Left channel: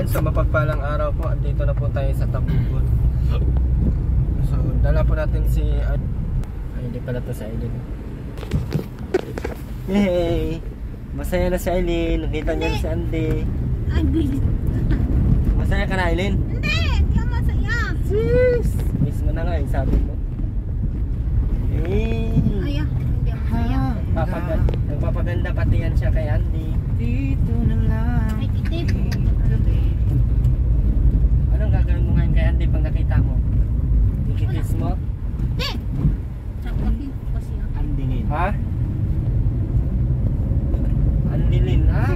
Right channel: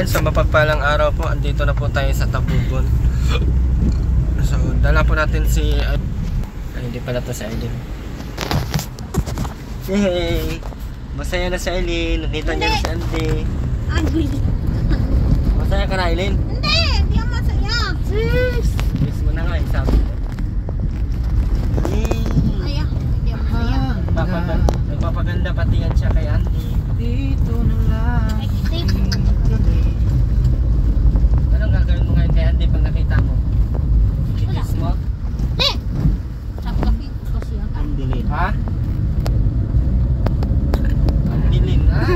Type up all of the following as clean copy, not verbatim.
Ayan, sa mapagpalang araw po, andito na po tayo sa Tabugon. So, dala po natin si... Ay, hindi pala to si Aileen. Hey! Masaya na si Aileen. Nakita niya na si Andy. Masaya ka na, Aileen? Hindi! Hindi ako masaya. Sis! Yes mo na nga, sabi mo. Hey! Aya, hindi ako masaya. Nagpapaganda pati yan siya kay Andy. Dito na lang. Ay, dito. Anong gagawin mo ngayon kay Andy pag nakita mo? Ikikiss mo? Hindi! Sakapin ko siya. Andilin. Ha? Andilin, ha?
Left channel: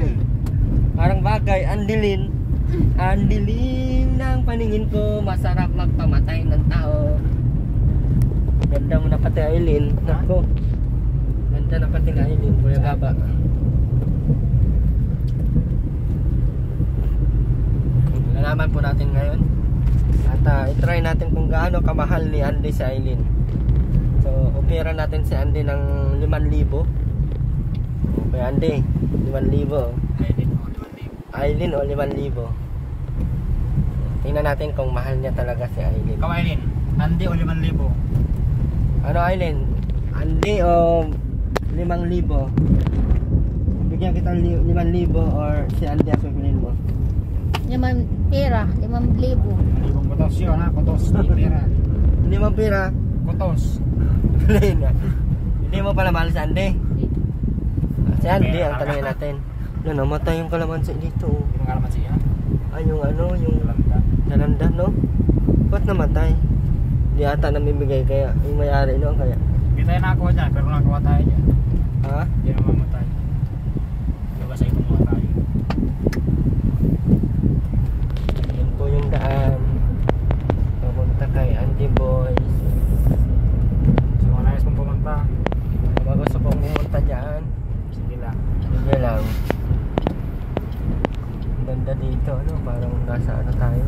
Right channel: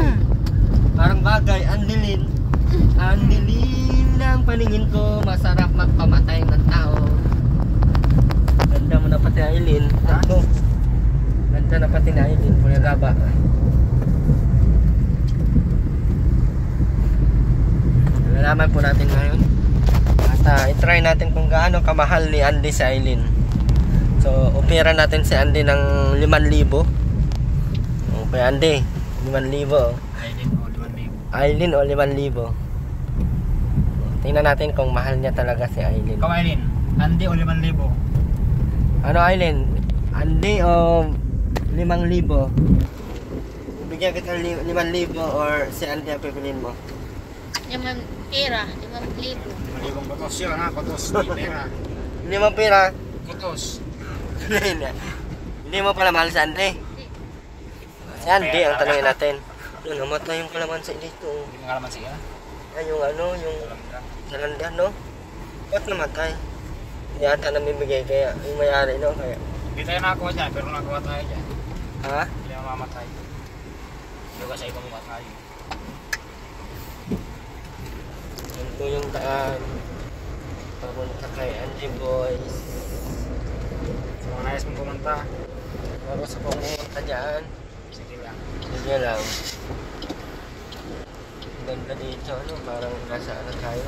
Parang bagay, andilin. Andilin ng paningin ko, masarap magpamatay ng tao. Ganda mo na pati Aileen. Ako. Ganda na pati na Aileen, Kuya Gaba. Nalaman po natin ngayon. At i-try natin kung gaano kamahal ni Andy si Aileen. So, opera natin si Andy ng 5,000. Okay, Andy, 5,000. Aileen o 5,000. Tingnan natin kung mahal niya talaga si Aileen. Ikaw, Aileen. Nandi o 5,000. Ano, Aileen? Andy o 5,000? Bigyan kita 5,000 or si Andy ang pipiliin mo? 5 pera, 5,000. 5,000 kotos yun ha. Kotos. Di pera. 5 pira? Kotos. Hindi mo pala mahal si Andy? Si Andy ang tanongin natin. Ano, namatay yung kalamansi dito. Hindi mo kalaman siya. Ay, yung ano, yung salanda, no? Ba't namatay? Hindi ata namibigay kaya, yung may-ari, no? Kaya, Hindi tayo nakakuha dyan, pero nakakuha tayo dyan. ha? Hindi na mamatay. Hindi ka sa ibang mamatay. Yan po yung daan. Papunta kay Angie Boys. Sa mga nais mong pumunta, Bago sa pong pumunta dyan. sige lang. Sige lang. Ganda dito, ano? Parang nasa ano tayo?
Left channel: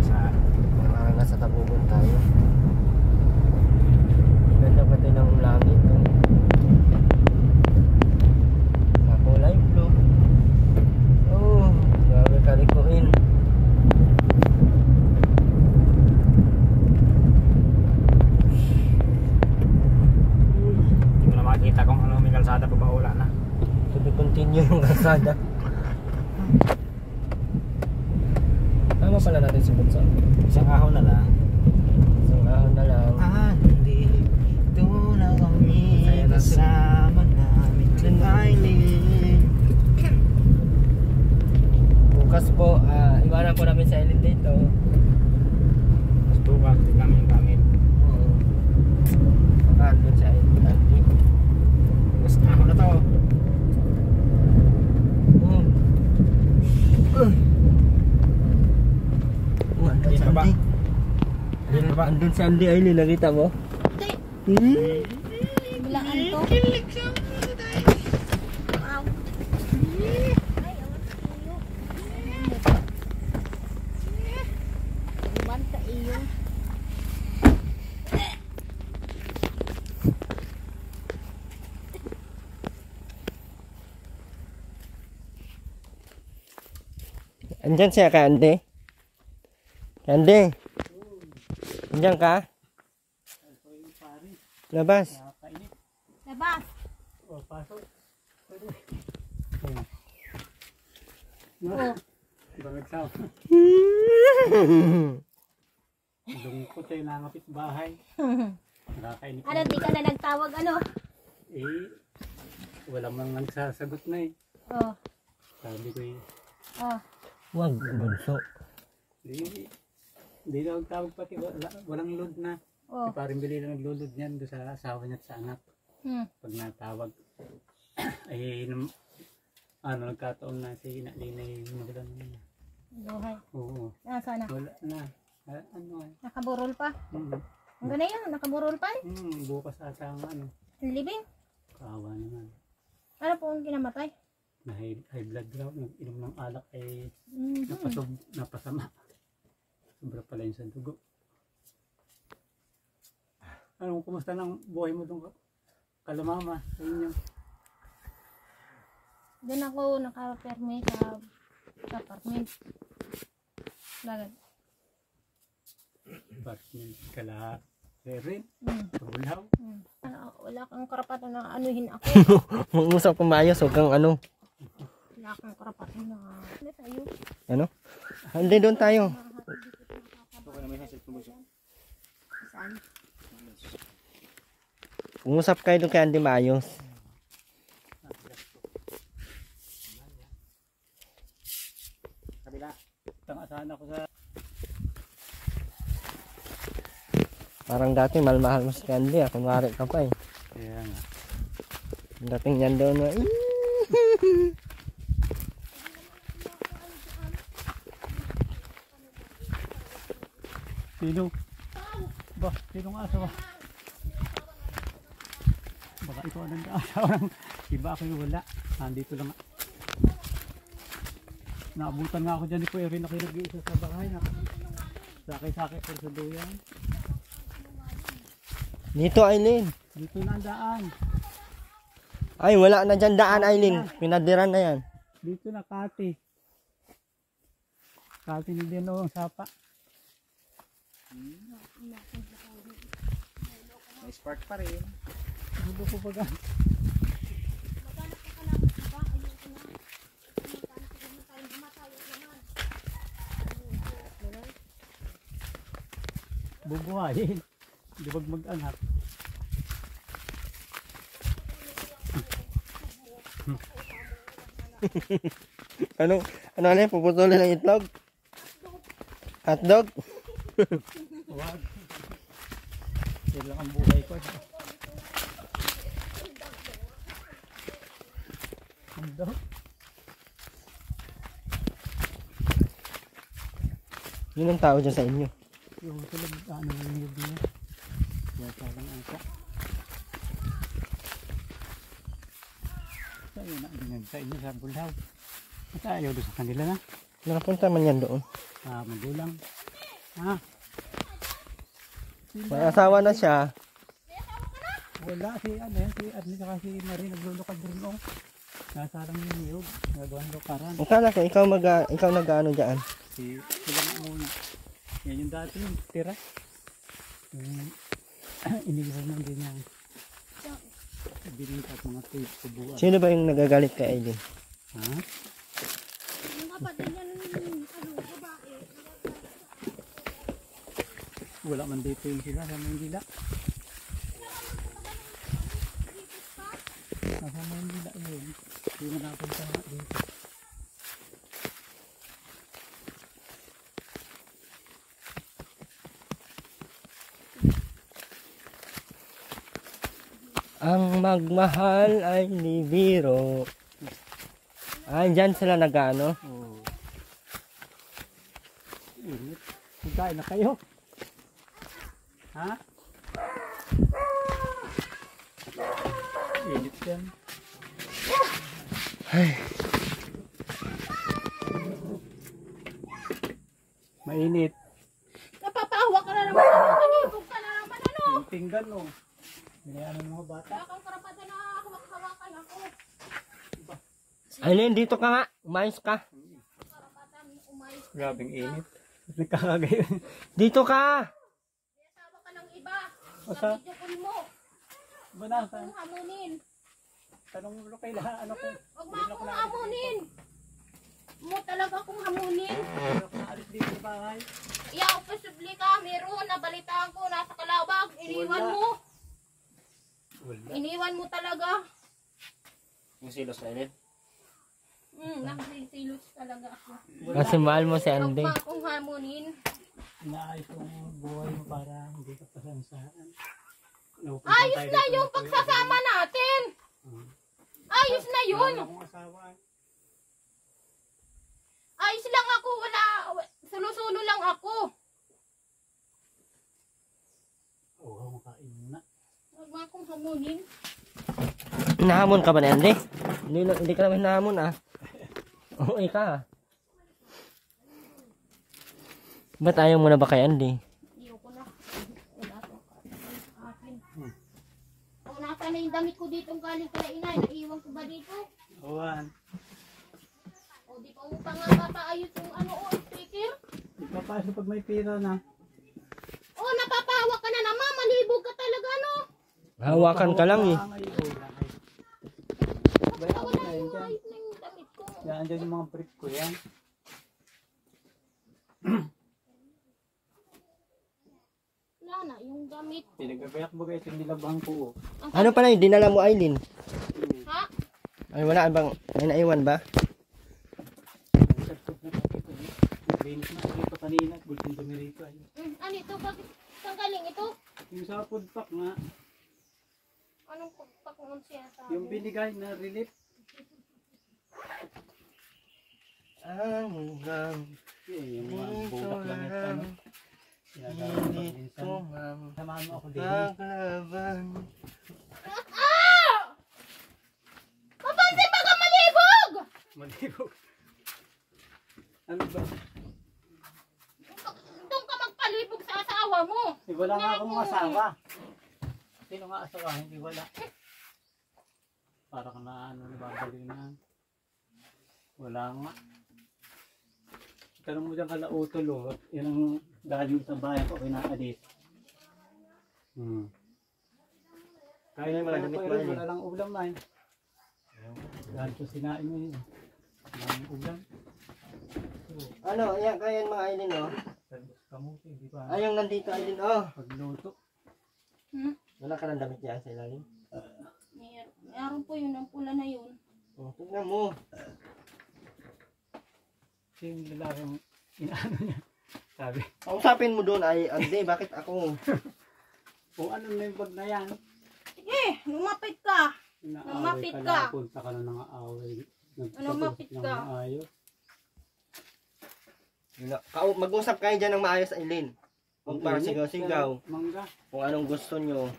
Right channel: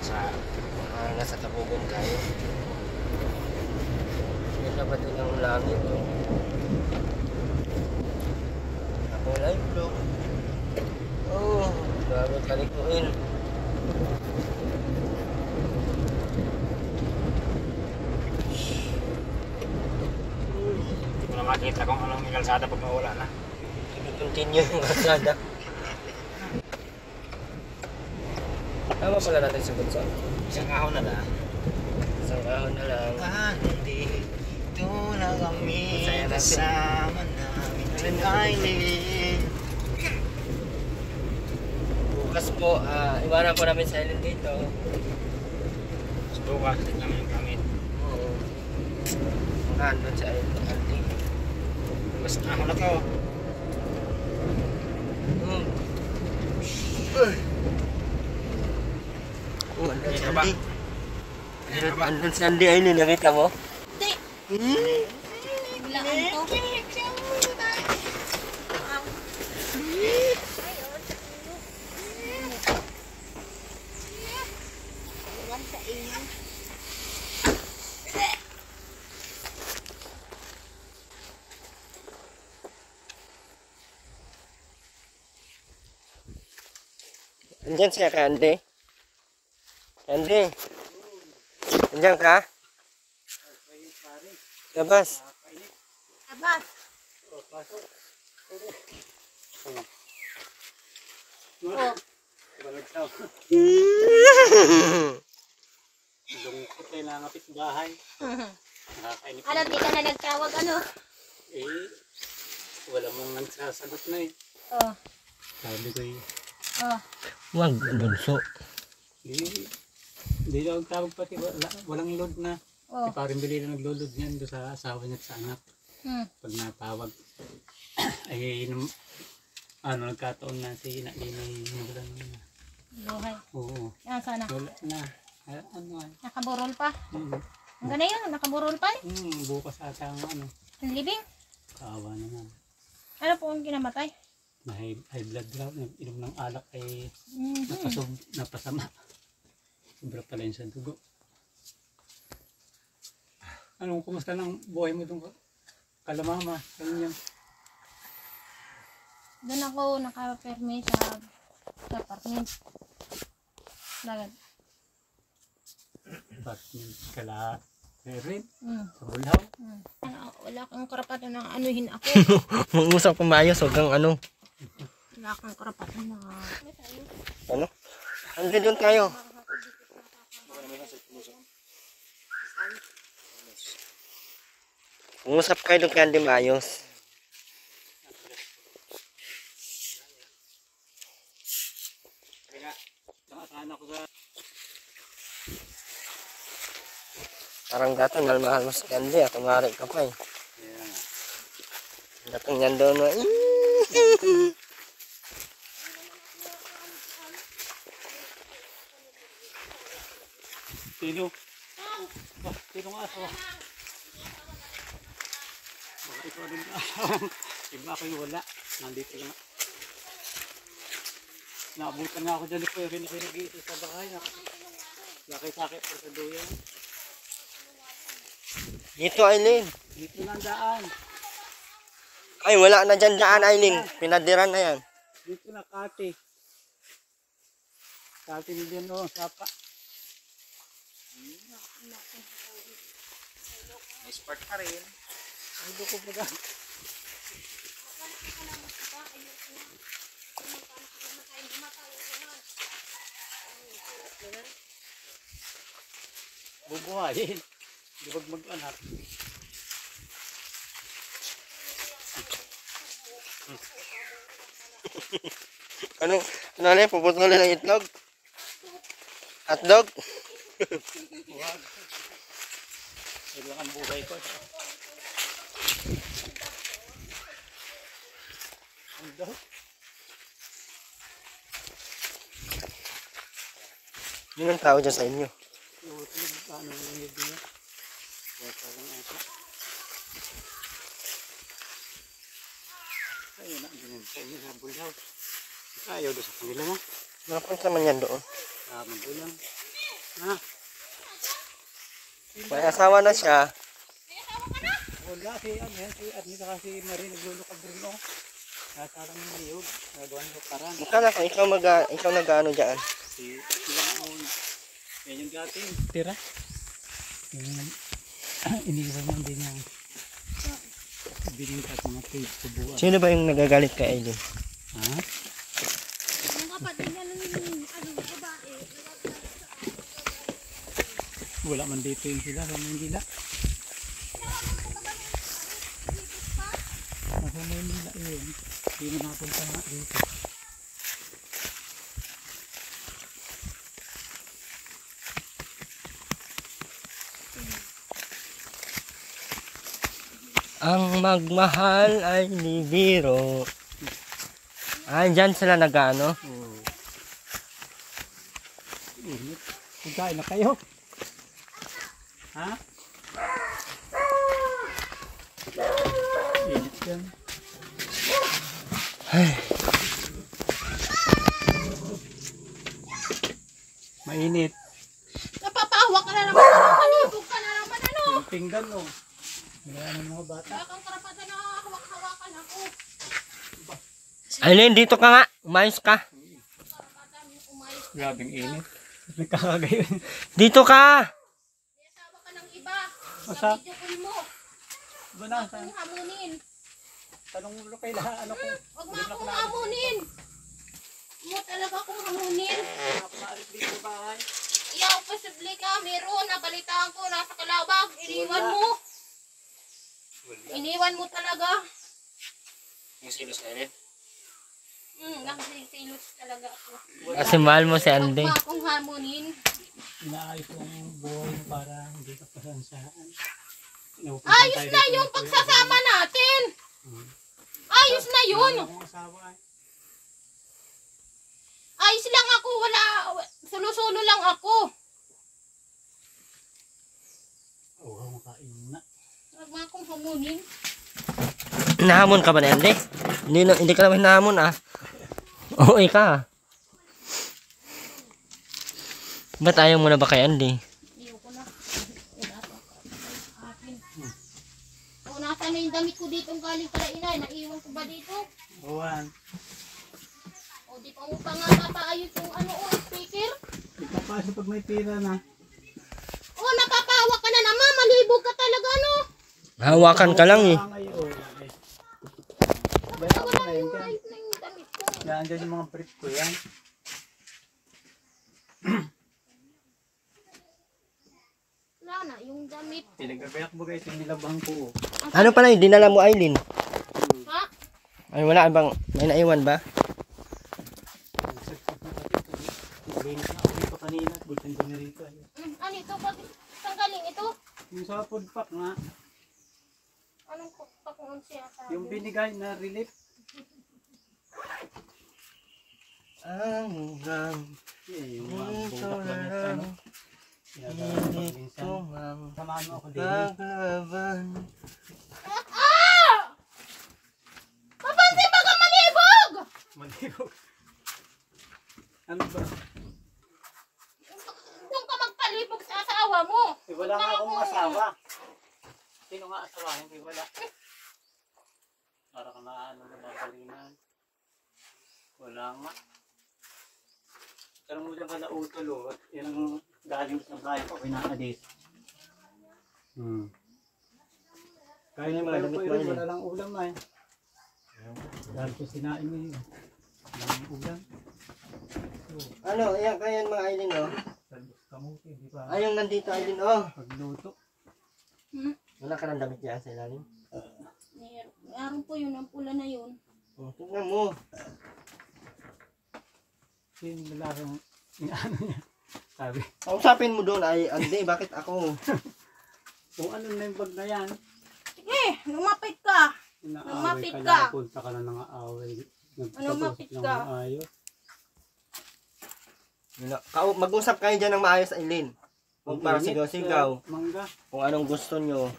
Sa Nasa Tabugon tayo. Ganda pa din ang langit, no? Kulay blue. Oh, grabe kalikuin. hindi mo na makikita kung anong may kalsada pag mawala na. Continue yung kalsada. Tama pala natin si Bunso. Isang ahon na lang. Isang ahon na lang. Andito na kami Masaya natin. kasama namin Aileen. Bukas po, iwanan po namin sa Aileen dito. Bukas din namin yung gamit. Oo. Makandun sa Aileen. Andy. Basta ahon na to. Andun si Dito ba? Andy. Dito ba? Andun si Andy Aileen, nakita mo? Hindi. Bilaan to. Naman sa iyo. Andyan siya ka, Andy? Andy? Andyan ka? Labas. Labas. Oh, Balagsaw. Lungkot ay nangapit bahay. Nakakainip. ano, di ka na nagtawag, ano? Eh, wala mang nagsasagot na eh. Oh, Sabi ko eh, oh. Wag, Bunso. hindi daw tawag pati, walang load na. Oh. Si paring bili na naglulod niyan doon sa asawa niya at sa anak. Pag natawag, ay nagkataon na si Nalinay nawalan na. Buhay. Oo, Nasaan na? wala na. Ano ay? Nakaburol pa? Mm, Hanggang na yun, nakaburol pa eh. bukas ata ang ano, Ang libing. kaawa naman. Ano po yung kinamatay? Na high blood daw, nag-inom ng alak ay Mhm. napasama. Sobra pala yun sa dugo. Ano, kumusta ng buhay mo doon kalamama? Ganyan. Doon ako nakaperme sa apartment. Bakit? Ba't yung kala rin? Hmm. Kabulaw. Wala kang karapatan na anuhin ako. Mag-usap kang maayos, huwag kang ano. Wala kang karapatan na... Ano? Hindi doon tayo. Umusap kayo doon kaya hindi maayos. Tangasahan ako sa... Parang dati mahal mo si Candy, ako kunwari ka pa eh. Ayan. Dating yan doon na Sino? Ba, sino nga asawa? Baka ito din ka asawa. Iba ako yung wala. Nandito lang. Naabutan nga ako dyan ni Kuya Rin ako yung nag-iisa sa bahay. Sakay-sakay por sa duyan. dito, Aileen. Dito na ang daan. Ay, wala na dyan daan, Aileen. Pinadiran na yan. Dito na Kati. Kati ni dyan o, sapa. May spark pa rin. Dito ko pa dyan. Bubuhayin. Di wag mag-anak. Ano na yan? Puputulin ng itlog? Hotdog? Wag. Ito lang ang buhay ko. Hotdog? Yun ang tao dyan sa inyo. Yung tulog, ano yung libre niya? Wala lang ata. Sa'yo na, ganyan sa inyo sa Bulhaw. Ayaw doon sa kanila na. Nakapunta man yan doon. Magulang. Ha? May asawa na siya. Wala, si ano yan, si Adni saka si Marie naglulukad rin o. Nasa lang yung niyog, nagawang lukaran. Akala ko, ikaw nag-ano dyan. Sila nga muna. Yan yung dati yung tira. Yung iniwan lang din yung biningkat mga kubuan. Sino ba yung nagagalit kay Aileen? Ha? Wala man dito yung sila, sa Manila. Sa Manila yun. Hindi mo nakapunta nga dito. Ang magmahal ay ni biro. Ah, dyan sila nag-ano? Oh. Init. Pagkain na kayo. Ha? Init yan. Ay, Mainit. Napapahawa ka na naman. Kanibog ka na naman. Ano? Yung pinggan o. Mayroon ng mga bata. Wala kang karapatan na hawak-hawakan ako. Aileen, dito ka nga. Umayos ka. Karapatan yung umayos. Grabing init. Nagkakagayon. Dito ka. May asawa ka ng iba. Basta? Sa video call mo. Ba na? Huwag kong hamunin. Tanong mo kay lahat. Ano ko? Huwag mo akong hamunin. Mo talaga akong hamunin. Ano ko naalis dito sa bahay? Iyaw, posible ka. Meron. Nabalitaan ko. Nasa Kalawag. Iniwan Wala. mo. Wala. Iniwan mo talaga. Yung silos na yun. Nakasilos talaga ako. Kasi mahal mo si Huwag Andy. mo akong hamunin. Inaayos ko yung buhay para hindi ka pasansaan. Ayos na yung pagsasama natin. Ayos na yun. Akong asawa ay. Ayos lang ako. Wala. Sulo-sulo lang ako. Oo, makain muna. Huwag mo akong hamunin. Nahamon ka ba na Andy? Hindi ka naman nahamon ah. Oo, ka. Ba't ayaw mo na ba kay Andy? Ayaw ko na. Wala to sa akin. O, nasa na yung damit ko dito galing kala inay. Naiiwan ko ba dito? Owan. O, di pa mo pa nga tataayos yung ano o, speaker. Ikaw maayos pag may pira na. Oh, napapawa ka na naman. Malibog ka talaga, no? Hawakan ka lang eh. Bayan ko na yun. Ayos na yung damit ko. Yan, dyan yung mga brief ko yan. Wala na, yung damit. Pinagagayak mo guys, yung nilabang ko. Ano pala yung dinala mo, Aileen? Ha? Ay, wala bang, may naiwan ba? Linis na ako dito kanina, bultin ko na rito. Ano ito? Saan galing ito? Yung sa food pack nga, Anong pakung siya sa yung binigay na relief. Hanggang Yung mga bulak lang yung ano. Sinadaan pag minsan. Samahan mo ako din. paglaban. Papansin ba ka malibog? Malibog. Ano ba? Doon ka magpalibog sa asawa mo. Eh, wala nga akong asawa. Sino nga asawa? Hindi wala. Para ka na ano, nababalinan. Wala nga. Pero mo dyan kala utol o. Yan ang galing sa bayan ko, pinaalis. Kaya yung mga damit mo yun. Wala lang ulam ay. Dahil ko sinain mo yun. Walang ulam. Ano, yan, kaya yung mga Aileen, oh. Talbos kamuti, di ba? Ay, yung nandito, Aileen, oh. Pagluto. Wala ka ng damit dyan sa ilalim. Meron po yun, ang pula na yun. Oh, tignan mo. Yung lalaking inaano niya. Sabi, Kausapin mo doon, ay, Andy, bakit ako? kung ano na yung bag na yan. Sige, lumapit ka. Inaaway Lumapit ka ka. lang, punta ka na ng aaway. Lumapit Nagtapos ka. ng maayos. Mag-usap kayo dyan ng maayos, Aileen. Huwag para Init, sigaw-sigaw. Mangga. Kung anong gusto nyo.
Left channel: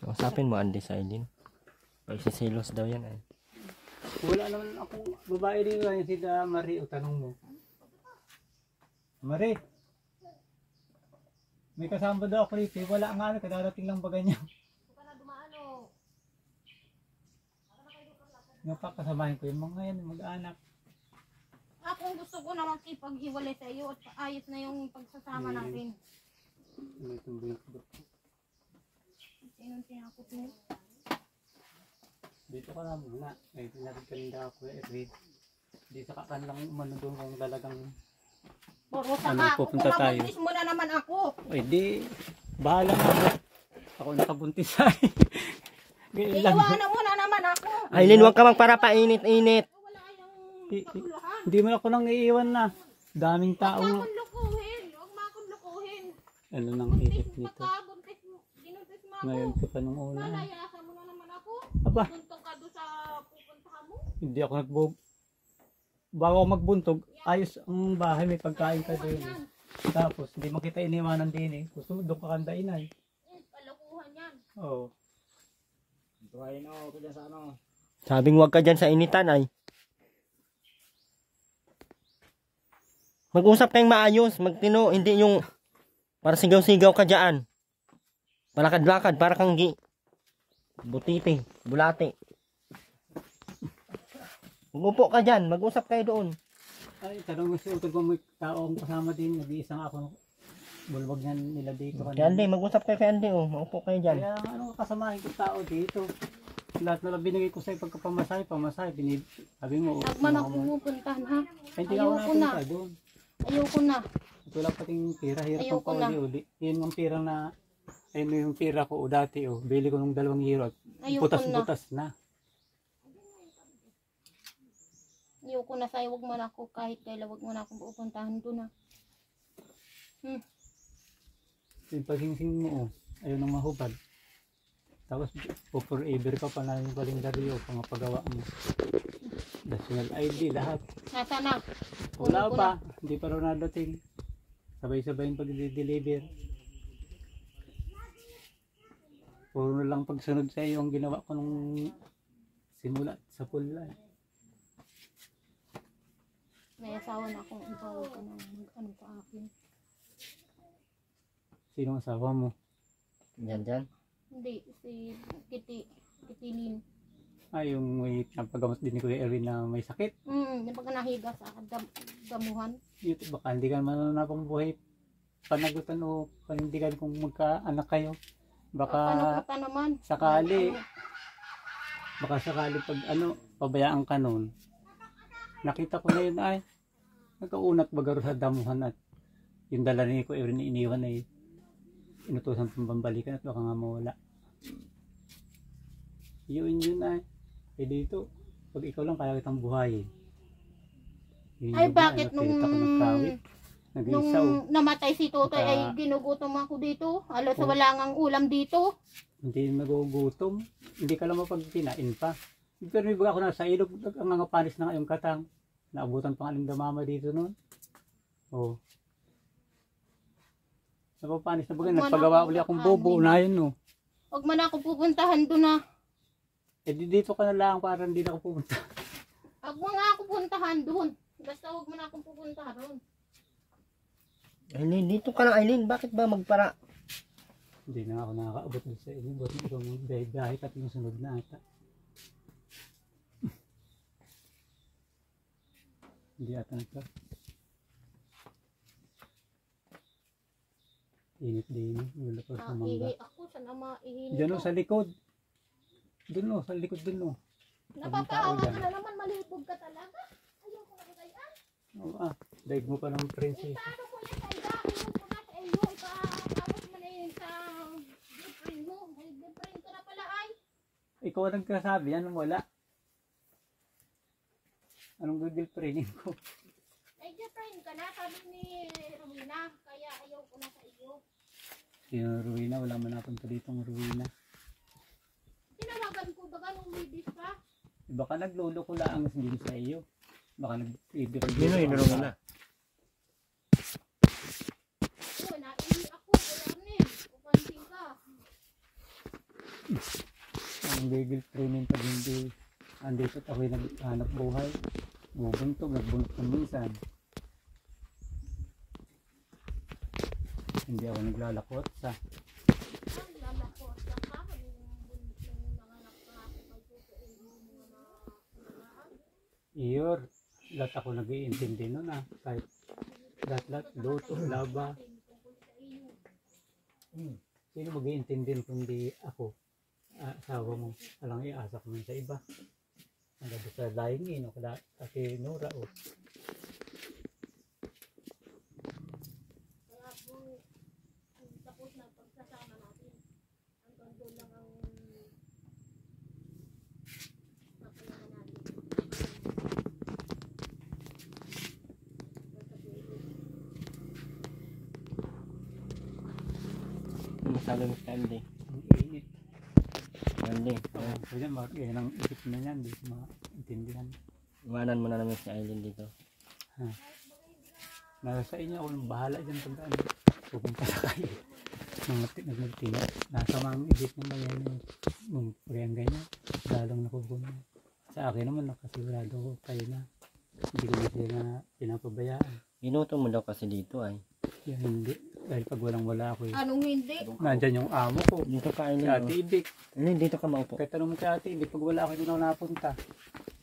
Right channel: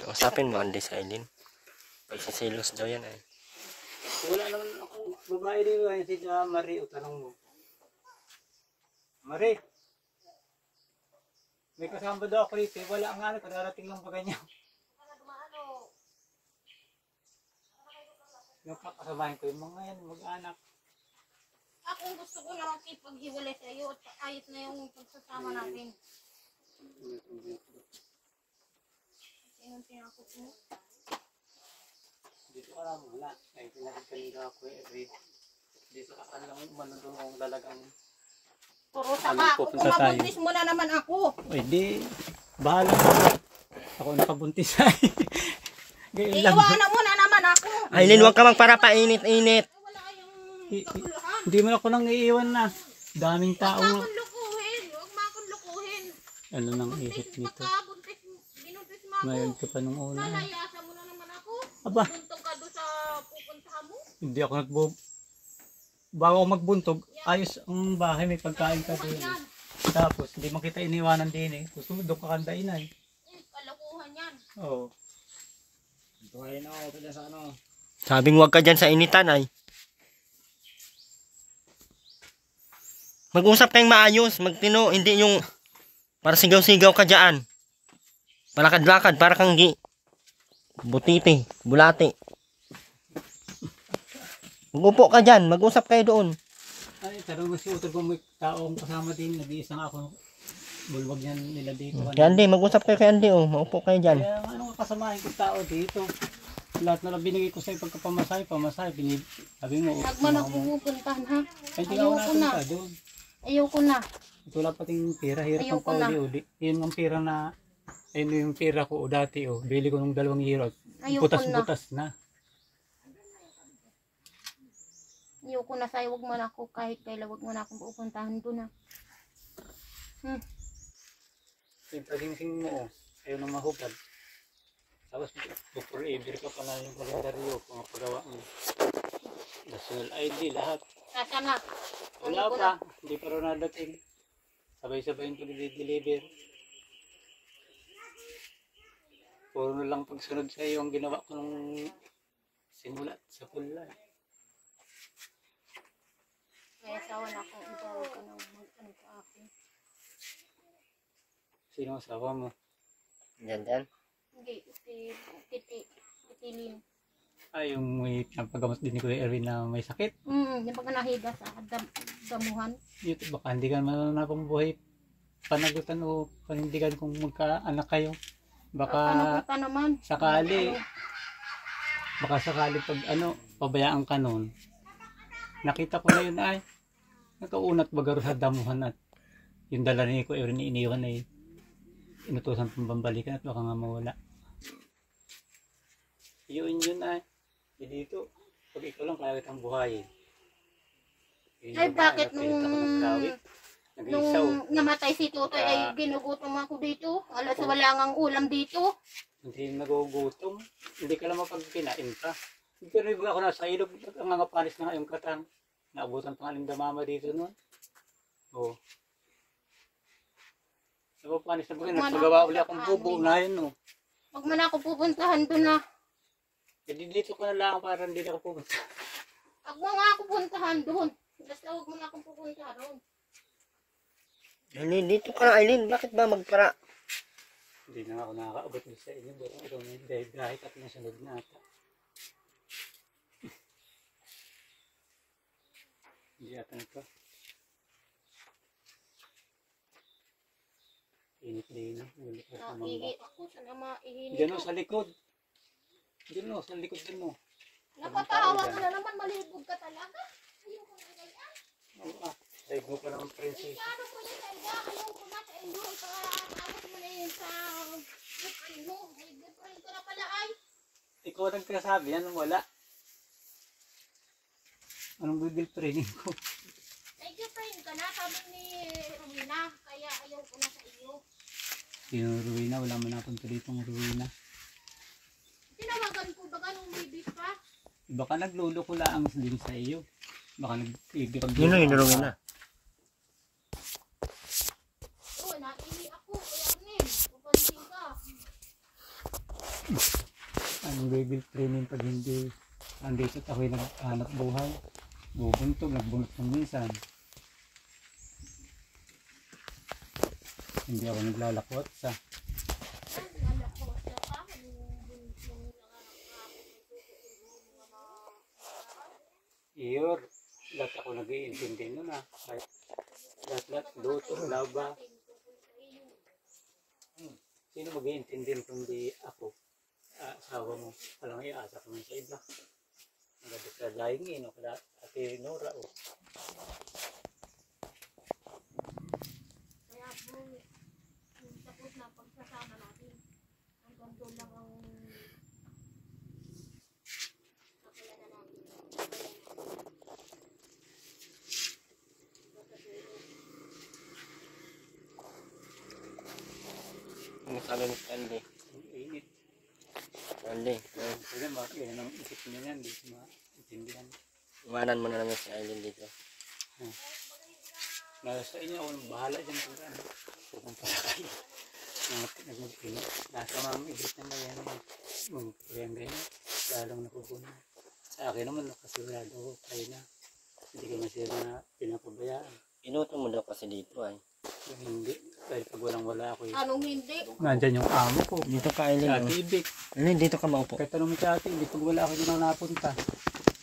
Kausapin mo, Andy, sa Aileen. Magsisilos daw yan, ay. Wala naman akong babae dito. Ayun si Marie, o tanong mo. Marie. May kasama daw ako rito. Wala nga, kadarating lang baga niya. Napakasamahin ko yung mga yan, mag-anak. Ako gusto ko na makipaghiwalay sa iyo at ayos na yung pagsasama natin. Itong binakbot. Sinong tinakot mo? Dito ka lang muna. Ay, pinakit ka rin daw ako eh. Di sa kakan lang umano doon kung talagang... Puro sa Ano, ka. Kung pupunta tayo. mabuntis mo na naman ako. Ay, di. Bahala ka. Ako nakabuntis ay. Ganyan lang. Iiwanan mo na naman ako. Aileen, huwag ka magparapainit-init. Wala yung kaguluhan. Hindi mo ako nang iiwan na. Daming tao. Huwag mo akong lukuhin. Huwag mo akong lukuhin. Ano nang ihip nito? Binuntis mo ako. Ngayon ka pa nung una. Lalayasan mo na naman ako. Aba, Buntong ka doon sa pupuntahan mo. hindi ako bago ako magbuntog, ayos ang bahay, may pagkain ka doon. Yan. Tapos, hindi mo kita iniwanan din eh. Gusto mo doon kakandain ay. Kalokohan yan. Oo. Tuwain ako ito dyan sa ano. Sabing huwag ka dyan sa initan, ay. Mag-usap kayong maayos. Magtino, hindi yung para sigaw-sigaw ka dyan. Palakad-lakad, para kang butiti, bulati. Mag-upo ka dyan, mag-usap kayo doon. Ay, tanong mo si Utol kung may taong kasama din, nag-iisang ako. Bulwag niyan nila dito. Kaya Andy, mag-usap kayo kay Andy, oh. Maupo kayo dyan. Kaya anong kasamahin ko tao dito? Lahat na lang binigay ko sa'yo pagkapamasahe, sabi mo. Huwag man ako pupuntahan ha. Ay, hindi ako Ayoko na. napunta doon. Ayoko na. Ito lang pating pira, hirap ang Ayoko na. pauli-uli. Yun ang pira na, ayun yung pira ko dati oh. Bili ko ng 2 euro. Ayoko Butas-butas na. Ayoko na sa'yo. Huwag mo na ako kahit kailan. Huwag mo na akong pupuntahan doon ha. Yung pasingsing mo oh. Ayun ang mahubad. Tapos forever ka pala yung kalendaryo, pangapagawa mo. National ID, lahat. Nasa na? Wala Kunin ko pa, hindi pa rin nadating. Sabay-sabay yung pag-deliver. Puro na lang pagsunod sa iyo ang ginawa ko nung simula sa pula. May asawa na akong ibawag ko ng mag-ano sa akin. Sino ang asawa mo? Dyan, dyan. Hindi, si Kitilin. Ay, yung may napagamot din ni Kuya Erwin na may sakit. Yung pagka nahiga sa damuhan. Yun, baka hindi ka man napambuhay panagutan o panindigan kung magkaanak kayo. Baka Panagutan naman. sakali, baka sakali pag pabayaan ka nun. Nakita ko na yun ay, nagkaunat bagaro sa damuhan at yung dala ni Kuya Erwin iniwan ay inutusan pang bambalikan at baka nga mawala. Yun ay, dito, pag ikaw lang kaya kitang buhayin. Yun Ay yun, bakit nakita ko nagkawit, nag-isaw. nung namatay si Totoy Baka- ay ginugutom ako dito. Alas wala ngang ulam dito. Hindi nagugutom, hindi ka lang mapagkinain pa. Pero iba ako nasa ilog, ang mga panis na ngayong katang. Naabutan pang alindamama dito noon. Oo. Napapanis na bagay, nagpagawa uli akong bobo na yun, no. Huwag man ako pupuntahan doon na. Eh dito ka na lang para hindi na ako pupunta. Huwag mo nga ako puntahan doon. Basta huwag mo na akong pupuntahan doon. Aileen, dito ka na Aileen. Bakit ba magpara? Hindi na ako nakakaabot din sa inyo. Buat na ikaw ng biyahe at nasunod na ata. Hindi ata nito. Init din eh. Wala pa sa mangga. Ihi ako. Sana maihinit Diyan o ako. sa likod. Doon o, sa likod doon o. Napapahawa ka na naman. Malibog ka talaga. Ayoko na kagayaan. Oo daig mo pa ng princess. Ano ko yan sa iba? Ayoko na sa iyo. Ipaapos mo na yun sa girlfriend mo. May girlfriend ka na pala ay. Ikaw ang nagkasabi, anong wala? Anong Google training ko? May girlfriend ka na. Sabi ni Rowena. Kaya ayoko na sa iyo. Yung Ruina, wala man napunta dito ng Ruina. Tinawagan ko ba ganong bibis pa? Baka naglolo ko lang din sa iyo. Baka nag-ibig. Yun yung inurungan na. Oo, naihi ako. Alarnim. Pupansin ka. Ang Google training pag hindi andito at ako'y naghanap buhay. Bubuntog, nagbunot ng minsan. Hindi ako naglalakot sa Ang lalako sa ka. Nung nanganak ka ako kay tutuin mo mga iyor. Lahat ako nag-iintindi nun kahit lahat, luto, laba. Sino mag-iintindi kung di ako? Asawa mo. Alang iasa ka man sa iba. Ang gabi sa laingin o kala ate Nora o. Kaya po, tapos na pagsasama natin. Hanggang doon lang ang napayagan natin. Yung sabi ni Andy. Ang init. Andy, Kasi bakit yan ang isip niya yan. Di ko maintindihan. iwanan mo na naman si Aileen dito. Nasa inyo ako nang bahala dyan kung saan. Pupunta sa kayo. Nagtina. Nasa mga isip na ba yan. Nung pagyan ganyan. Lalong nakukunan. Sa akin naman nakasigurado ko kayo na. Hindi ko na sila pinapabayaan. Ginuto mo daw kasi dito ay. Yung hindi. Dahil pag walang wala ako Anong hindi? nandyan yung amo ko. Dito ka Si Aileen. Ate Ibig. Aileen, dito ka maupo. Kaya tanong mo si Ate Ibig. Pag wala ako dyan ako napunta.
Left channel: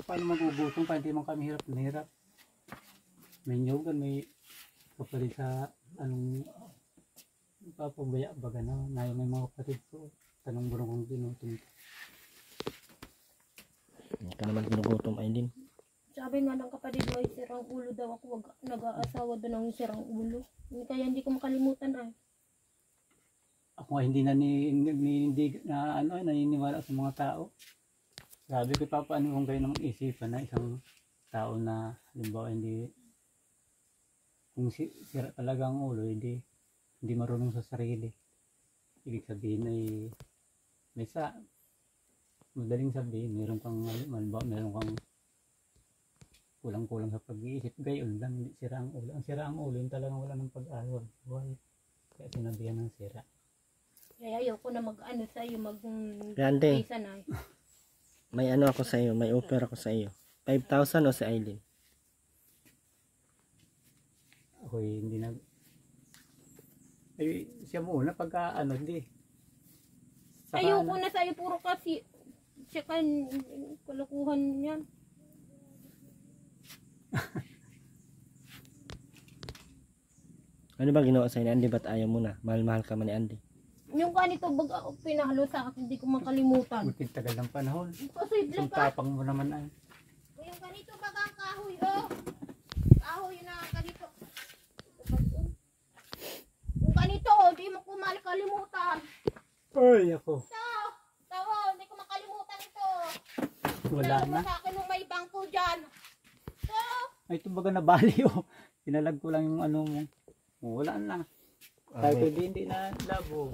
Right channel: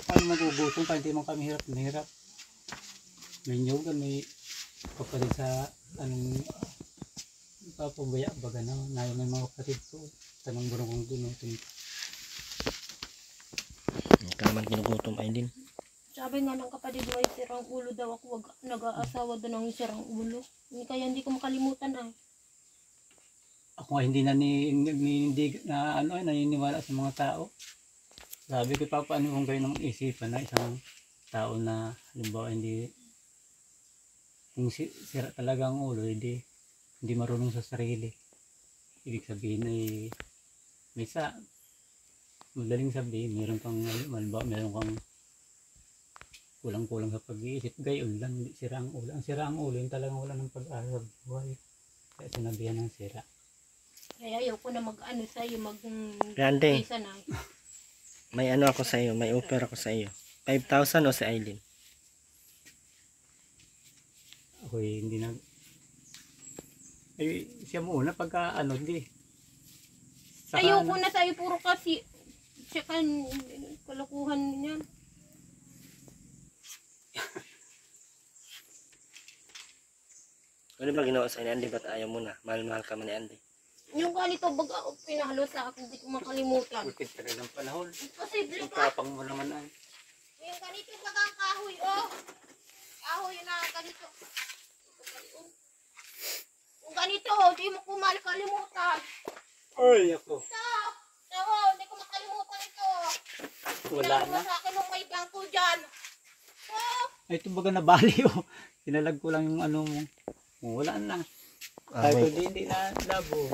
Paano magugutong pa? Hindi man kami hirap na hirap. May nyugan. May kapatid sa anong papabaya baga na. Nayo may mga kapatid ko. Tanong mo kung ginutom. Hindi ka naman ginugutom Aileen. Sabi nga ng kapatid mo ay sirang ulo daw ako. Wag nag-aasawa doon ng sirang ulo. Kaya hindi ko makalimutan ay. Ako nga hindi hindi na naniniwala sa mga tao. Sabi ko pa paano kung gawin ng isipan na isang tao na halimbawa hindi kung sira talaga ang ulo hindi marunong sa sarili. Ibig sabihin ay madaling sabihin meron kang kulang-kulang sa pag-iisip, gayon lang, hindi sira ang ulo. Ang sira ang ulo, yung talagang wala ng pag-asa buhay. Kaya sinabihan ng sira. Kaya ayoko na mag-ano sa'yo, Grande, isa na. may ano ako sa iyo, may offer ako sa iyo. 5,000 o si Aileen? Ako'y hindi ay siya muna pagka hindi. Ayoko na sa'yo, puro kasi, Kalukuhan yan. Ano ba ginawa sa'yo ni Andy? Ba't ayaw mo na? Mahal-mahal ka man ni Andy. Yung ganito baga pinahalo sa akin, hindi ko makalimutan. Ikit tagal ng panahon. Imposible Yung ka. tapang mo naman ay. Yung ganito baga ang kahoy, oh. Kahoy na ganito. Ito ba yun? Yung ganito, di mo ko makalimutan. Ay, ako. Ito, hindi ko makalimutan ito. Wala Pinahalo na. sa akin nung may bangko dyan. Ito. Ay, ito baga nabali oh. Sinalag ko lang yung ano mo. Oh, wala na. Kahit Okay. hindi na labo.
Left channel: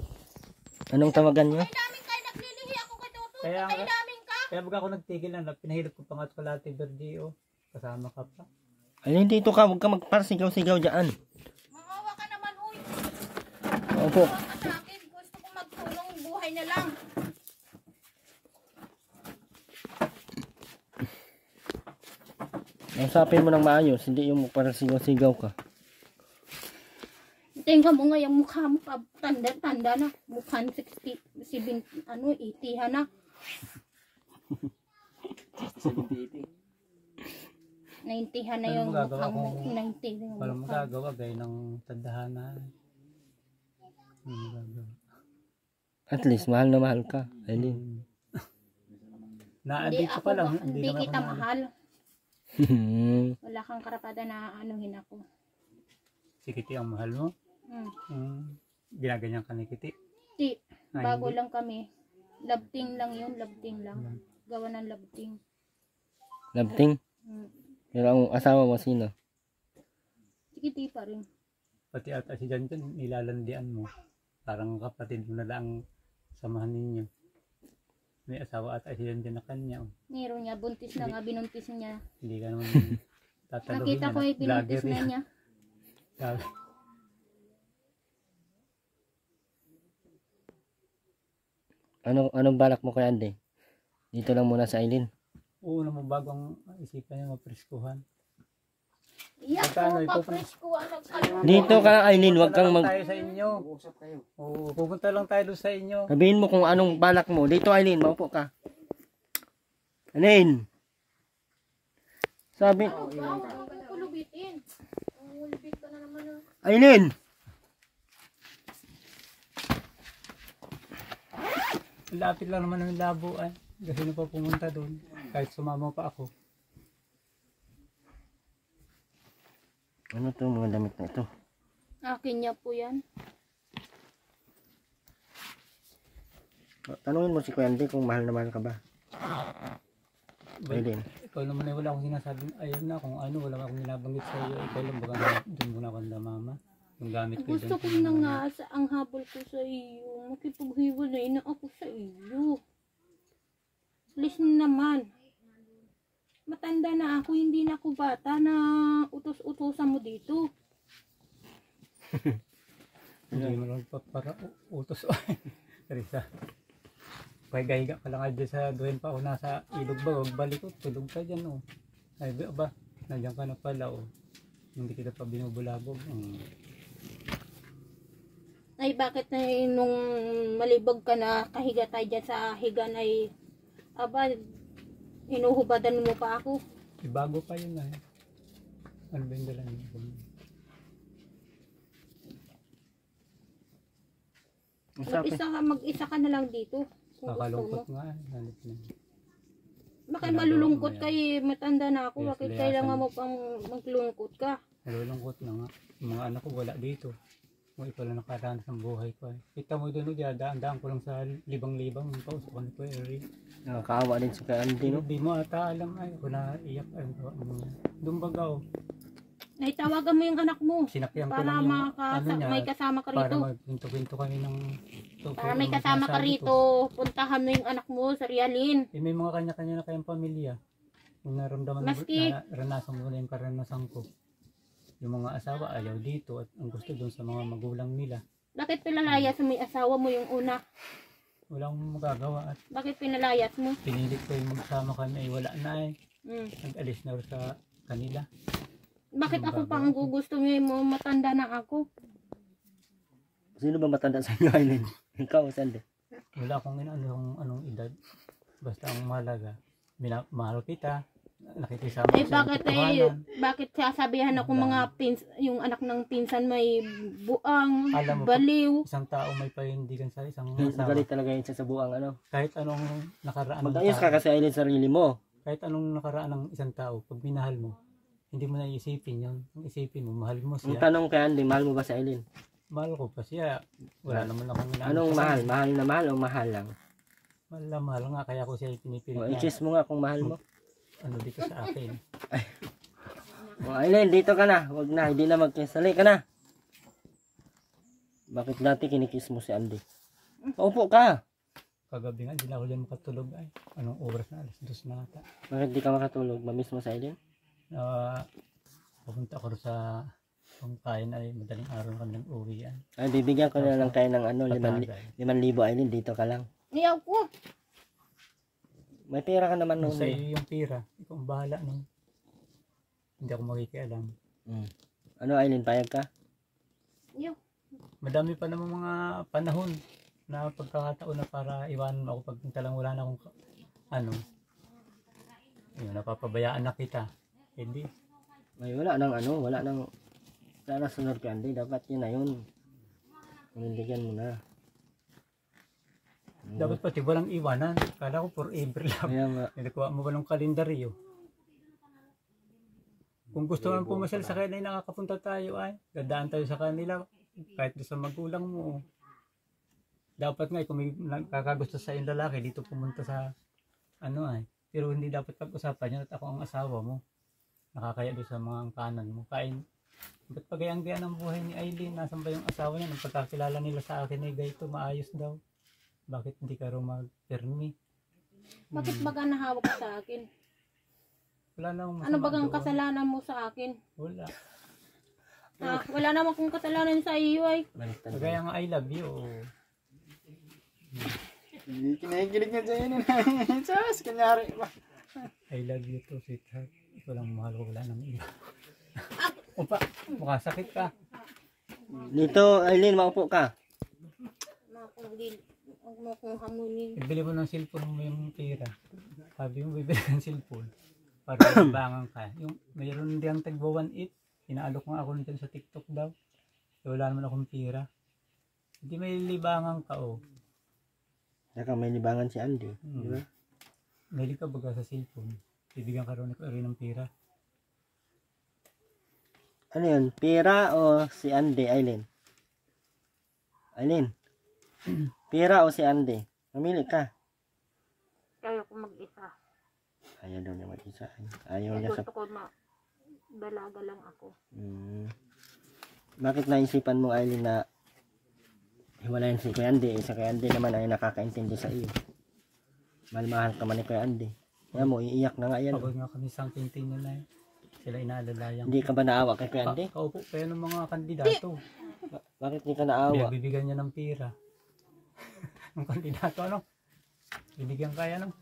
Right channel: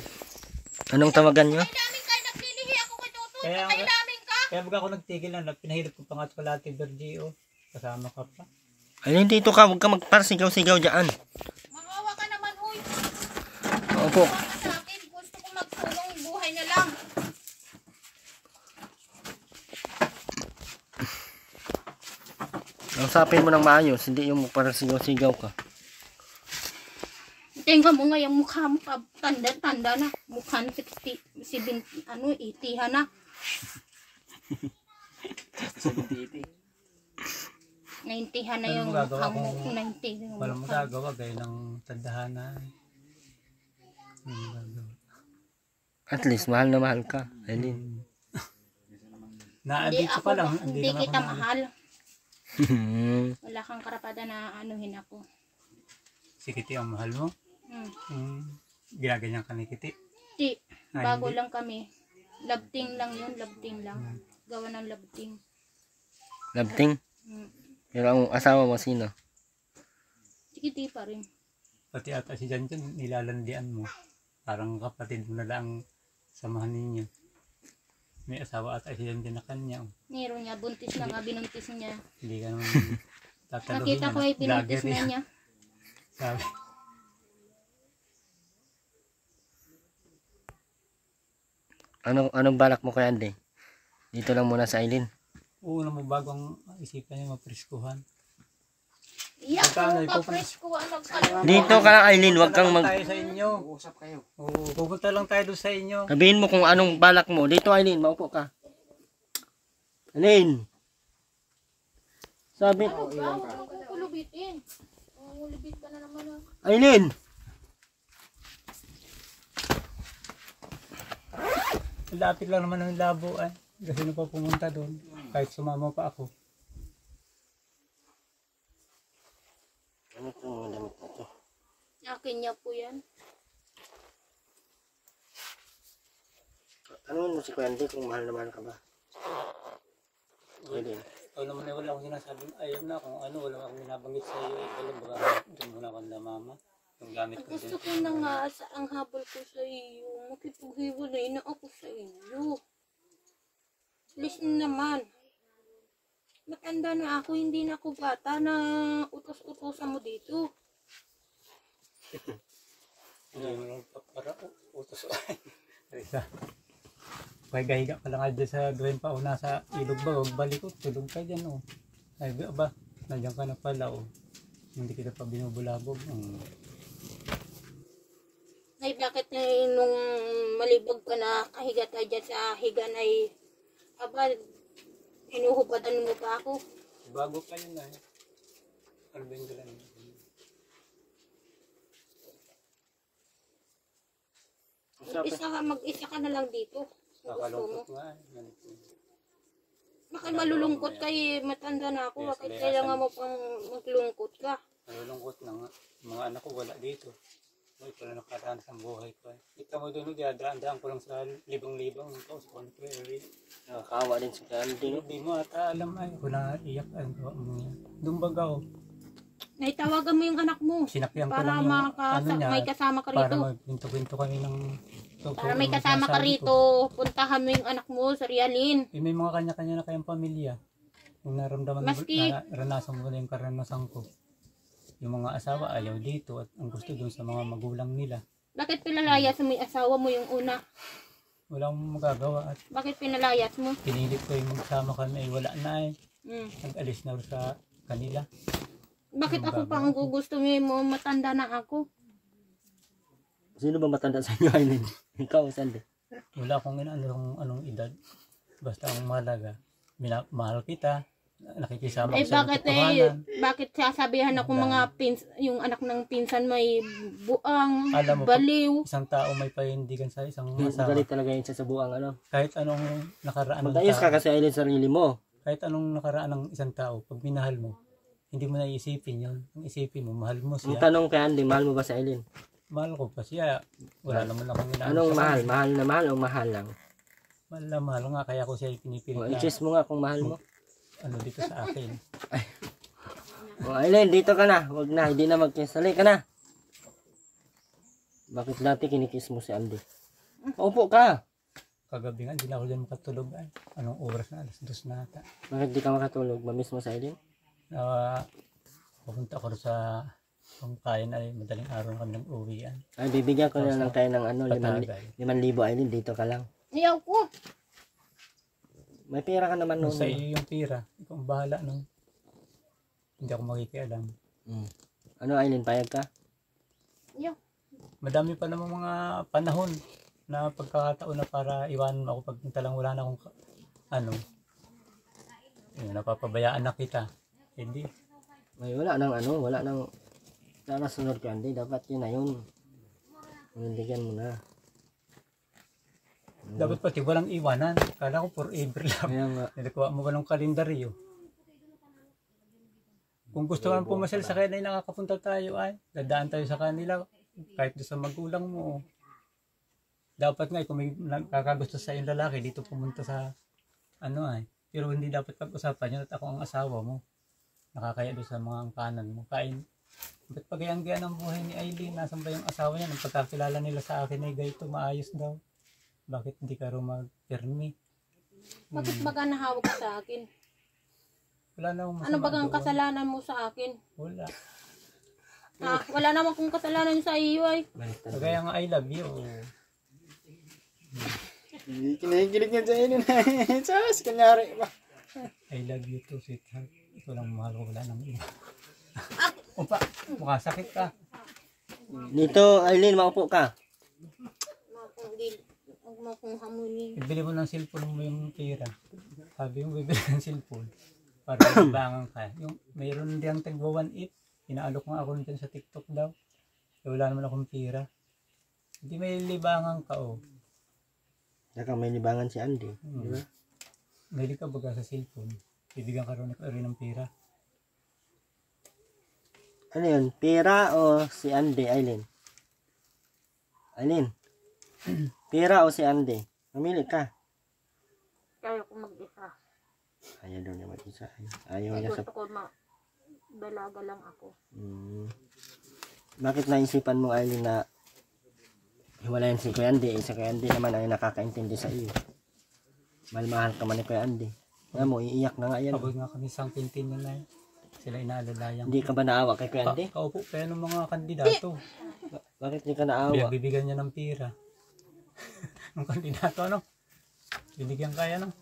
Anong tawagan nyo? Kay namin kayo naglilihi ako kay Tutoy. Kaya Kay nga- namin ka. Kaya baga ako nagtigil na. Pinahilap ko pa nga sa Kalate Verdi oh. Kasama ka pa. Ay, dito ka. Huwag ka magparsigaw-sigaw dyan. Maawa ka naman, uy. Opo. Maawa ka sa akin. Gusto ko magsulong buhay na lang. Usapin mo ng maayos. Hindi yung magparsigaw-sigaw ka. Tingnan mo nga yung mukha mo, tanda-tanda na. Mukha na 60, 70, 80 na. 90 na yung Ano magagawa mukha mo. kung 90 yung Walang mukha. magagawa gaya ng tandahana. Magagawa. At least, mahal na mahal ka, Eileen. Hindi Naandito ako, pa lang. hindi naman kita ako mahal. Wala kang karapatan na anuhin ako. Si Kitty ang mahal mo. Ginaganyan ka ni Kitty. Di, Ay, bago hindi. lang kami. Labting lang yun, labting lang. Gawa ng labting. Labting. Mm. Pero ang asawa mo, sino? Sikiti pa rin. Pati ata si Jan Jan, nilalandian mo. Parang kapatid mo na lang samahan ninyo. May asawa ata si Jan Jan na kanya. Oh. Meron niya, buntis na nga, binuntis niya. Hindi ka naman tataluhin Nakita ko yung binuntis Vlogger na yan. niya. Sabi. Anong balak mo kay Andy? Dito lang muna sa Eileen. Una mo bago ang isipan niya mapriskuhan. Iyak Magkano, ko, ikaw pa- pa-fresh ko, nagkalimut. Dito ka lang, Eileen. Huwag kang mag... Tayo sa inyo. Usap kayo. Oo, pupunta lang tayo doon sa inyo. Sabihin mo kung anong balak mo. Dito, Eileen. Maupo ka. Eileen. Sabi... Huwag mo kulubitin. Ulubit ka na naman. Eileen! Lapit lang naman ng labo ay. Kasi na pa pumunta doon. Kahit sumama pa ako. Ano itong mga damit na ito? Akin niya po yan. Tanungin mo si Kuya Andy kung mahal na mahal ka ba? Wait, Eileen. ikaw naman ay wala akong sinasabing ayaw na kung ano. Wala akong binabanggit sa iyo. Ikaw lang baka doon muna ako na mama. Yung gamit ko Gusto ko doon. na nga sa ang habol ko sa iyo. Makipaghiwalay na ako sa iyo. Please naman. Matanda na ako, hindi na ako bata na utos-utosan mo dito. Hindi mo lang pa para utos. Teresa. Pahiga-higa ka lang nga dyan sa duhin pa o nasa ilog ba? Huwag balik ko. Tulog ka dyan o. Ay ba? Nandiyan ka na pala o. Hindi kita pa binubulabog. Ay bakit nung malibog ka na kahiga tayo dyan sa higan ay aba, hinuhubadan mo pa ako. Bago pa yun ay. Ano ba yung dala niyo? Mag-isa ka na lang dito. Kung gusto mo. Kakalungkot nga eh. Hanip na. Bakit malulungkot kay matanda na ako? Yes, Bakit layasan. kailangan mo pang maglungkot ka? Nalulungkot na nga. Yung mga anak ko wala dito. Ito lang nakaranas ng buhay ko eh. Kita mo doon, daan ko lang sa libang-libang. Pausok ko na po eh. Nakakaawa din si Kuya Andy, no? Hindi mo ata alam ay. Kung naiyak ay. Doon baga oh. Naitawagan mo yung anak mo. Sinakyan ko Para lang yung ano niya. may kasama ka Para rito. magpinto-pinto kami ng... Para may kasama ka rito. Puntahan mo yung anak mo sa Realin. Eh, may mga kanya-kanya na kayang pamilya. Yung naramdaman Maski- naranasan mo na yung karanasan ko. Yung mga asawa ayaw dito at ang gusto doon sa mga magulang nila. Bakit pinalayas mo yung asawa mo yung una? Walang magagawa at Bakit pinalayas mo? pinilit ko yung magsama kami ay wala na eh. Hmm. Nag-alis na sa kanila. Bakit ako pa ang gusto mo? Matanda na ako. Sino ba matanda sa inyo, Eileen? Ikaw, Sandy. Wala akong inaano kung anong edad. Basta ang mahalaga. mahal kita, nakikisama Eh sa bakit katotohanan. bakit sasabihan ako mga yung anak ng pinsan may buang, Alam mo, baliw. Isang tao may panindigan sa isang asawa. Galit talaga yun sa buang ano. Kahit anong nakaraan ng Mag-ayos ka tao, kasi Aileen sarili mo. kahit anong nakaraan ng isang tao, pag minahal mo, hindi mo na iisipin yun. Ang isipin mo, mahal mo Ang siya. tanong kay Andy, mahal mo ba si Aileen? Mahal ko pa siya. Wala naman akong inaano Anong sa mahal? kanya. Mahal na mahal o mahal lang? Mahal na mahal nga, kaya ko siya pinipilit O, na i-kiss mo nga kung mahal mo. ano dito sa akin. O, Aileen, dito ka na. Huwag na, hindi na mag-kiss. Sali ka na. Bakit dati kinikiss mo si Andy? Opo ka. Kagabi nga, hindi na ako dyan makatulog. Ay, anong oras na? Alas 2 na ata. Bakit di ka makatulog? Mamiss mo si Aileen? Pupunta ako sa pangkain ay madaling araw kami ng uwian. Ay, bibigyan ko na lang tayo ng ano, Patagay. 5,000 Aileen. Dito ka lang. Ayaw ko. May pera ka naman Nung noon. sa iyo yung pira, ikaw ang bahala nung hindi ako makikialam. Ano Aileen, payag ka? Ayaw. Madami pa namang mga panahon na pagkakataon na para iwanan mo ako pag lang wala na akong yun, napapabayaan na kita. Hindi. May wala nang ano, wala na sunod ka Andy. Dapat yun na yun. Panindigan mo na. Dapat pati walang iwanan. Kala ko forever lang. Kaya nga. Nilikuha mo ba ng kalendaryo? Kung gusto mo pumasal sa kanila, nakakapunta tayo ay. Dadaan tayo sa kanila. Kahit doon sa magulang mo. Dapat nga, kung may kakagusto sa yung lalaki, dito pumunta sa Pero hindi dapat pag-usapan yun at ako ang asawa mo. Nakakaya doon sa mga kanan mo. Kain. Ba't pagayang-gayaan ang buhay ni Aileen? Nasaan ba yung asawa niya? Nung pagkakilala nila sa akin ay gayto, maayos daw. Bakit hindi ka rin mag-permi? Bakit baga nahawak ka sa akin? Wala na akong masama Ano bagang doon. kasalanan mo sa akin? Wala. Wala naman kong kasalanan sa iyo ay. Kagaya nga I love you. Hindi kinikilig niya sa inyo na. Sas, kanyari ba? I love you too, sweetheart. Ikaw lang mahal ko, wala nang iba. Opa, mukha sakit ka. Dito, Aileen, maupo ka. Huwag mo kong hamunin. Ibili mo ng cellphone mo yung pera. Sabi mo, bibili ng cellphone. Para libangan ka. Yung mayroon diyang tagwa 1.8. Inaalok nga ako dyan sa TikTok daw. So, wala naman akong pera. Hindi may libangan ka, oh. Saka may libangan si Andy. Di ba? Mahilig ka baga sa cellphone. Bibigyan ka rin ng pera. Ano yun? Pera o si Andy, Aileen? Aileen? Pera o si Andy? Mamili ka. Kaya ko mag-isa. Ayaw daw niya mag-isa. Ayaw niya sa... Gusto ko balaga lang ako. Bakit naisipan mo, Aileen, na hiwalayan si Kuya Andy? Si Kuya Andy naman ay nakakaintindi sa iyo. Mahal ka man ni Kuya Andy. Kaya mo, iiyak na nga yan. Pagod nga kami sang pintin nila eh. Sila inaalalayan. Hindi ka ba naawa kay Kuya Andy? Kaupo pa yan ng mga kandidato. Bakit hindi ka naawa? Bibigyan niya ng pera. Ng kandidato, ano? Binigyan kaya, no?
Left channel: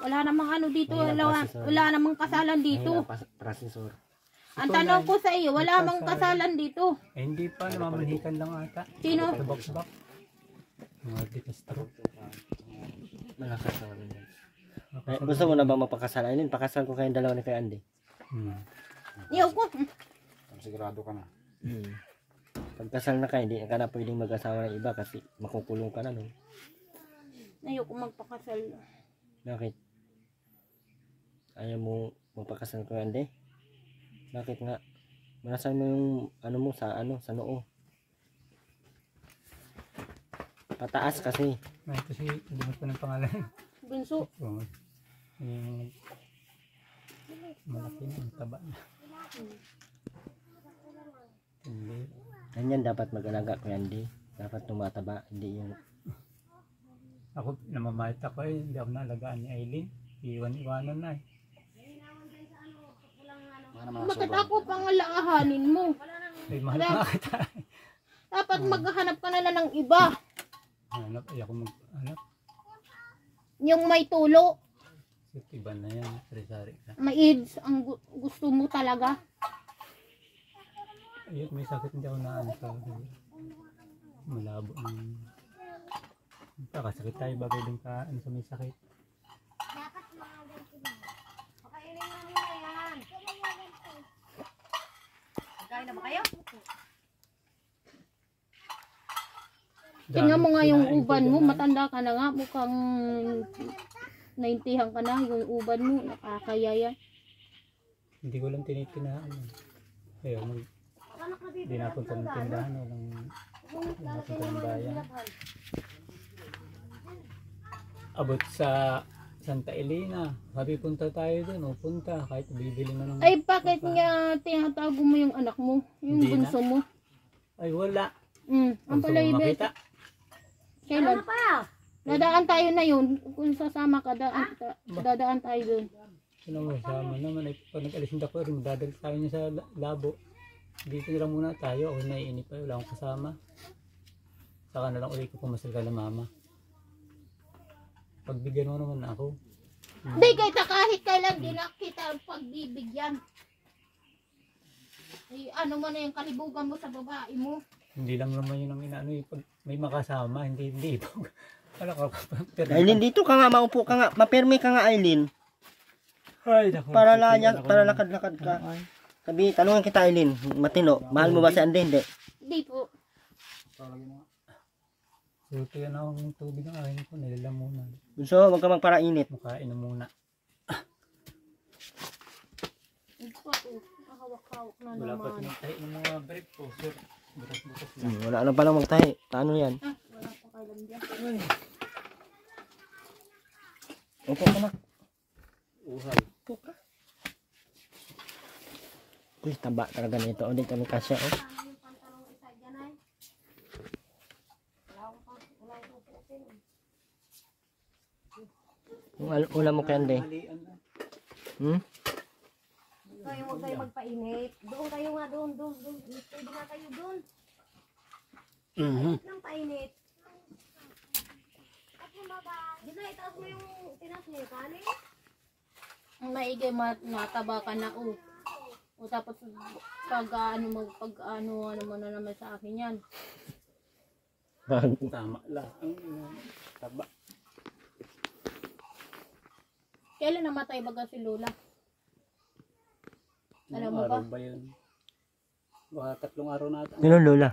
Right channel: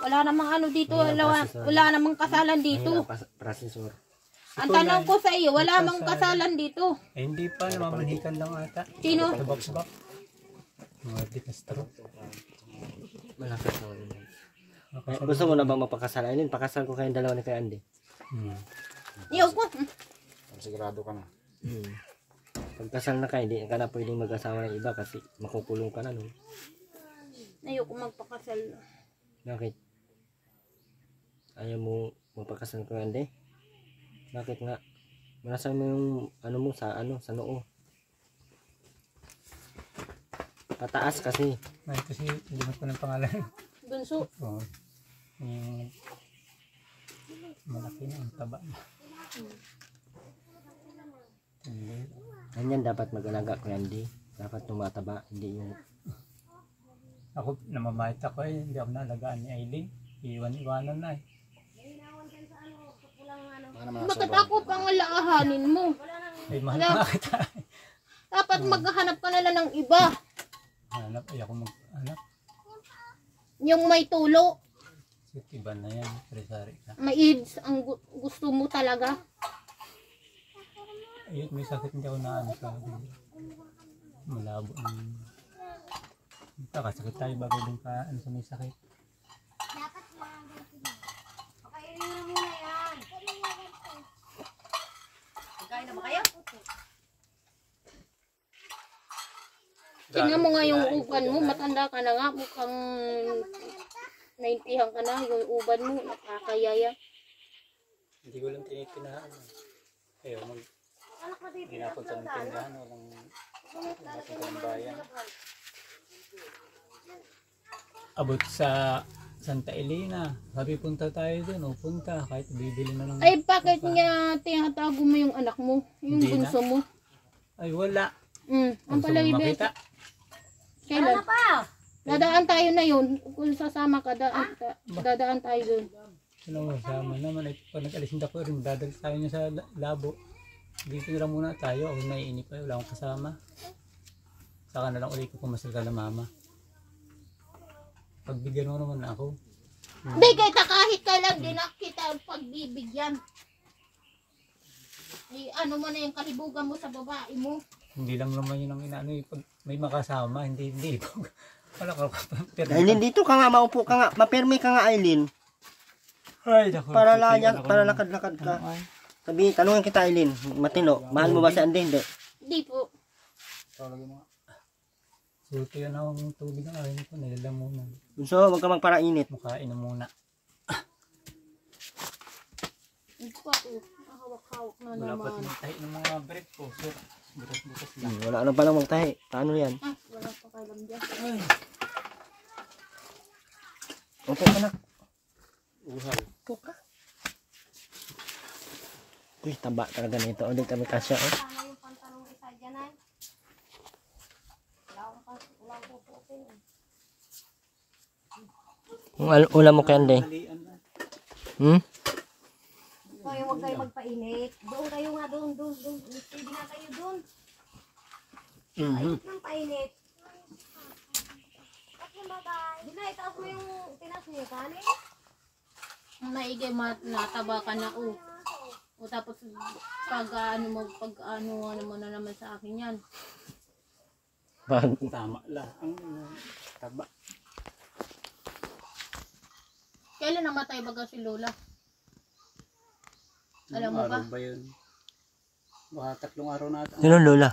Wala namang ano dito. Wala namang kasalan dito. Processor. Ang tanong ko sa iyo, wala namang kasalan dito. Eh, hindi pa. Namamanhikan lang ata. Sino? Sa box-box. Mga di Castro. Malakas naman yun. Gusto mo na bang mapakasal? Aileen, pakasal ko kayong dalawa ni Kuya Andy. Ayaw ko. Sigurado ka na. Pagkasal na kayo, hindi ka na pwedeng mag-asawa ng iba kasi makukulong ka na. No? Ayaw ko magpakasal. Bakit? Ayaw mo magpakasal ko, Andy? Bakit nga? Manasan mo yung ano mo sa noo. Pataas kasi. Ay, kasi limot ko ng pangalan. Bunso. Oh, malaki na ang taba na. Hindi. Ganyan dapat mag-alaga ko, Andy. Dapat tumataba, hindi yung... Ako, namamahit ako eh. Hindi ako naalagaan ni Aileen. Iwan-iwanan na eh. Bakit ako pangalahanin mo? Ay, mahal na kita. Dapat maghahanap ka na lang ng iba. Hanap, ay ako mag-hanap. Yung may tulo, Iba na yan. Sari-sari ka. may AIDS, ang gusto mo talaga. Ayun, may sakit hindi ako naano sa malabo ng Kakasakit tayo bagay din ka ano sa may sakit. Tingnan mo nga yung uban mo, matanda ka na nga, mukhang naintihan ka na, yung uban mo, nakakayaya. Hindi ko lang tinitinahan. Ayaw mag... Hindi napunta ng tindahan. Walang napunta ng bayan. Abot sa Santa Elena. Sabi punta tayo dun. O punta. Kahit bibili na ng... Ay, bakit nga tinatago mo yung anak mo, yung Hindi bunso mo? Ay wala. Ang Gusto pala mo makita? Kailan? Dadaan tayo na yun. Kung sasama ka, dadaan tayo dun. Sino mo sama naman. Ay, pag nag-alis hindi ako rin. Dadal tayo niya sa labo. Dito na lang muna tayo. Ako naiinip pa. Wala akong kasama. Saka na lang ulit ko pumasal ka na mama. Pagbigyan mo naman ako. Hindi kita kahit kailan din kita pagbibigyan. Ano mo na yung kalibugan mo sa babae mo. Hindi lang naman yun ang inaano. Pag may makasama, hindi. Wala ka. Aileen, dito ka nga, maupo ka nga. Mapirmi ka nga, Aileen. Ay, naku. Para lakad-lakad ka. Sabi, tanungin kita, Aileen. Matino, mahal mo ba si Andy? Hindi. Hindi po. Suto yan ang tubig ng akin ko. Nilalamunan. So, huwag ka magparainit. Makain na muna. Hindi pa po. Hawak-hawak na Wala pa naman. tinitahi ng mga bread po. Sir, bukas-bukas lang. Wala na palang magtahi. Paano yan? Wala pa kailan dyan. Upo ka na. Uhal. Upo ka. Uy, taba talaga nito. O, di kami kasya, oh. Ulam mo kay Andy. Hmm? Kayo huwag kayo magpainit. Doon kayo nga doon. Pwede na kayo doon. Ayos ng painit. At yung babay. Di na itaas mo yung tinas niyo. Kanin? Naigay nataba ka na o. O tapos pag ano mo na naman sa akin yan. Tama lang. Ang taba. Kailan namatay baga si Lola? Alam mo ba? Araw ba yun? Baka 3 araw na ata. Sino Lola?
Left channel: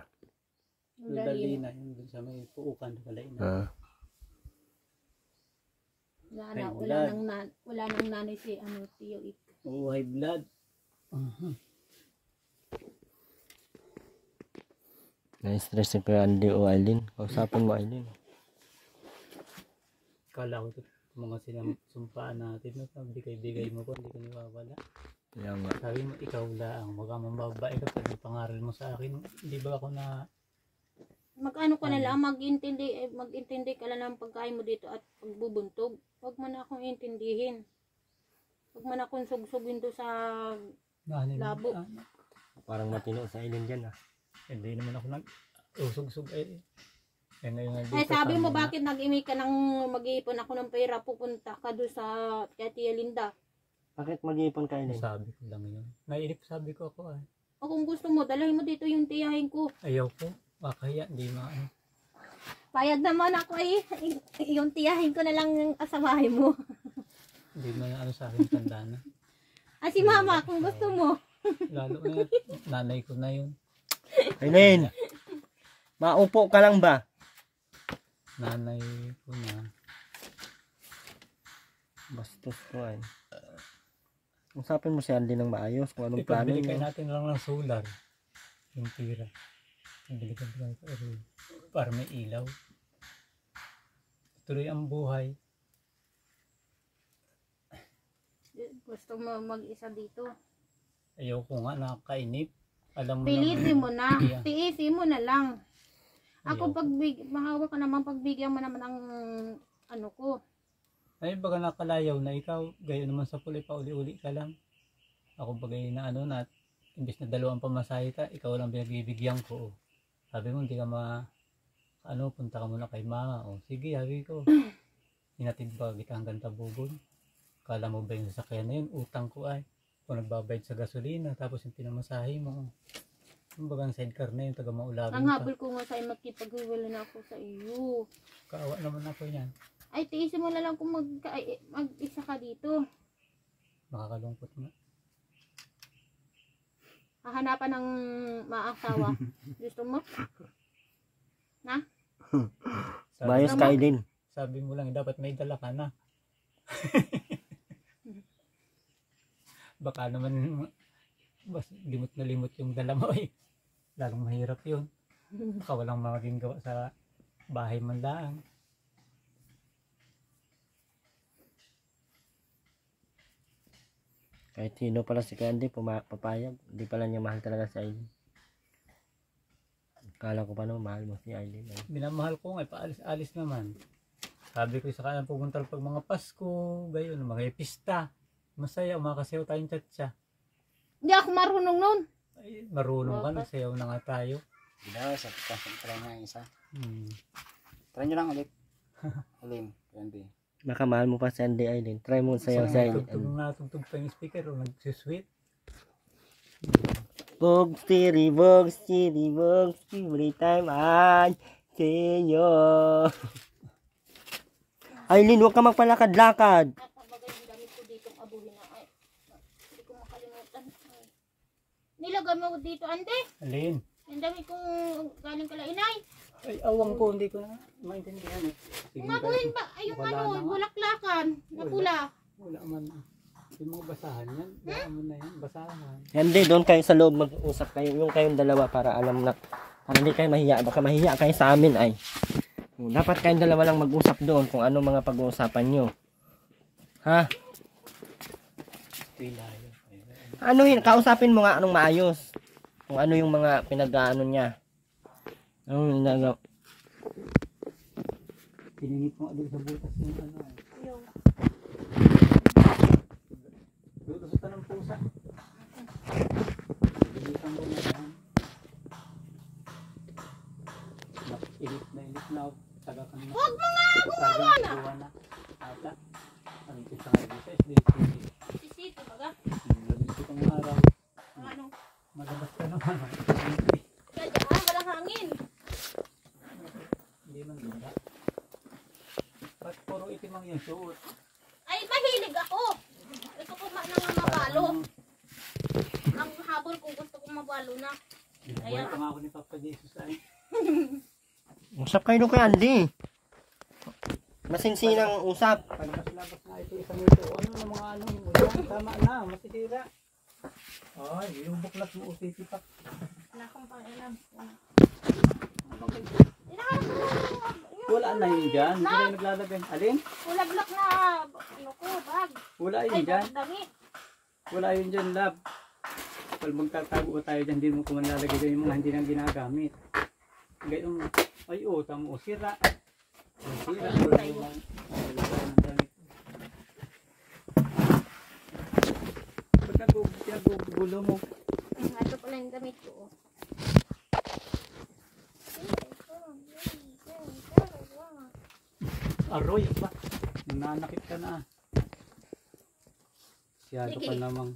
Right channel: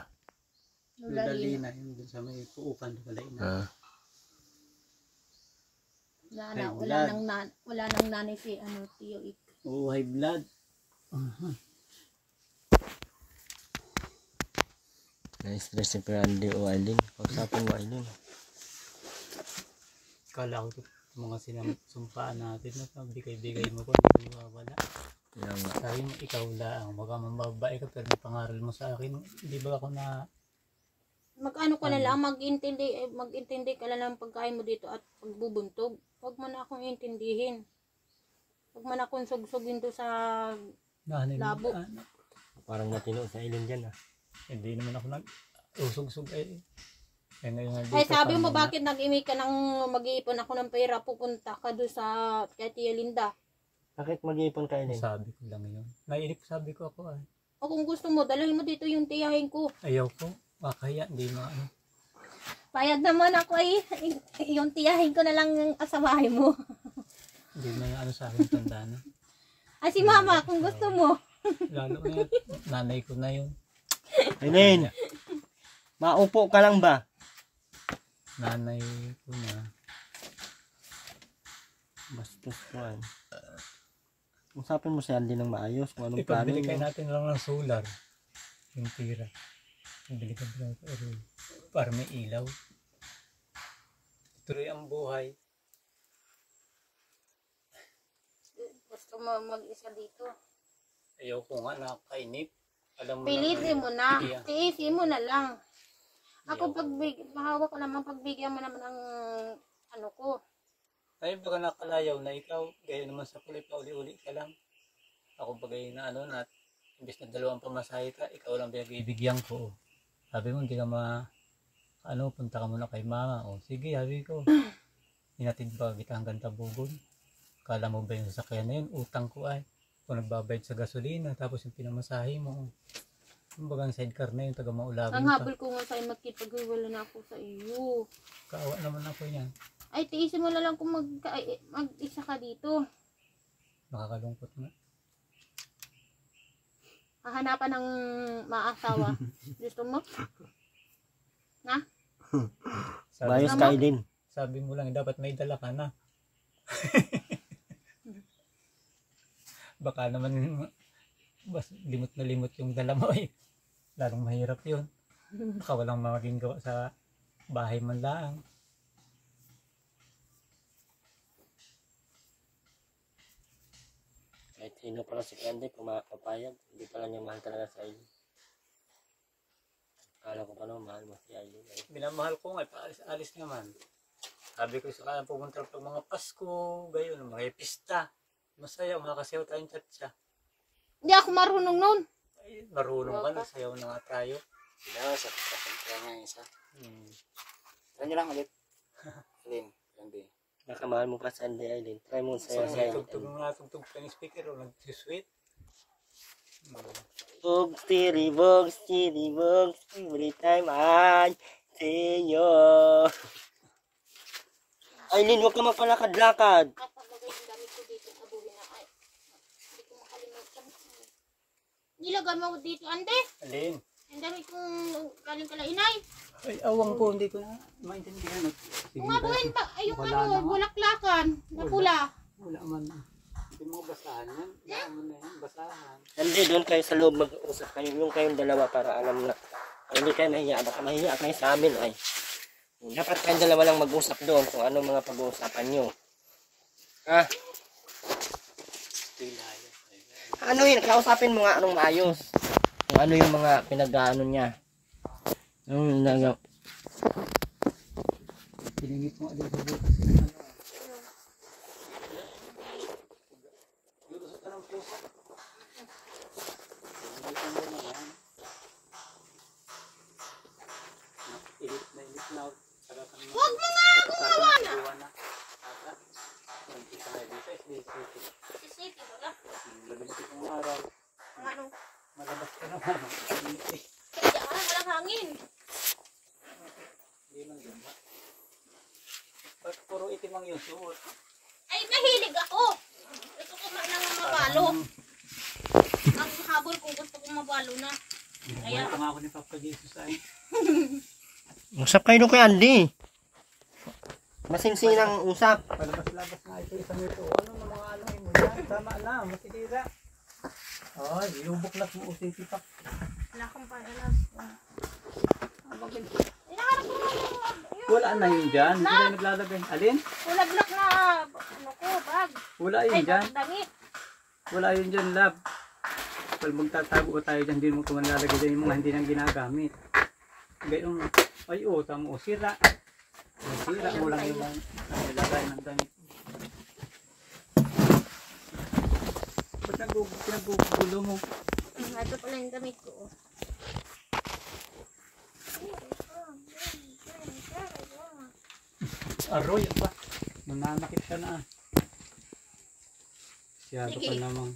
Lola Lina. Lina. Yun dun sa may puukan. Kalaina. Wala nang nanay si Tiyo Ik. Oo, high blood. Na-stress si Kuya Andy o Aileen. Kausapin mo, Aileen. Kala ko mga sinasumpaan natin na bigay-bigay mo ko. Hindi ko niwawala. Kaya nga. Sabi mo, ikaw lang. Baka mababae ka pa ng pangaral mo sa akin. Hindi ba ako na... Mag-ano ka na lang, mag-intindi ka lang ng pagkain mo dito at pagbubuntog. Huwag mo na akong intindihin. Huwag mo na akong sugsugin to sa labo. Parang matino sa Aileen dyan, ah. Hindi naman ako nag-usog-sug eh. Eh ngayon nga Ay dito, sabi mo paano bakit nag-imi ka ng mag-iipon ako ng pera, pupunta ka doon sa kay Tia Linda. Bakit mag-iipon ka, Aileen? sabi ko lang yun. Nainip sabi ko ako ay. O kung gusto mo, dalhin mo dito yung tiyahin ko. Ayaw ko. Kaya hindi maano. Payag naman ako ay yung tiyahin ko na lang yung asawahin mo. Hindi na ano sa akin tanda na. Ay si mama, kung gusto mo. Lalo na nanay ko na yun. Aileen! Maupo ka lang ba? Nanay ko na. Bastos ko, ay. Usapin mo si Andy ng maayos kung anong plano Ipabili kayo niya. natin lang ng solar. Yung tira. Pabili ka lang para may ilaw. Tuloy ang buhay. Gusto mo mag-isa dito. Ayaw ko nga nakakainip. Alam mo Pilitin mo na. Yeah. Tiisin mo na lang. Ako Ayaw. mahawak ka naman, pagbigyan mo naman ang ano ko. Ay baga nakalayaw na ikaw. Gaya naman sa puli pa uli-uli ka lang. Ako bagay na ano na imbes na 2 pamasahe ka, ikaw lang bibigyan ko. Sabi mo hindi ka punta ka muna kay mama. O sige, sabi ko. Hinatid ba kita hanggang Tabugon? Kala mo ba yung sasakyan na yun? Utang ko ay. Kung nagbabayad sa gasolina, tapos yung pinamasahe mo. Kumbaga ang sidecar na yung taga Maulagin Ang pa. habol ko nga sa'yo, magkipaghiwala na ako sa iyo. Kaawa naman ako yan. Ay, tiisin mo na lang kung mag-isa ka dito. Nakakalungkot nga. Hahanapan ng maasawa. Gusto mo? Bayos Tama. ka, Aileen. Sabi mo lang, dapat may dala ka na. Baka naman, limot na limot yung dala mo eh. Lalong mahirap yun. Baka walang maging gawa sa bahay man lang. Kahit sino pala si Candy, papayag. Hindi pala niya mahal talaga si Aileen. Kala ko pa no, mahal mo si Aileen. Minamahal ko nga, paalis-alis naman. Sabi ko sa kanya, pumunta pag mga Pasko, gayon, mga pista. Masaya, umakasayaw tayong tsa-tsa. Hindi ako marunong nun. Ay, marunong ka, nagsayaw na nga tayo. Hindi daw, try niya yung isa. Hmm. Try niyo lang ulit. Alin, Candy. Baka mahal mo pa si Andy, Aileen. Try mo sayo sa Tugtog nga, tugtog pa yung speaker, o nagsusweet. Bogs, tiri, every time I see you. Aileen, huwag ka magpalakad-lakad. At pagmagay yung damit ko dito, abuhin na. Ay, hindi ko makalimutan. Nilagay mo ko dito, Ande. Alin? Yung damit kong galing kala inay. Ay, awang ko, hindi ko na maintindihan. Sige, Umabuhin ba? Ay, yung Wala na nga. bulaklakan na pula. Wala man. Hindi mo basahan yan. Wala mo na yan, basahan. Hindi, doon kayo sa loob mag-uusap kayo. Yung kayong dalawa para alam na. Para hindi kayo mahiya. Baka mahiya kayo sa amin ay. Dapat kayong dalawa lang mag-usap doon kung ano mga pag-uusapan nyo. Ha? Ano yun? Kausapin mo nga anong maayos. Kung ano yung mga pinag-ano niya. Anong nagawa? Piningit mo din sa butas yung ano. Lutusutan ng pusa. Pinigitan mo na yan. Ilit na. Taga ka naman. Huwag mo nga! Gumawa na. Ata. Ang isa nga dito is dito. Si City, baga? Labis itong araw. Ano? Magabas ka naman. Kaya daan, walang hangin. Hindi man ganda. Ba't puro itim ang yung suot? Ay, mahilig ako. Ito kumain ng mabalo. Ang habol ko, gusto kong mabalo na. Wala pa nga ako ni Papa Jesus ay. Usap kayo doon kay Andy. Masinsinang usap. Palabas-labas nga ito isang ito. Ano na mga ano yun? Sana na, matitira. Ay, ilubok lang mo usiti pa. Wala akong paalam. Inaharap ko na yung Wala na yun dyan. Hindi na naglalagay. Alin? ulaglak na ano ko, bag. Wala Ay, yun dyan. damit. Wala yun dyan, lab. Pag magtatago tayo dyan, hindi mo ko manlalagay dyan yung mga hindi nang ginagamit. Gayong, ay tamo, sira. Sira mo lang yung nilagay ng damit. Ba't nagbubulo mo? Ito pala yung damit ko. Aroy, ba? Nananakit siya na. Siyado pa Sige. namang.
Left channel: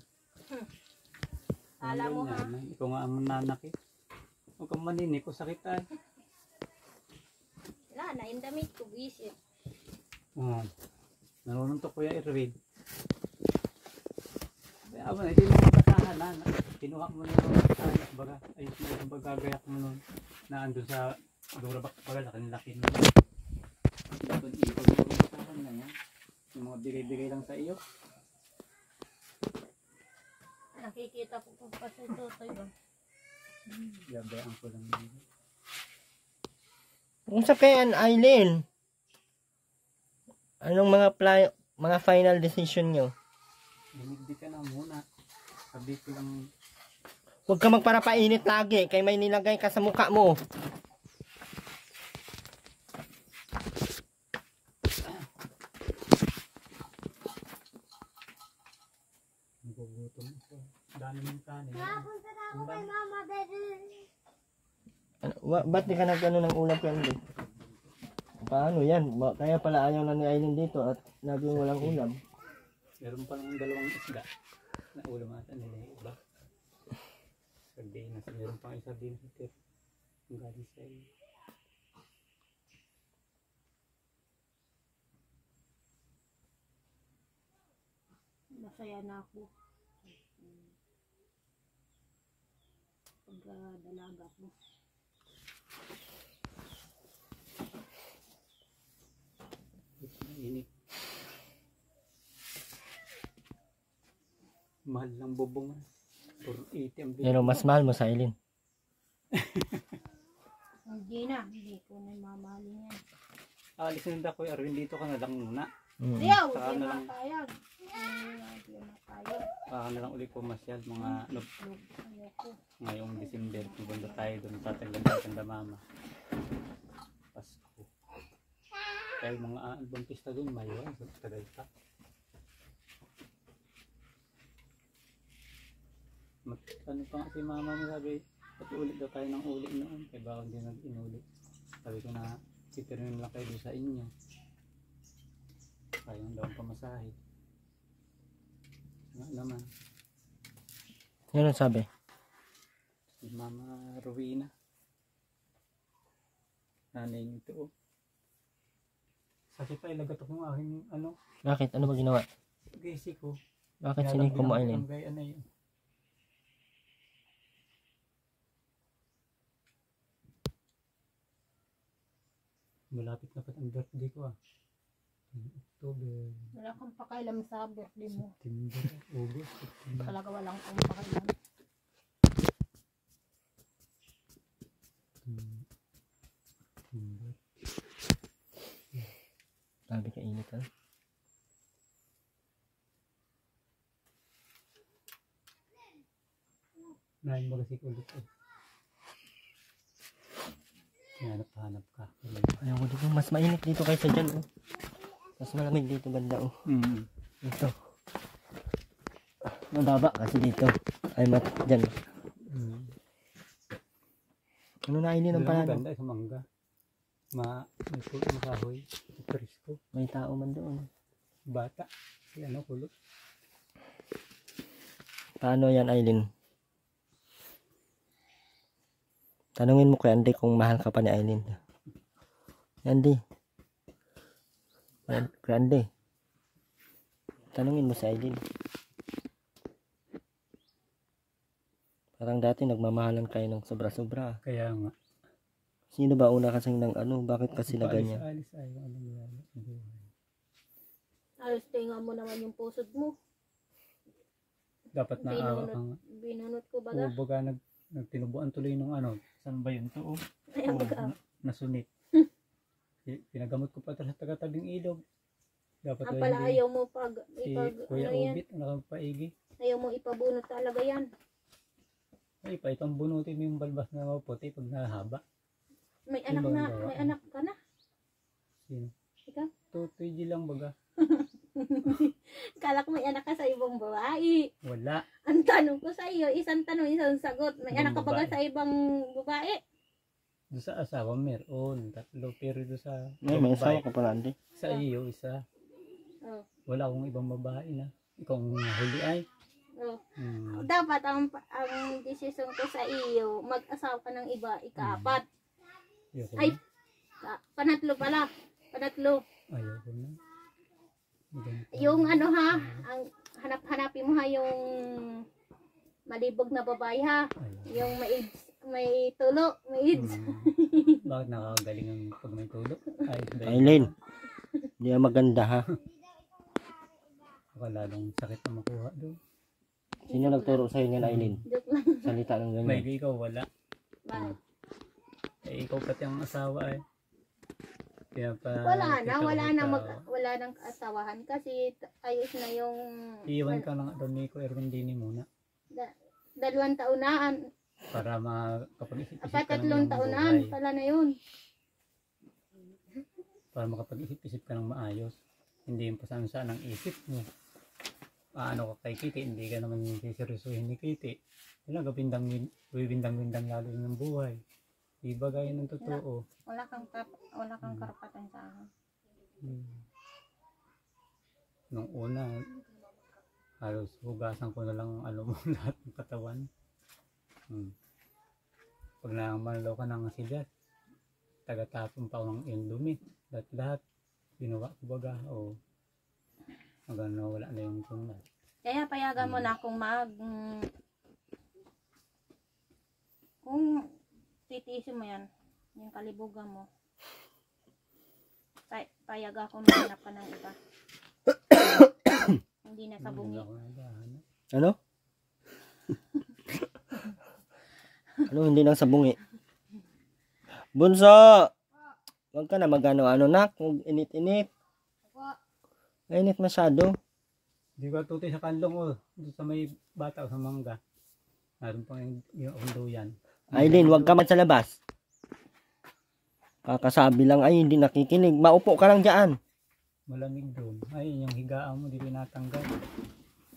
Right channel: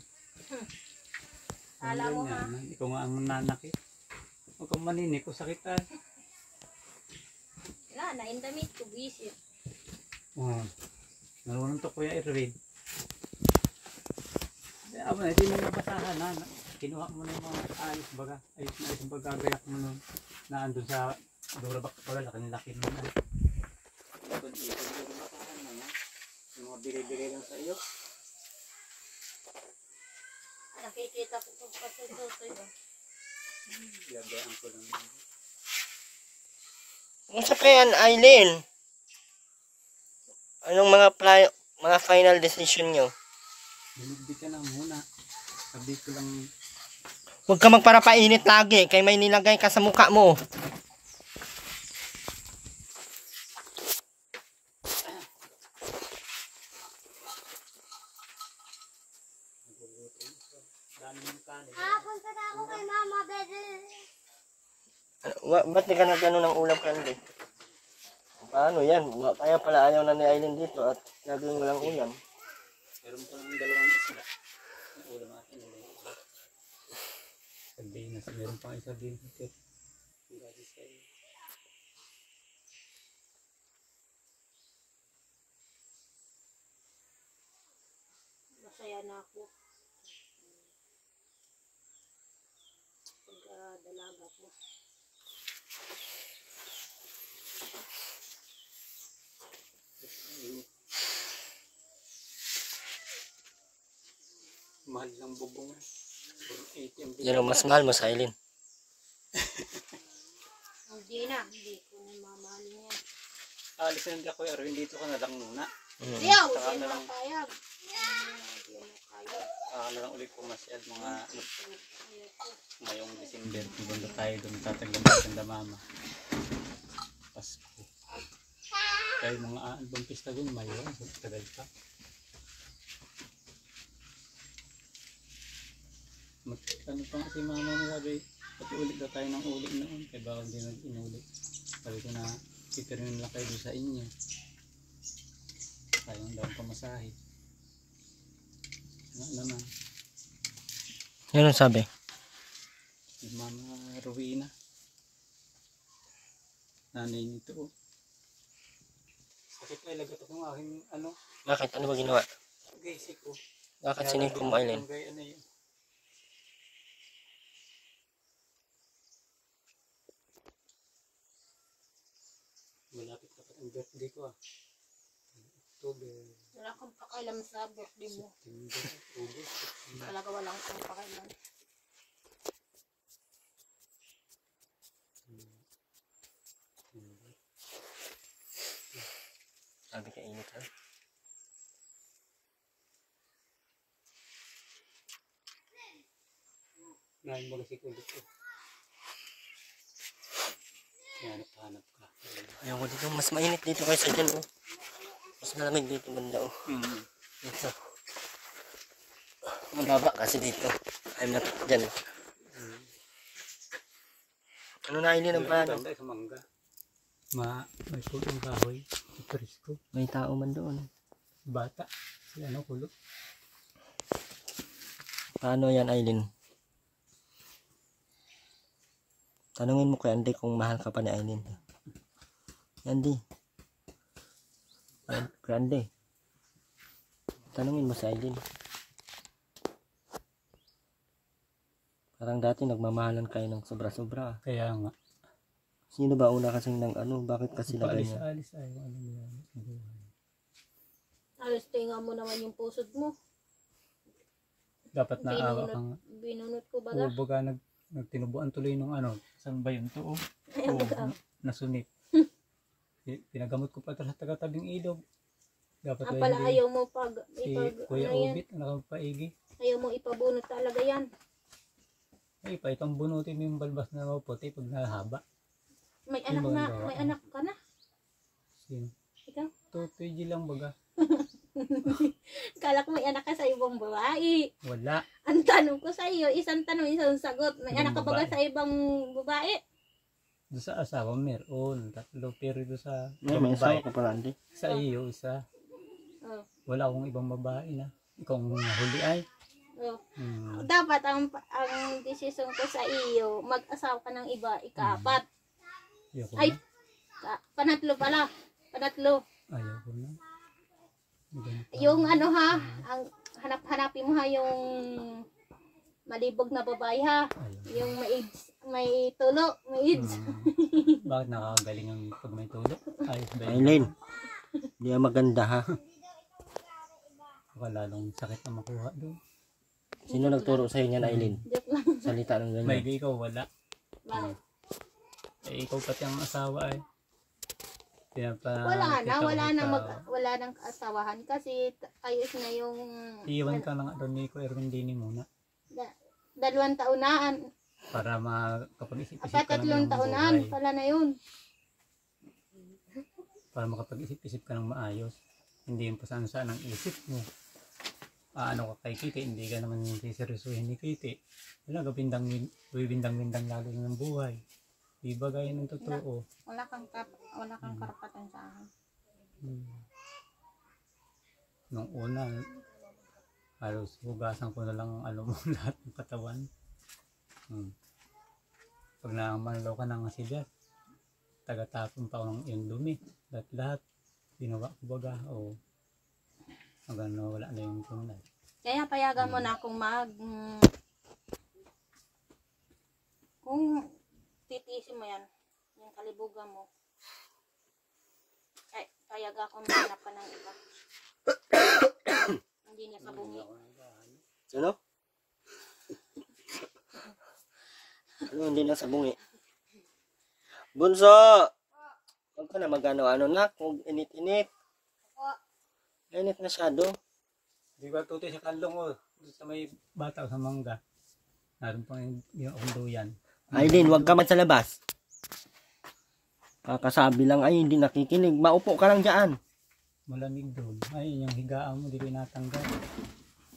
Kala mo, ha? Ikaw nga ang nananakit. Huwag kang maninig ko sakitan. Wala na, yung damit ko, visit. Narunong to Kuya Irwin. Aba na, hindi mo nabasahan na. Kinuha mo na yung ayos baga. Ayos mo yung pagkagayak mo nun. Na andun sa Durabak pala, laki mo. Ipon-ipon mo yung basahan na yan. Yung mga bigay-bigay lang sa iyo. Nakikita ko kung patutoy ko. Yabayaan ko lang yun. Usap kay Aileen. Anong mga final decision nyo? Binigbi ka na muna. Sabi ko lang. Huwag ka magparapainit lagi kay may nilagay ka sa mukha mo. Nagugutom ako. Dami ng kanin. Punta na ako kay Mama Bede. Ba't di ka nagano ng ulam kay Andy? Paano yan? Kaya pala ayaw na ni Aileen dito at naging walang ulam. Meron pa lang dalawang isda. Na ulam natin nila yung iba. sardinas. Meron pang isa din ito. Ang galing sa iyo. Masaya na ako. Pagdalaga ko. Mahal ng bubong. 480 ang Pero mas mahal mo sa Aileen. Hindi na. Hindi ko na mamahalin yan. Alis na ako, Erwin, dito ka na lang muna. Ayaw! Saka Hindi na na lang. payag. Hindi na payag. Na lang ulit pumasyal mga Ayaw ko. ngayong December. Pupunta tayo doon, tataglan natin na mama. Pasko. Kaya yung mga album pista doon, mayroon. Tagal pa. Ano pa nga si mama mo sabi, pati ulit daw tayo ng ulit noon. Kaya bakit hindi nag-inulit. Sabi ko na, pipirmin lang kayo doon sa inyo. Sayang daw ang pamasahe. Nga naman. Yan ang sabi. Si Mama Rowena. Nanay nito. Oh. Sakit pa ilagat ako ng aking ano. Bakit? Ano ba ginawa? Gaysi ko. Bakit siniko mo, Aileen? Ano yun? Malapit na pa ang birthday ko ah. October, Wala kang pakailan sa birthday mo. September, August, September. Talaga walang kang pakailan. September. Sabi ka init ha? Ngayon magasik ulit ko. Hanap ka. Ayaw ko dito. Mas mainit dito kaysa dyan oh. Mas malamig dito banda oh. Dito. Mababa kasi dito. Ay dyan. Ano na Aileen ang paano? Ganda sa mangga. May pulo ng kahoy. Presko. May tao man doon. Bata. Si ano kulot. Paano yan Aileen? Tanungin mo kay Andy kung mahal ka pa ni Aileen. Andy. Kay Andy. Tanungin mo sa Aileen. Parang dati nagmamahalan kayo ng sobra-sobra. Kaya nga. Sino ba una kasing ng ano? Bakit kasi na ganyan? Alis ay ano yan. Alos tinga mo naman yung pusod mo. Dapat naawa kang Binunot ko baga. baga nagtinubuan tuloy nung ano. Saan ba yun to? Ayaw baga. Nasunit. Pinagamot ko pa sa taga-tabing ilog. Dapat Ang ba pala hindi? ayaw mo Si Kuya ano yan. Ubit, nakapaigi. Ayaw mo ipabunot talaga yan. Ay, pa itong bunutin mo yung balbas na maputi pag nahaba. May Yung anak mga na, gawa. may anak ka na. Sino? Ikaw? Tutuy lang baga. Kala ko may anak ka sa ibang babae. Wala. Ang tanong ko sa iyo, isang tanong, isang sagot. May Ibang anak ka baga babae. sa ibang babae? Doon sa asawa meron. 3. Pero doon sa May ibang asawa babae. ka pala Andy. Sa iyo, isa. Oh. Wala akong ibang babae na. Ikaw ang nahuli ay. Oh. Hmm. Dapat ang desisyon ko sa iyo, mag-asawa ka ng iba, ika-4. Ayoko Ay. na. Panatlo pala. Panatlo. Ayoko na. Ganito. Yung ano ha, ang hanapin mo ha yung malibog na babae ha. Ayoko. Yung may AIDS, may tulo, may AIDS. Bakit nakakagaling ang pag may tulog? Ay, Aileen. Hindi yan maganda ha. Baka lalong sakit na makuha doon. Sino nagturo sa'yo niyan Aileen? Joke lang. Salita ng May ganyan. ikaw wala. Bakit? Eh, ikaw pati ang asawa ay. Wala nang kaasawahan kasi ayos na yung Iiwan ka lang doon ni Kuya Erwin Dini muna. 2 taonaan. Para makapag-isip-isip Apat ka ng 3 taonaan buhay. pala na yun. Para makapag-isip-isip ka ng maayos. Hindi yung pasan-saan ang isip mo. Ano ka kay Kiti, hindi ka naman siseryosohin ni Kiti. Talaga bindang-bindang lalo ng buhay. Di ba gaya ng totoo? Wala kang karapatan sa akin. Nung una, halos hugasan ko na lang ang ano mo lahat ng katawan. Pag namanlaw ka ng silyas, tagatapon pa ako ng indumi. Lahat ginawa ko baga o hanggang wala na yung tunay. Kaya payagan mo na akong kung titiisin mo yan, yung kalibugan mo, payag ako na hanap ka ng iba. Hindi na sa bungi. Ano? Ano hindi nang sabungi? Bunso! Huwag ka na magano-ano nak. Huwag init-init. Init masyado. Di ba tutoy sa kanlong o doon sa may bata o sa mangga. Naroon pang yung duyan. Aileen, huwag ka man sa labas. Kakasabi lang ay hindi nakikinig. Maupo ka lang dyan. Malamig doon. Ay, yung higaan mo, di pinatanggal.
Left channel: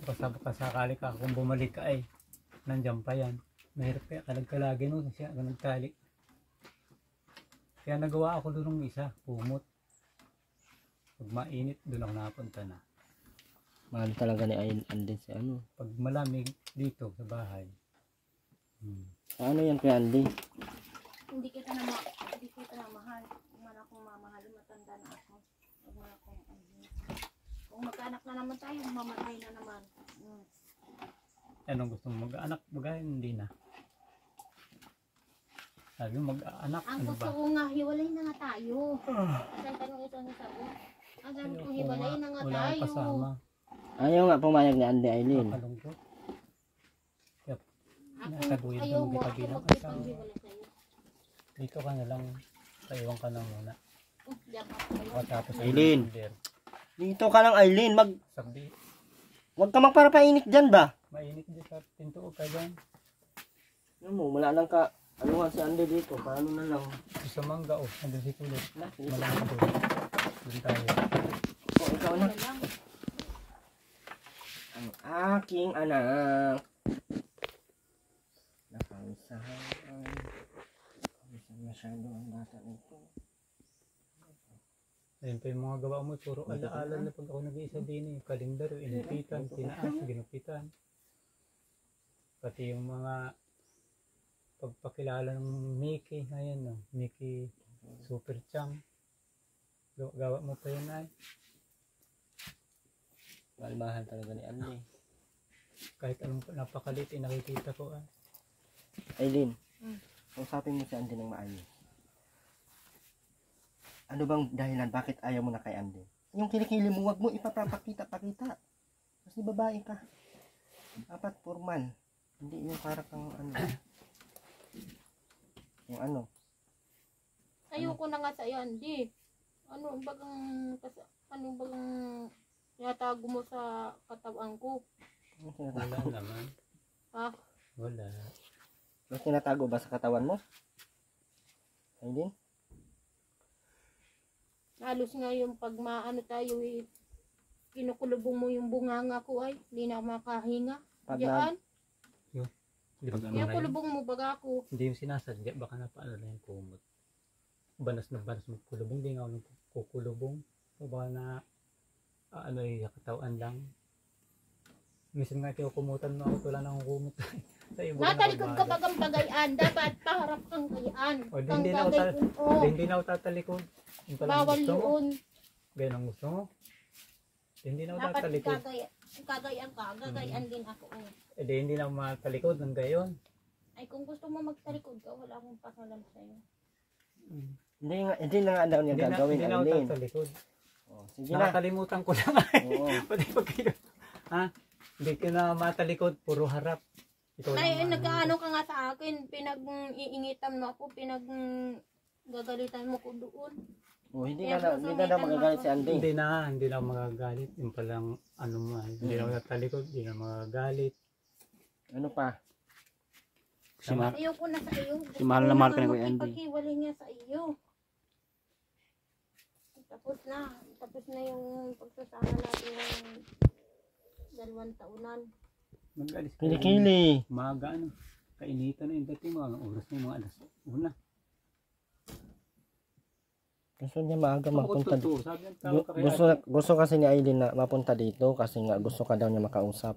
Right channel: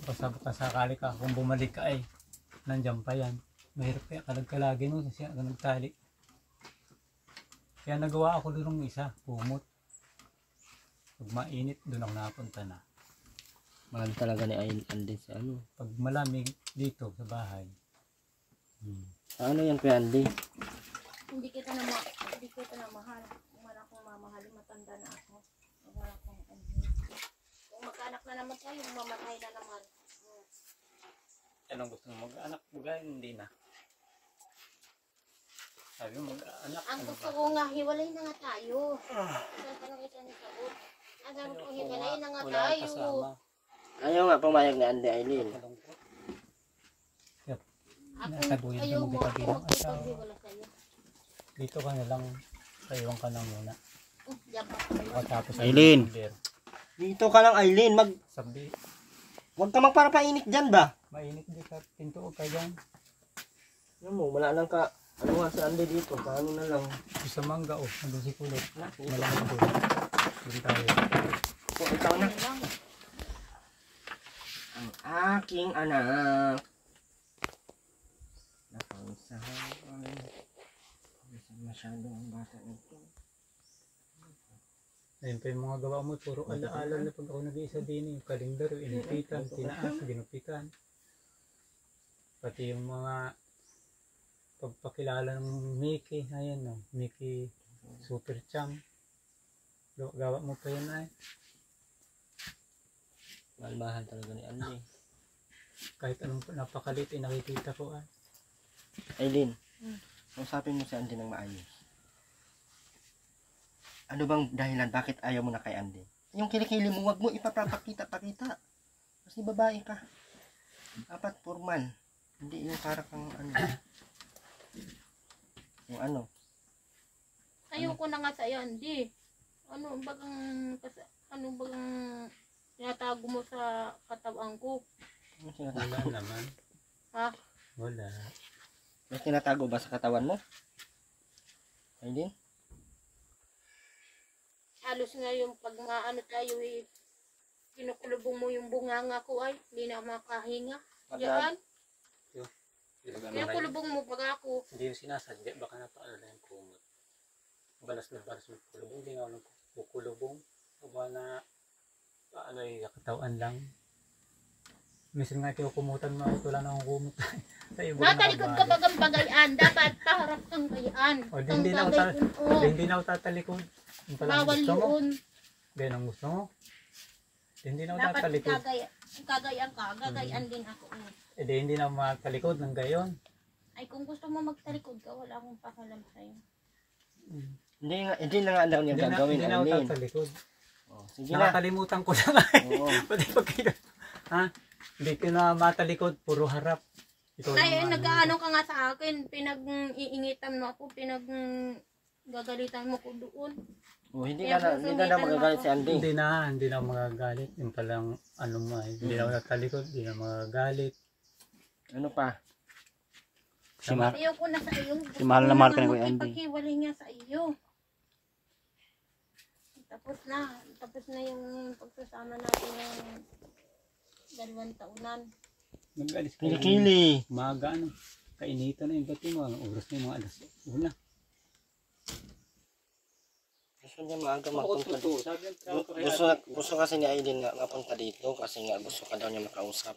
Baka sakali ka, kung bumalik ka ay, nandiyan pa yan. Mahirap kaya kalagkalagin mo kasi ganun tali. Kaya nagawa ako doon ng isa, kumot. Pag mainit, doon ako napunta na. Mahal talaga ni Andy sa ano. Pag malamig, dito sa bahay. Ano yan Kuya Andy? Hindi kita na mahal. Kung man akong mamahal, matanda na ako. Kung man akong kung magkaanak na naman tayo, mamatay na naman. Anong gusto mo mag-anak? Bagay, hindi na. Sabi mo mag-anak, Ang ano gusto ba? ko nga, hiwalay na nga tayo. Isang tanong isang sagot. Ang sabi ko, hiwalay na nga Wala akong tayo. kasama. Ayaw nga pumayag ni Andy Aileen. Nakalungkot. Ako, Nakataguyod ayaw mo mo, kita ako bilang magkipaghiwalay sa'yo. Dito ka na lang, kaiwan ka na muna. Diyan pa kayo. O tapos Aileen. number. Dito ka lang Aileen. Sabi, Huwag ka magparapainit dyan ba? mainit di ka, pintuo ka dyan. Ano mo, wala lang ka. Ano si Andy dito? Paano na lang? Sa mangga o, nandun si Kulot. Dito. Malamig doon. Doon tayo. O, ikaw na. Yan lang. Ang aking anak. Napausahan. Pausahan masyado ang bata nito. Ayun pa yung mga gawa mo, puro alaala na pag ako nag-iisa din. Yung kalendar, yung inipitan, tinaas, ginupitan. Pati yung mga pagpakilala ng Mickey, ayan no, Mickey Super Chang. Gawa mo pa yun ay. Malmahan talaga ni Andy. Kahit anong napakalit, nakikita ko ay. Aileen, usapin mo si Andy ng maayos. Ano bang dahilan bakit ayaw mo na kay Andy? Yung kilikili mo, wag mo ipapapakita-pakita. Kasi babae ka. Dapat formal. Hindi yung para kang ano. Yung ano. Ayoko na nga sa yan, di. Ano bagang tinatago mo sa katawan ko? Ano Wala tinatago? naman. Ha? Wala. May tinatago ba sa katawan mo? Aileen? Halos nga yung pag maano tayo eh, kinukulubong mo yung bunganga ko ay, hindi na makahinga. Diyan, Hindi ba ganun na yun? kinukulubong mo pag ako. Hindi yung sinasadya, baka napaano na yung kumot. Balas mo kulubong, hindi nga ako kukulubong. O baka na, ano yung katawan lang. Minsan nga kayo kumutan mo ako, wala na akong kumot. Sa iba na Natalikod ka bagang bagayaan, dapat paharap kang gayaan. O, hindi na ako hindi na ako tatalikod. Yung pala ang Bawal gusto mo. yun. Ganyan ang gusto mo. Hindi na ako Dapat tatalikod. kagayaan ka, gagayaan din ako. Eh di hindi na ako matalikod ng gayon. Ay kung gusto mo magtalikod ka, wala akong pakalam sa'yo. Hindi na nga daw niya gagawin, Hindi na ako Aileen. tatalikod. Oh, sige na. Nakakalimutan ko lang ay. Oo. Pati pag kayo. Ha? Hindi ko na matalikod, puro harap. Ikaw Ay, yung nag-ano ka nga sa akin, pinag-iingitan mo ako, pinag-gagalitan mo ko doon. Oh, hindi ka na magagalit si Andy. Hindi na ako magagalit. Yung palang ano mo ay. Hindi na ako natalikod, hindi na magagalit. Ano pa? Ayoko na sa iyo. Si mahal na mahal ka na, Kuya Andy. Paghiwalay nga sa iyo. Tapos na yung pagsasama natin ng 2 taunan. Mag-alis kayo. Kilikili. Umaga ano. Kainitan na yung bati mo. Ang oras na yung mga alas. Una. Gusto niya maaga Ako mapunta totoo. dito. Sabi ang tao ka kaya. Gusto kasi ni Aileen na mapunta dito kasi nga gusto ka daw niya makausap.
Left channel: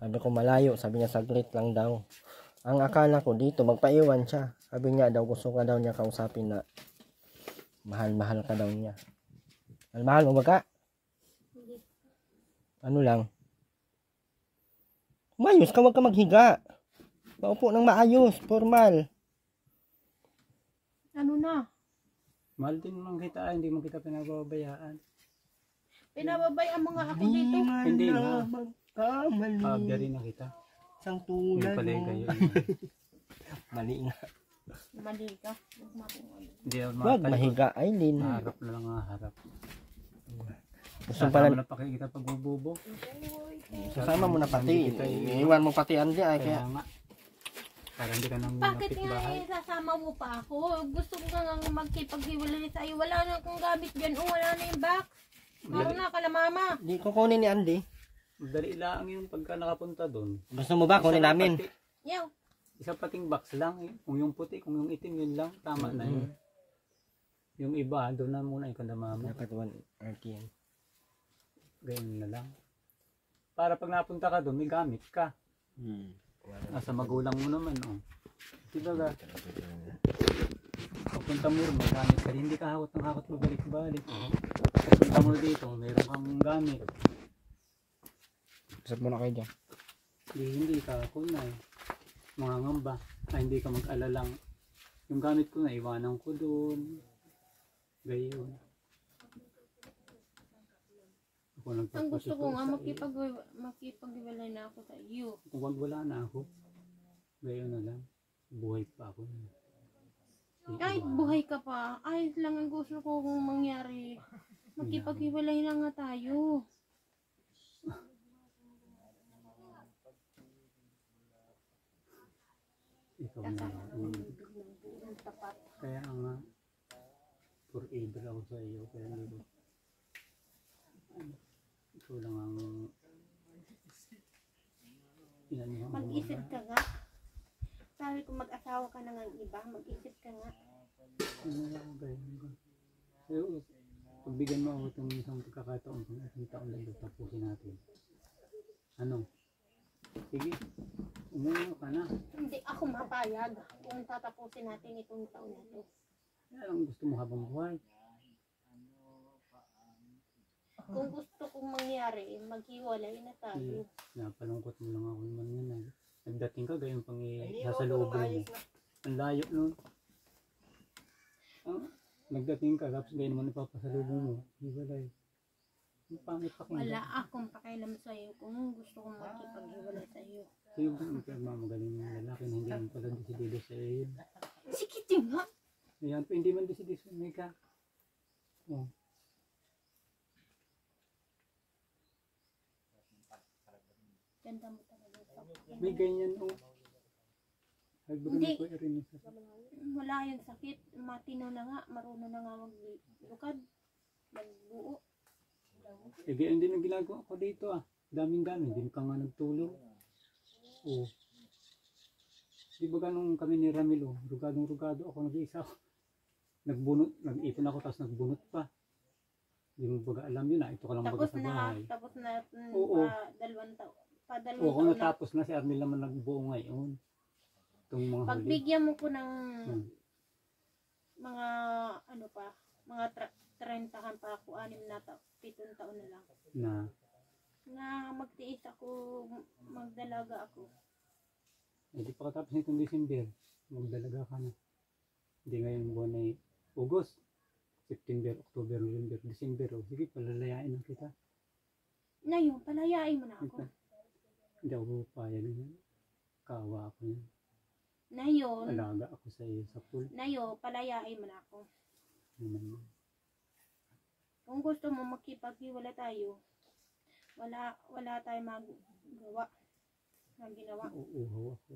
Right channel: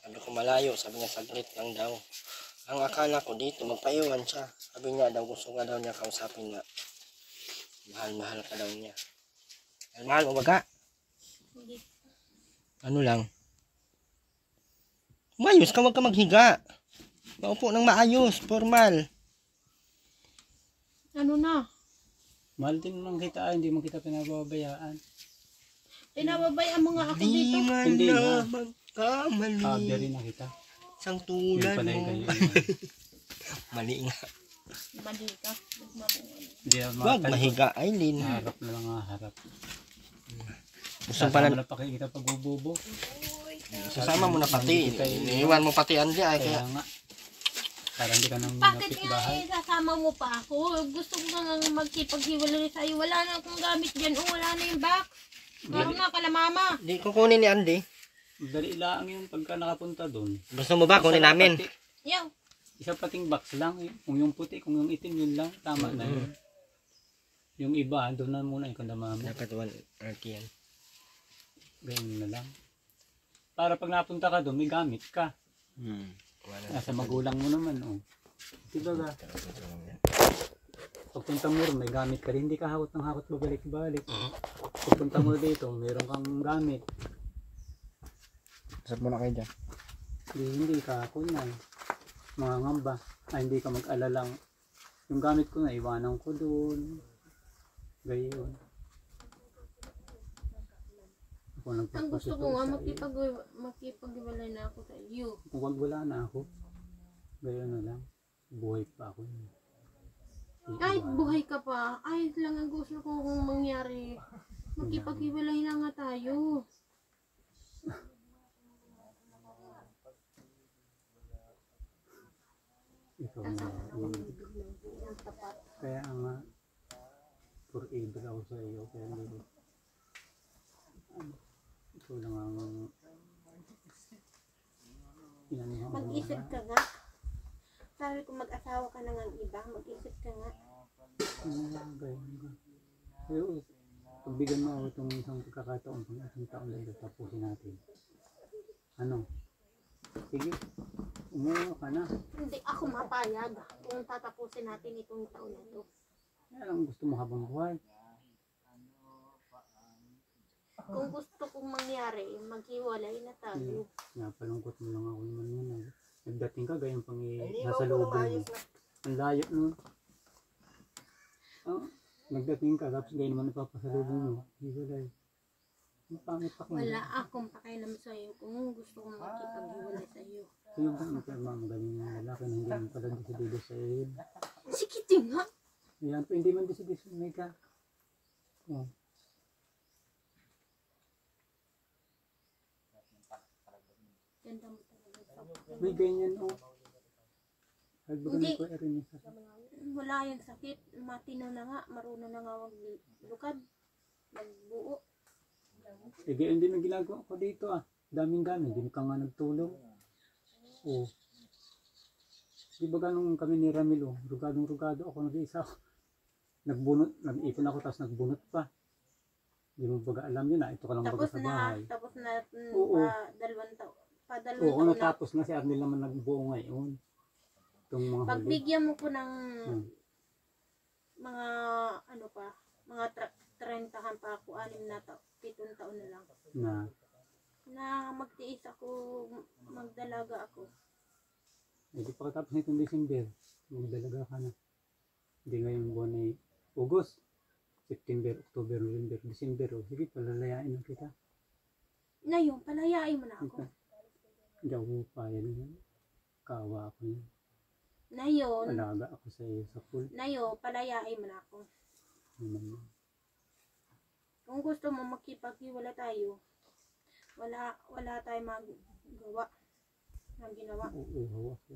Sabi ko malayo, sabi niya saglit lang daw. Ang akala ko dito, magpaiwan siya. Sabi niya daw, gusto ka daw niya kausapin na mahal-mahal ka daw niya. Mahal mo baga? Hindi. Ano lang? Umayos ka, wag ka maghiga. Maupo ng maayos, formal. Ano na? Mahal din naman kita, hindi mo kita pinababayaan. Pinababayaan mo nga ako Di dito. man Hindi na na. magkamali. Paagya rin na kita. Isang Yun tulad pala mo. kayo. Mali nga. Mali ka. Hindi Wag mahiga, Aileen. Harap na lang harap. Gusto pala Sasama na pakikita pag bubobo. sasama mo na pati. Iiwan mo pati Andy ay Kaya kaya. nga. Para hindi ka nang Bakit napit nga bahay. sasama mo pa ako? Gusto ko nga magkipaghiwalay sa'yo. Wala na akong gamit dyan. Oh, wala na yung box. Meron na ka na mama. Di kukunin ni Andy. Dali lang yun pagka nakapunta doon. Gusto mo ba kunin namin? Yaw. Isa pating box lang eh. Kung yung puti, kung yung itim, yun lang. Tama na yun. Yung iba, doon na muna yung kandama mo. Dapat 1 RT yan. Ganyan na lang. Para pag napunta ka doon, may gamit ka. Nasa magulang mo naman, oh. Diba ga? Pupunta mo rin, may gamit ka rin. Hindi ka hawat ng hawat mo balik-balik. Pupunta mo dito, mayroon kang gamit. Isat muna kayo dyan. Hindi ka ako na eh. Mga ngamba. Hindi ka mag-alalang. Yung gamit ko na, iwanan ko doon. Gayon. Ako Ang gusto ko nga, nagpapasito makipaghiwalay na ako sa iyo. kung wag wala na ako, gayon na lang. Buhay pa ako. Kahit buhay ka pa, ayos lang ang gusto ko kung mangyari. Makipaghiwalay na nga tayo. Ikaw na. Kaya nga, forever ako sa iyo. Kaya hindi ko. Ikaw lang ang inanihan mo. Mag-isip ka nga. Sabi ko mag-asawa ka na ng iba, mag-isip ka nga. Ano lang, gayon ka. Pero, pagbigyan mo ako itong isang pagkakataon, pang isang taon lang ito, tapusin natin. Ano? Sige, umuha ka na. Hindi ako mapayag kung tatapusin natin itong taon na ito. Yan ang gusto mo habang buhay. Kung gusto kong mangyari, maghiwalay na tayo. Napalungkot mo lang ako naman yan. Nagdating ka, gayon pang sasalubong mo. Ang layo nun. Nagdating ka, tapos gayon naman napapasalubong mo. Hiwalay. Ang pangit pa Wala akong pakialam sa iyo kung gusto kong makipaghiwalay sa iyo. Sino ba ang magaling ng lalaki na hindi man pala desidido sa iyo? Sige din nga. Ayan, hindi man desidido sa ka. Oh. Ganda mo talaga. May ganyan, oh. Hagbagan Hindi. ko rin yung sakit. Wala yung sakit. Matino na nga. Marunong na nga maglukad. Magbuo. Eh, gayon din ang ginagawa ko dito, ah. Daming gamit, hindi ka nga nagtulong. Oh. Di ba ganun kami ni Ramilo? Rugadong-rugado ako, nag-iisa ako. Nagbunot, nag-ipon ako, tapos nagbunot pa. Hindi mo baga alam yun, ah. Ito ka lang baga sa bahay. Tapos na Oo. dalawang taon. Oo, kung natapos na si Arnel naman nagbuo ngayon. Itong mga huli. Pagbigyan mo ko ng Hmm. mga ano pa, mga 30 pa ako, 7 taon na lang. Na magtiis ako, magdalaga ako. Hindi pa katapos nitong December, magdalaga ka na. Hindi ngayong buwan ay August, September, October, November, December. O sige, palalayain na kita. Na yun, palayain mo na ako. Hindi ako payag yan. Kawa ako yan. Na yun, Alaga ako sa iyo sa pool. palayain mo na ako. Naman. Kung gusto mo makipaghiwala tayo, wala tayong magawa. Ang ginawa. Uuhaw ako.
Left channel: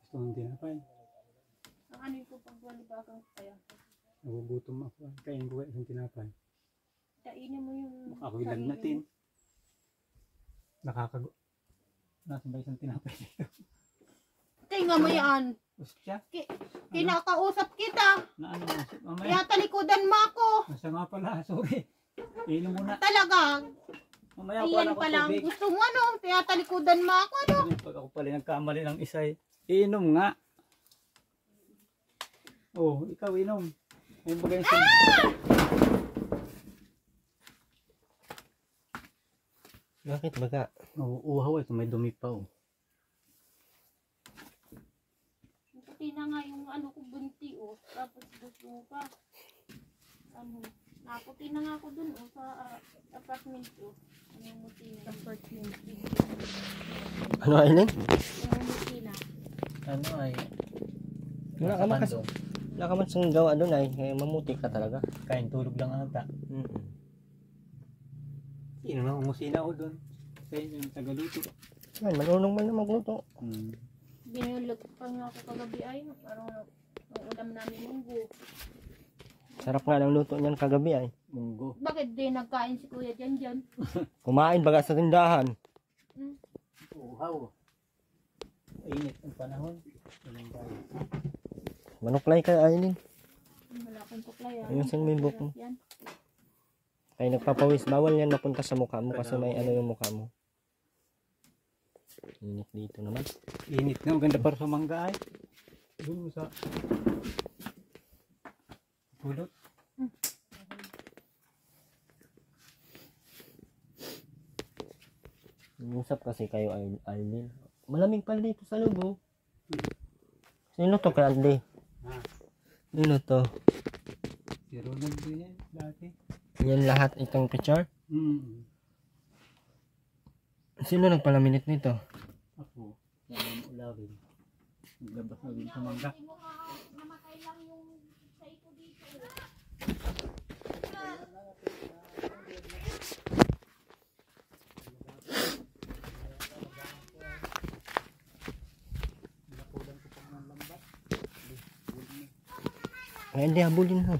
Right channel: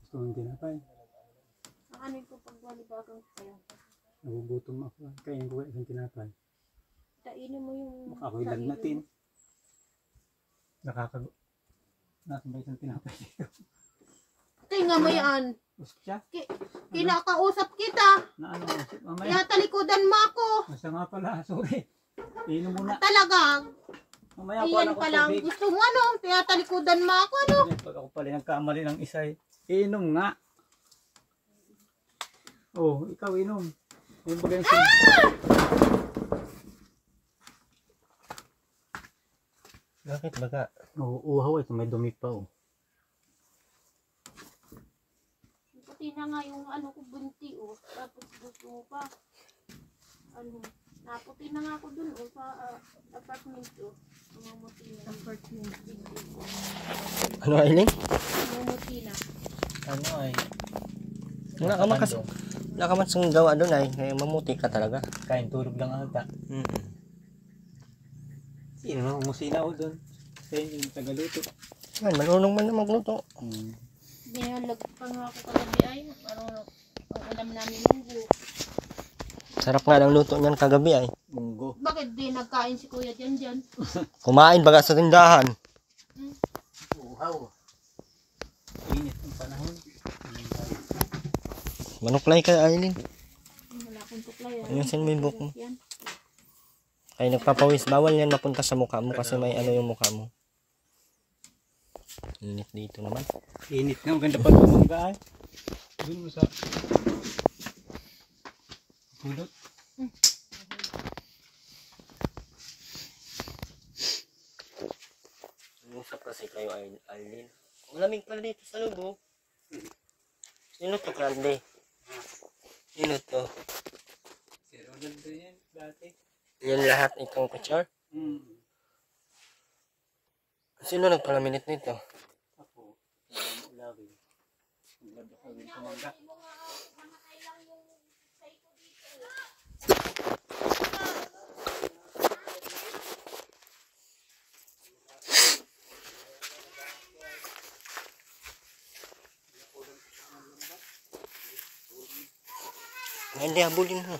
Gusto mong tinapay. Ang ano ko pagwalibagang tayo. Nagugutom ako. Kain ko isang tinapay. Kainin mo yung Ako'y lagnatin. Nakakago. Nasa ba isang tinapay dito? Tingnan mo yan. Usap siya? Kinakausap kita. Na ano? Mamaya. Kaya talikodan mo ako. Nasa nga pala. Sorry. Inom muna. Talaga. Mamaya kuha Ayan ako pala ang tubig. gusto mo, ano? Tinatalikodan mo ako, ano? Pag ako pala nagkamali ng isa, inom nga. Oh, ikaw inom. May bagay sa... Bakit baga? Oh, uhaw ito, may dumi pa oh. Puti na nga yung ano ko bunti, oh. Tapos gusto mo pa. Ano? Naputi na nga ako dun, oh, sa apartment, oh. Namumuti na. Apartment. Ano, Aileen? Namumuti na. Ano ay? Wala ka man wala ka man sang gawa doon ay. Kaya mamuti ka talaga. Kain tulog lang ata. Sino na umusina ako doon? Sa inyo yung tagaluto. Yan, marunong man na magluto. Binalag pa nga ako kagabi ay. Parang ang ulam namin munggo. Sarap nga ng luto niyan kagabi ay. Munggo. Bakit di nagkain si kuya dyan? Kumain baga sa tindahan. Uhaw. Init ang panahon. Manuklay ka, Aileen. Wala akong tuklay. Ayusin mo yung buhok mo. Yan. Kaya nagpapawis. Bawal yan mapunta sa mukha mo kasi may ano yung mukha mo. Init dito naman. Init nga. Maganda pa ito mangga ay. Doon mo sa... Pulot. Usap kasi kayo, Aileen. Malamig pala dito sa loob, oh. Sino to kay Andy? Sino to? Si Ronald din yan dati. Yan lahat itong picture? Sino nagpalaminit nito? Ako. Nalang ulawin. Naglabas na rin sa mangga. Ay, hindi, habulin mo.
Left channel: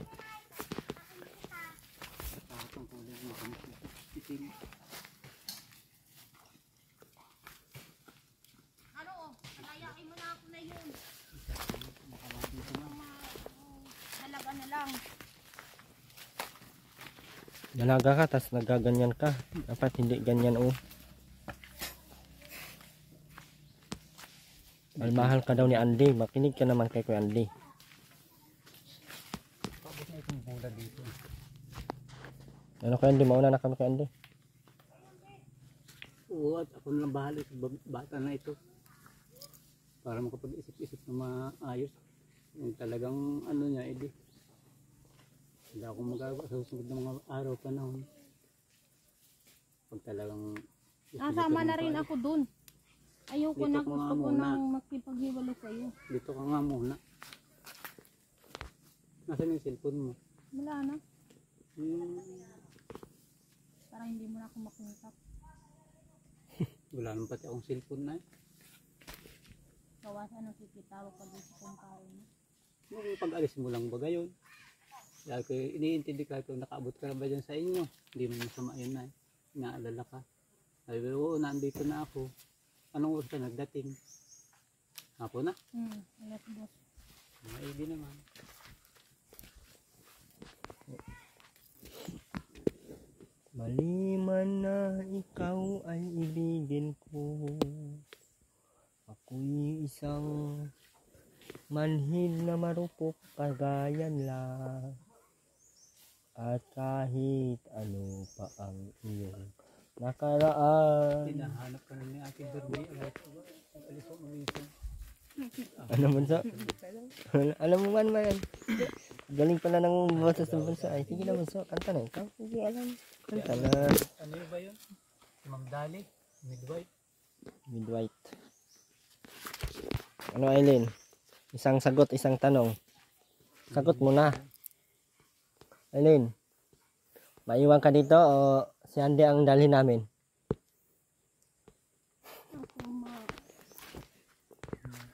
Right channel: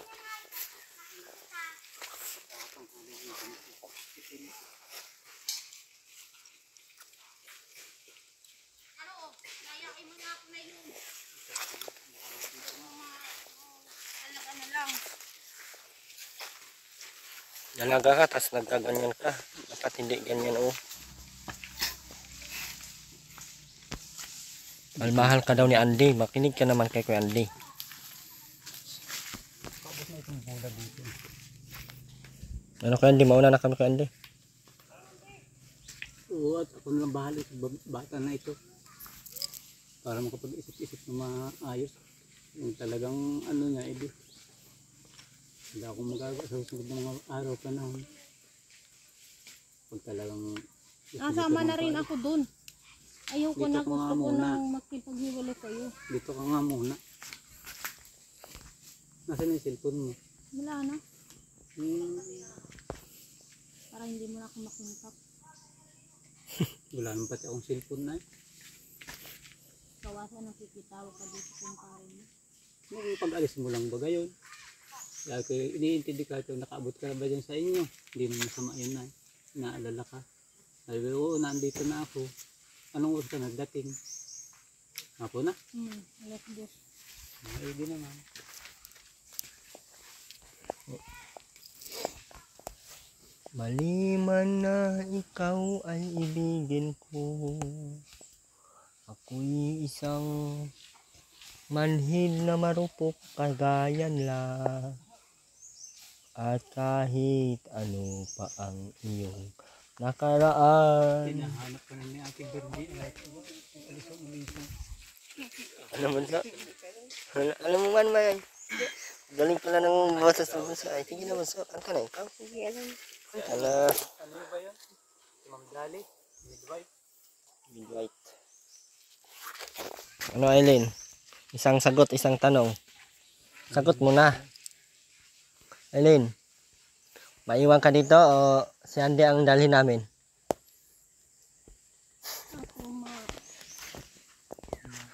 Dalaga ka, tas nagaganyan ka. Dapat hindi ganyan, oh. Malmahal ka daw ni Andy. Makinig ka naman kay Kuya Andy. Tapos na itong bola dito. Ano Kuya Andy? Mauna na kami Kuya Andy. Oo, at ako nalang bahala sa bata na ito. Para makapag-isip-isip na maayos. Yung talagang ano niya, edi. Hindi ako magagawa sa susunod ng mga araw panahon. Pag talagang... Nasama na rin ako dun. Ayoko Dito na, ka gusto nga ko muna. nang makipaghiwalay kayo. Dito ka nga muna. Nasaan yung cellphone mo? Wala na. Para hindi mo na ako makontak. Wala naman pati akong cellphone na eh. Kawasan ang kikitalo ka dito kung kaya mo. Nung pag-alis mo lang ba gayon? Kaya ko iniintindi ka kung nakaabot ka na ba dyan sa inyo. Hindi mo masama yun na eh. Inaalala ka. Sabi ko, oo, nandito na ako. Anong oras ka nagdating? Ako na? Alas dos. Maigi naman. Maliman na ikaw ay ibigin ko. Ako'y isang manhid na marupok kagayan lang. At kahit ano pa ang iyong nakaraan. Hinahanap ka na ni Ate Bernie. Alis ang umisong. Ano man sa? Alam mo man ba yan? Galing pala ng boses ng bunso. Ay, sige naman sa. Kanta na ikaw. Sige, alam. Kanta na. Ano ba yun? Si Ma'am Dali? Midwife? Midwife. Ano Aileen? Isang sagot, isang tanong. Sagot mo na. Aileen, maiwan ka dito o si Andy ang dalhin namin?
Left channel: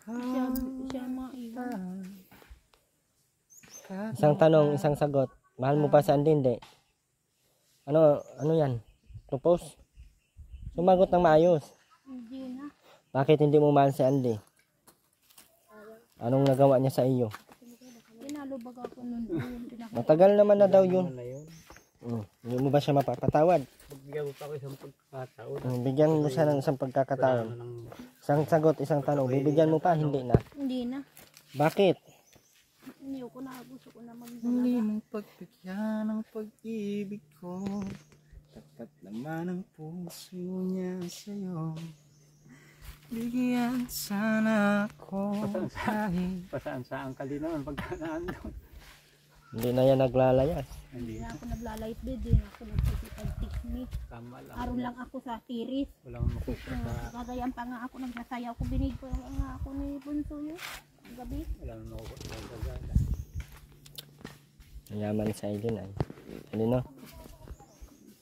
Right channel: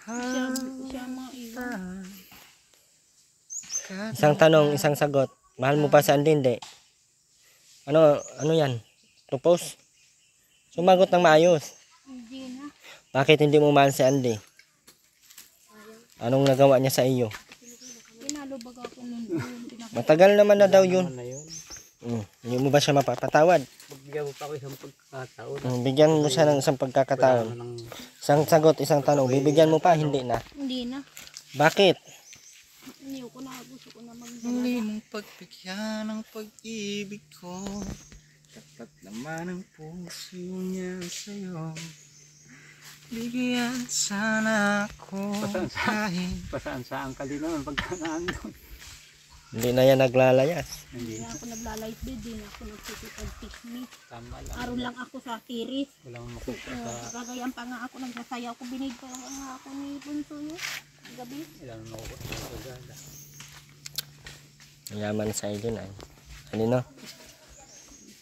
Ako siya maiwan. Isang tanong, isang sagot. Mahal mo pa si Andy, hindi? Ano yan? Propose? Sumagot ng maayos. Hindi na. Bakit hindi mo mahal si Andy? Anong nagawa niya sa iyo? Pinalubag ako nun. Matagal naman na daw yun. Hindi mo ba siya mapapatawad? bigyan mo pa ako isang pagkakataon. Bigyan mo siya ng isang pagkakataon. Isang sagot, isang tanong. Bibigyan mo pa, hindi na. Hindi na. Bakit? Hindi ko na. Gusto ko na Muli magdalaga. mong pagbigyan ng pag-ibig ko. Tapat naman ang puso niya sa'yo. Bigyan sana ako kahit Pasaan-saan ka din naman pagka naandun. Hindi na yan naglalayas. Hindi. Hindi na ako naglalayt din. Hindi na ako nagsisipag-tiknik. Tama lang. Araw lang ako sa tiris. Walang makita sa... Kagayan pa nga ako nagsasayaw ko. Binig ko nga ako ni Bunso yun. Gabi. Walang makita sa gala. Yaman sa Aileen ay. Ano no?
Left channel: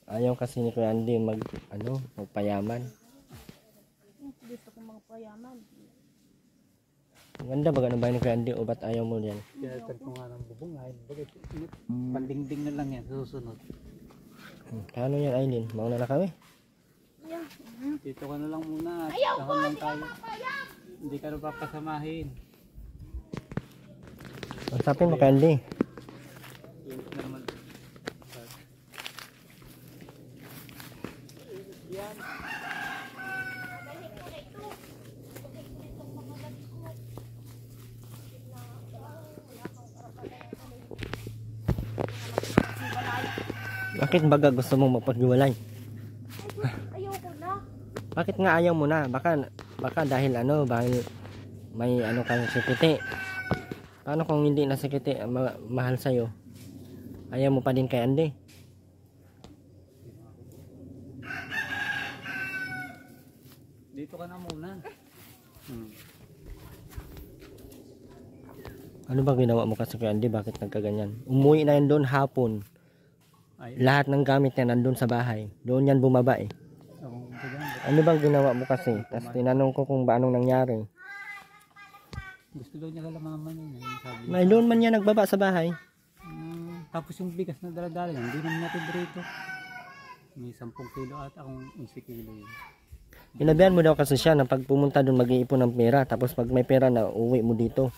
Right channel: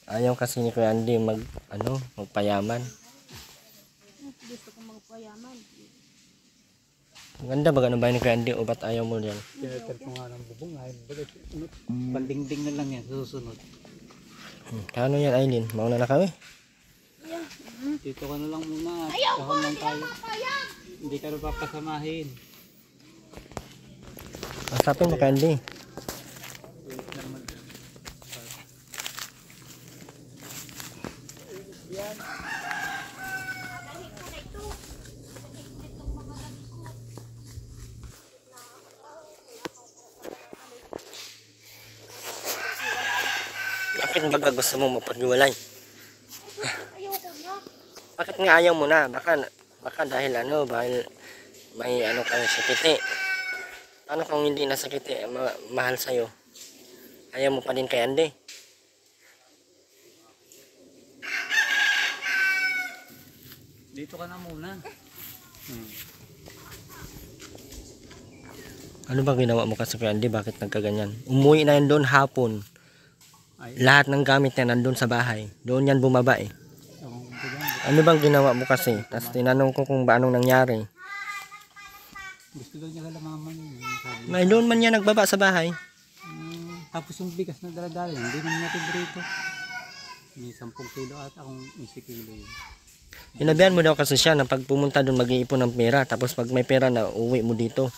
Ayaw kasi ni Kuya Andy magpayaman. Gusto ko magpayaman. Ang ganda ba ganun ba ni Kuya Andy o ba't ayaw mo yan? Tinatag ko nga ng bubong ay pandingding na lang yan susunod. Kano yan Aileen? Mauna na kami? Dito ka na lang muna. Kahon lang tayo. Hindi ka na papasamahin. Asapin mo Kuya Andy. Bakit baga gusto mo mapaghiwalay? Ayoko na. Bakit nga ayaw mo na? Baka dahil may kang sikiti. Paano kung hindi na sikiti mahal sa'yo? Ayaw mo pa din kay Andy? Dito ka na muna. Ano ba ginawa mo kasi kay Andy? Bakit nagkaganyan? Umuwi na yan doon hapon. Ay, Lahat ng gamit niya nandun sa bahay. Doon yan bumaba eh. akong bagang. Ano bang ginawa mo kasi? Tapos tinanong ko kung anong nangyari. Gusto daw niya kalamaman yun. Sabi, May doon man yan nagbaba sa bahay. tapos yung bigas na daladala yan, hindi naman natin dito. May 10 kilo at akong 11 kilo yun. Hinabihan mo daw kasi siya na pag pumunta doon mag-iipon ng pera. Tapos pag may pera na uwi mo dito.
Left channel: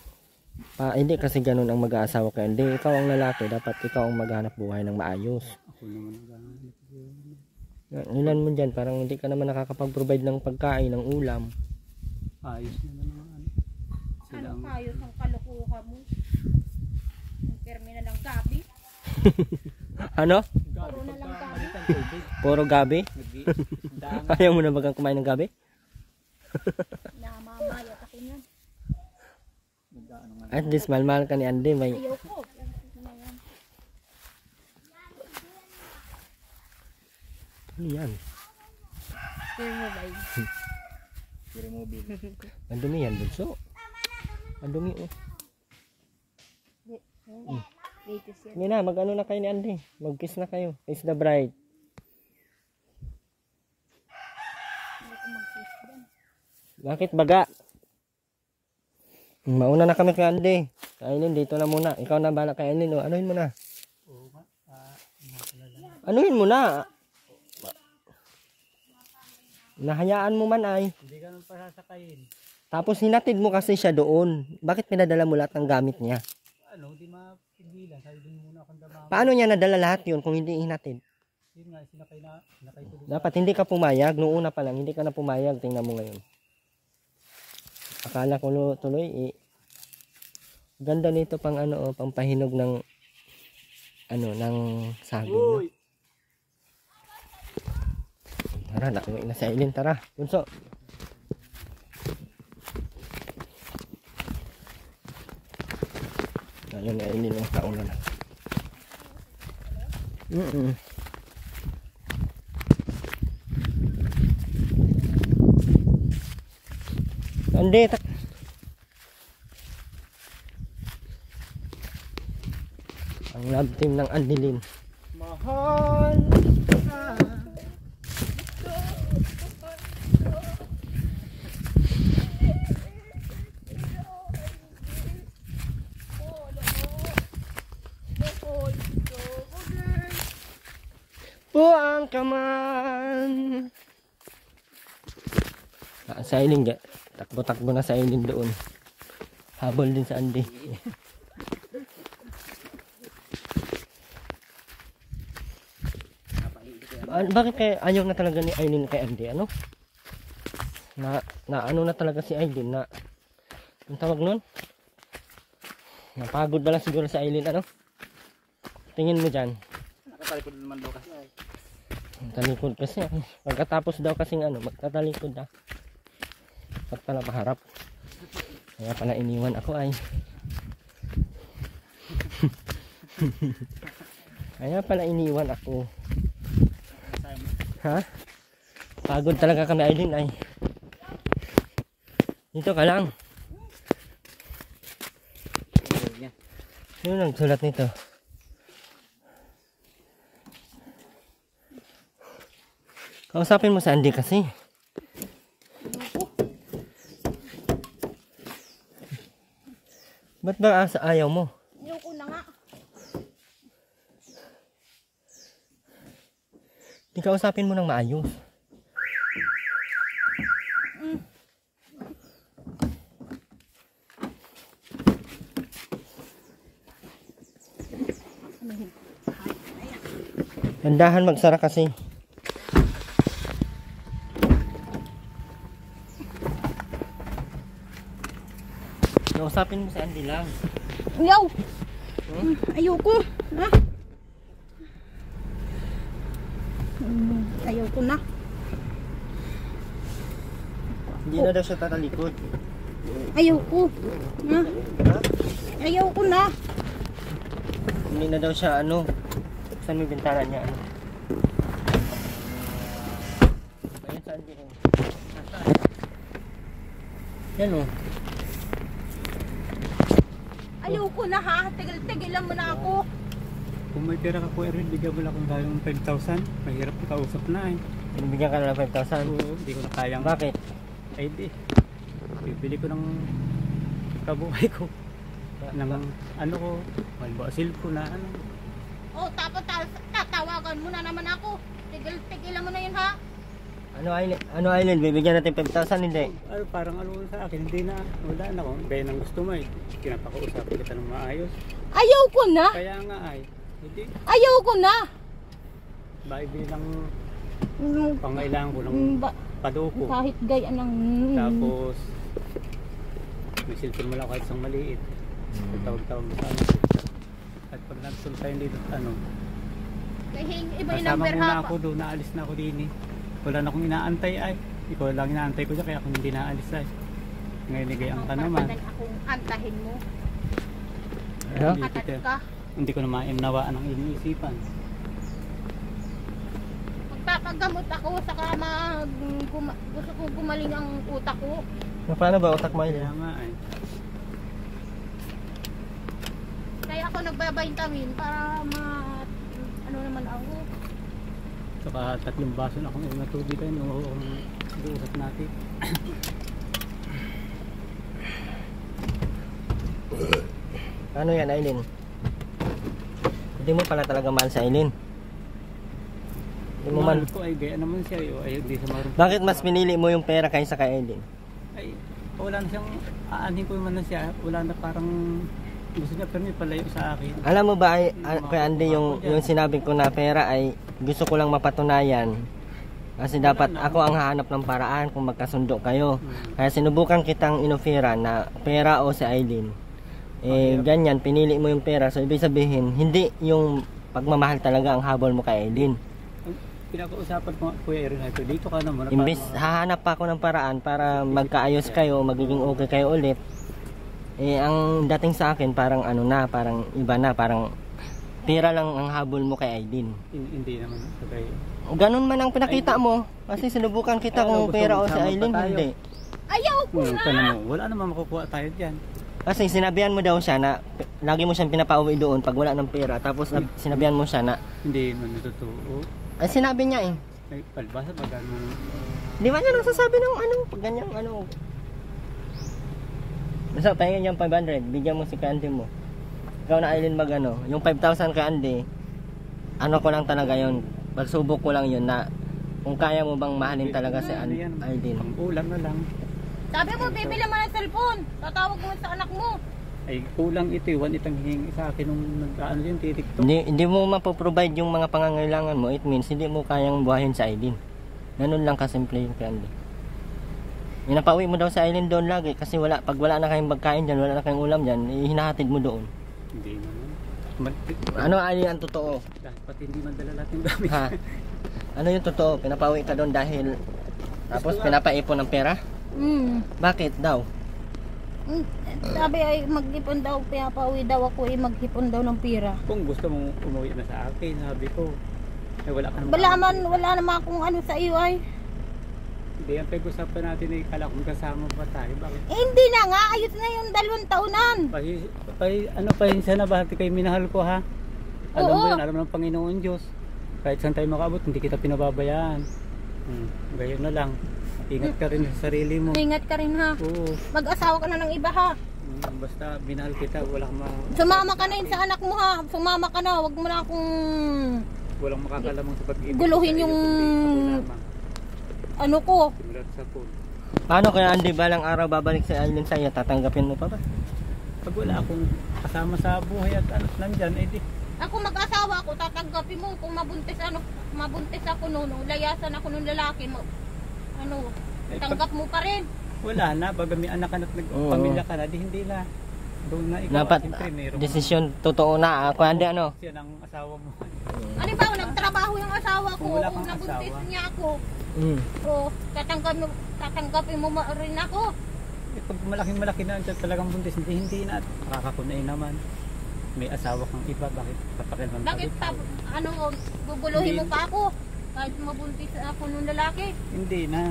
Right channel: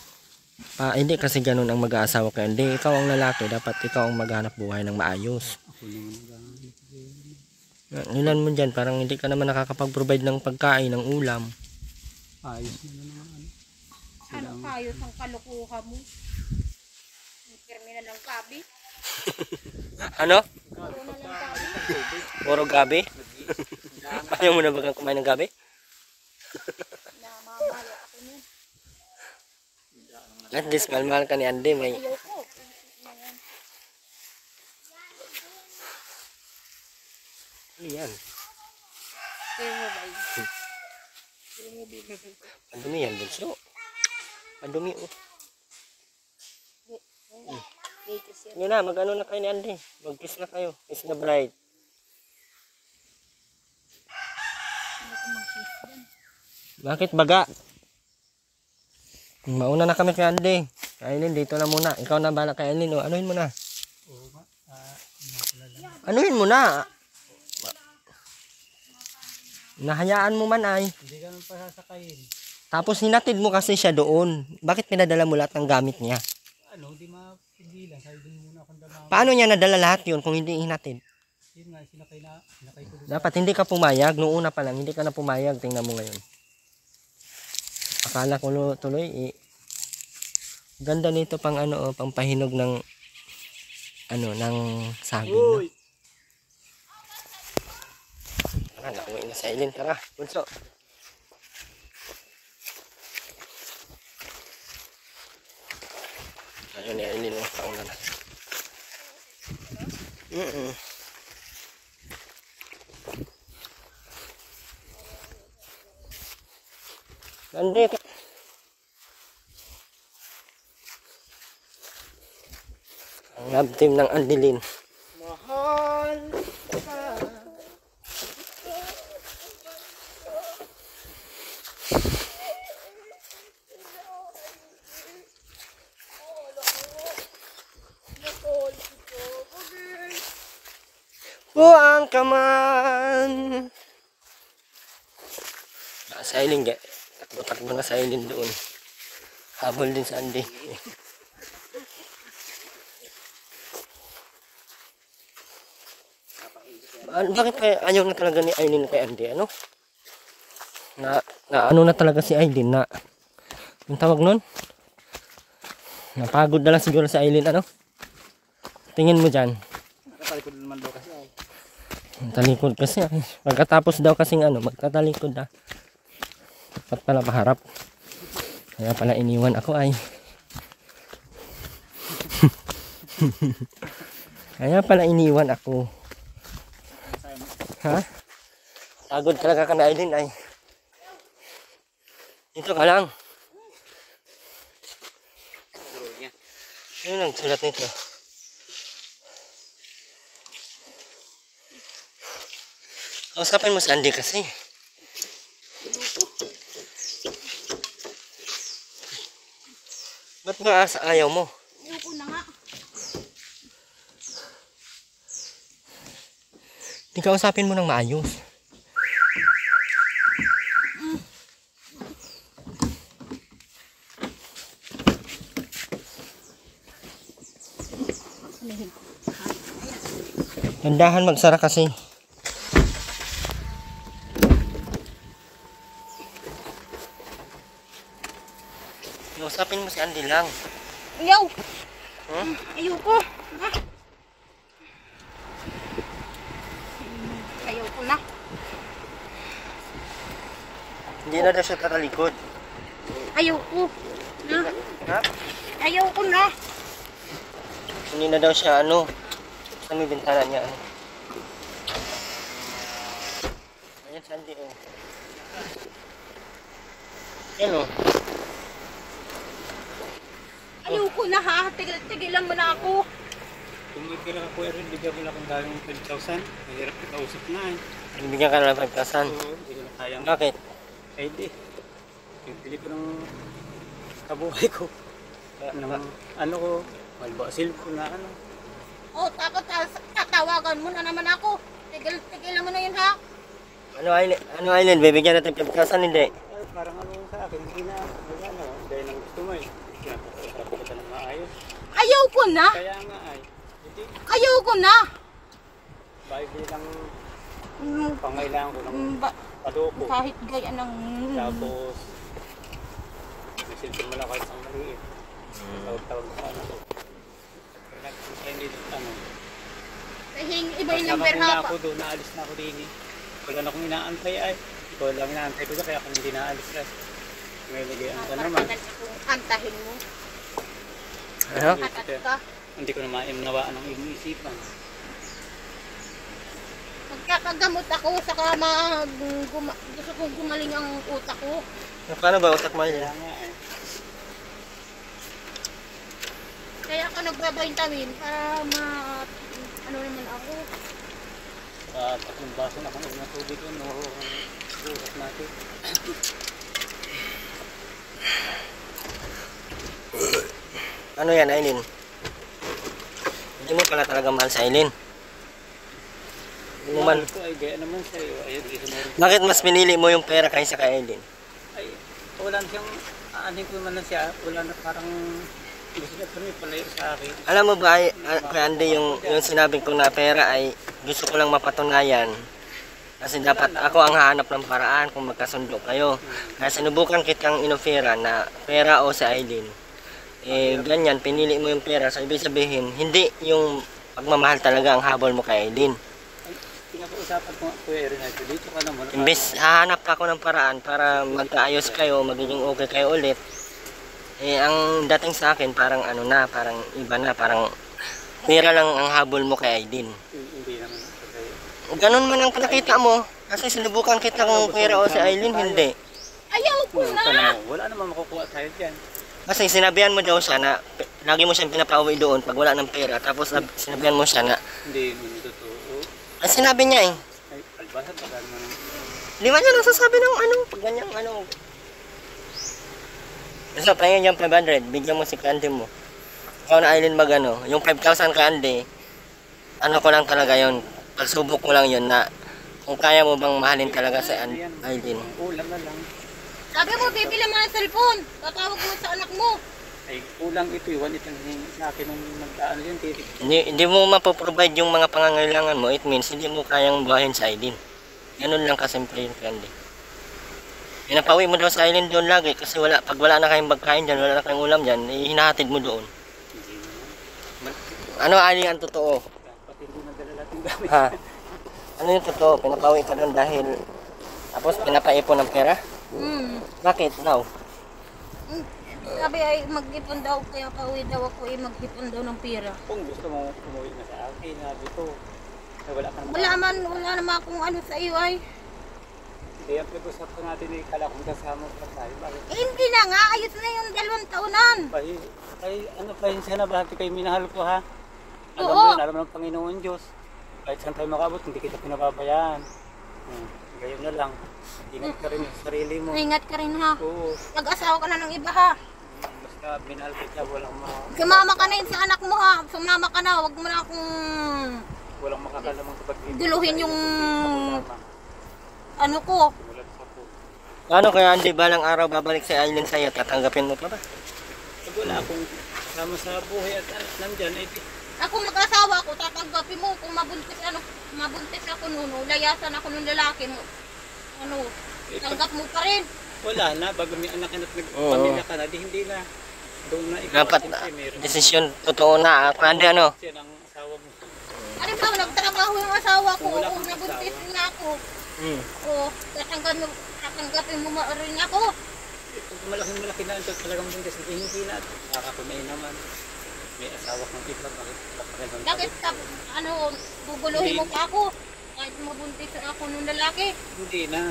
Hindi kasi ganun ang mag-aasawa ka. Hindi, ikaw ang lalaki. Dapat ikaw ang maghanap buhay ng maayos. Ako naman naghahanap. Ilan mo dyan, parang hindi ka naman nakakapag-provide ng pagkain, ng ulam. Ayos na naman. Sila Ano ang kayo ng kalukuha mo? Ang terminal ng gabi. Ano? Puro na lang gabi. Puro gabi? Ayaw mo na ba kang kumain ng gabi? Namamayat ako niyan. At least mahal-mahal ka ni Andy. Ayoko. Ano yan? Kaya mo ba yun? Ang dumi yan, bunso. Ang dumi oh. Latest yan. Yun na, mag-ano na kayo ni Andy. Mag-kiss na kayo. Kiss the bride. Hindi ko mag-kiss dyan. Bakit baga? Mauna na kami kay Andy. Kay Aileen, dito na muna. Ikaw na bala kay Aileen. Anuhin mo na. oo nga. Anuhin mo na. Nahayaan mo man ay. Hindi ka naman pasasakayin. Tapos hinatid mo kasi siya doon. Bakit pinadala mo lahat ng gamit niya? Ano, di mapigilan. Sabi din muna akong damama. Paano niya nadala lahat yun kung hindi hinatid? Yun nga, sinakay ko doon. Dapat hindi ka pumayag. Noong una pa lang, hindi ka na pumayag. Tingnan mo ngayon. Akala ko tuloy ganda nito pang pang pahinog ng ng saging. No? Tara, nauwi na si Aileen. Tara, bunso. Ayun ni Aileen, nauna na. Andi, ang love team ng Andilin. mahal ka. Buang ka man. Sa Aileen, takbo-takbo na sa Aileen doon. Habol din sa Andy. Bakit kaya ayaw na talaga ni Aileen kay Andy? Ano? Na ano na talaga si Aileen na yung tawag nun? Napagod na lang siguro si Aileen, ano? Tingin mo dyan. Nakatalikod naman daw kasi ay. Talikod kasi ay. Pagkatapos daw kasing ano, magtatalikod na. Dapat pala paharap. Kaya pala iniwan ako ay. Kaya pala iniwan ako. Ha? Pagod talaga kami Aileen ay. Dito ka lang. Sino nagsulat nito? Kausapin mo si Andy kasi. Ba't ba ayaw mo? Ayoko na nga. Di kausapin mo ng maayos. Tandahan magsara kasi. Kausapin mo si Andy lang. Ayaw. Hmm? Ayoko. Ha? Ayoko na. Hindi na daw siya tatalikod. Ayoko. Ha? Ha? Ayoko na. Hindi na daw siya ano. Sa may bintana niya ano. Ayan si Andy eh. Yan o. Ayoko na ha. Tigilan mo na ako. Kung may pera ka kuya rin, bigyan mo lang kung galing 5,000. Mahirap na kausap na eh. Bibigyan ka na ng 5,000. Oo, hindi ko na kayang. Bakit? Ay di. Bibili ko ng kabuhay ko. Ng ano ko, halimbawa cellphone na ano. Oh, tapos tatawagan mo na naman ako. Tigilan mo na yun ha. Ano Aileen? Bibigyan natin 5,000 hindi? Ay, parang ano sa akin, hindi na, wala na. Gaya ng gusto mo eh. Kinapakausapin kita ng maayos. Ayoko na. Kaya nga ay, hindi. Ayoko na. Baibili lang Mm, pangailangan ko ng ba- paduko. kahit gaya ng... Tapos, may cellphone mo lang kahit isang maliit. Tawag-tawag na sa ano ko. At pag nagpunta sa'yo dito, ano, Iba yung kasama number muna ha. ako doon, naalis na ako din eh. Wala na akong inaantay ay. Ikaw lang inaantay ko doon, kaya ako hindi naalis eh. Ngayon nagayaan ka naman. Antahin mo. Ano? Atat ka. Hindi ko na maimnawaan ang iyong isipan. Magpapagamot ako saka gusto kong gumaling ang utak ko. Paano ba utak mo Kaya Aileen? nga eh. Kaya ako nagbabaintamin para ano naman ako. Saka 3 baso na akong ulit na tubig doon. Iuusap natin. Ano yan Aileen? Hindi mo pala talaga mahal sa Aileen. Hindi mo man. Mahal ko ay gaya naman siya. Ay, di sa meron. Bakit mas pinili mo yung pera kaysa kay Aileen? Ay, wala na siyang, aanin ko naman na siya. Wala na parang, gusto niya pero may palayo sa akin. Alam mo ba kay Andy yung sinabi ko na pera ay gusto ko lang mapatunayan. Kasi dapat ako ang hahanap ng paraan kung magkasundo kayo. Kaya sinubukan kitang inofera na pera o si Aileen. Eh ganyan, pinili mo yung pera. So ibig sabihin, hindi yung pagmamahal talaga ang habol mo kay Aileen. Pinapausapan ko nga Kuya Erin ito. Dito ka naman. Imbes hahanap pa ako ng paraan para magkaayos kayo, magiging okay kayo ulit. Eh ang dating sa akin parang ano na, parang iba na, parang pera lang ang habol mo kay Aileen. Hindi naman. Ganun man ang pinakita mo. Kasi sinubukan kita kung pera o si Aileen, hindi. Ayaw ko na. Wala namang makukuha tayo dyan. Kasi sinabihan mo daw siya na lagi mo siyang pinapauwi doon pag wala ng pera. Tapos sinabihan mo siya na, Hindi totoo. ang sinabi niya eh. Ay, palbasa na dahil mo. Di ba niya nasasabi ng ano, pag ganyang ano. So, pahingin yung 500, bigyan mo si Candy mo. Ikaw na Aileen mag ano, yung 5,000 Candy, ano ko lang talaga yon, pagsubok ko lang yon na kung kaya mo bang mahalin talaga si Aileen. Ulan na lang. Sabi mo, bibili mo ng cellphone. Tatawag mo sa anak mo. Ay kulang ito, iwan itong hingi sa akin nung nag-ano yun, titik to. Hindi mo mapoprovide yung mga pangangailangan mo, it means hindi mo kayang buhayin sa Aileen. Ganun lang kasimple yun, Candy. Pinapauwi mo daw sa Aileen doon lagi kasi pag wala na kayong pagkain dyan, wala na kayong ulam dyan, hinahatid mo doon. Hindi naman. Ano Ali ang totoo? Pati hindi madala lahat yung gamit. Ha? Ano yung totoo? Pinapauwi ka doon dahil tapos pinapaipon ng pera? Bakit daw? Sabi ay mag-ipon daw, pinapauwi daw ako mag-ipon daw ng pera. Kung gusto mo umuwi na sa akin, sabi ko, eh, wala ka Wala naman akong ano sa iyo ay. Hindi, ang pag-usapan natin ay kala kung kasama pa tayo. Bakit? Hindi na nga, ayos na yung 2 taonan. Pahinsya na ba? Kayo minahal ko ha? Alam mo yun, alam ng Panginoon Diyos. Kahit saan tayo makaabot, hindi kita pinababayaan. Gayon na lang. Ingat ka rin sa sarili mo. Ingat ka rin ha. Oo. Mag-asawa ka na ng iba ha. Basta minahal kita, walang Sumama ka na yun sa anak mo ha. Sumama ka na, wag mo na akong walang makakalamang sa pag-ibig. guluhin yung ano ko. Simulat sa po. Paano kaya Andy balang araw babalik si Aileen sa'yo? Tatanggapin mo pa ba? Pag wala akong kasama sa buhay at nandyan, eh di. Ako mag-asawa ko, tatanggapin mo. Kung mabuntis ako noon, layasan ako ng lalaki mo. Ano, tanggap mo pa rin. Wala na, bago may anak ka na, nagpamilya ka na, di hindi na. Doon na ikaw. Dapat siyempre, meron desisyon totoo na. Ako Andy ano? siya ng asawa mo. Ano ba, nagtrabaho yung asawa ko. Kung wala Kung kang nabuntis asawa. niya ako, Hmm. tatanggapin mo rin ako. Eh, pag malaki na ito talagang buntis, hindi na. Nakakakumay naman. May asawa kang iba, bakit papakilang Bakit pa, ano, guguluhin mo pa ako? Kahit mabuntis ako nung lalaki. Hindi na.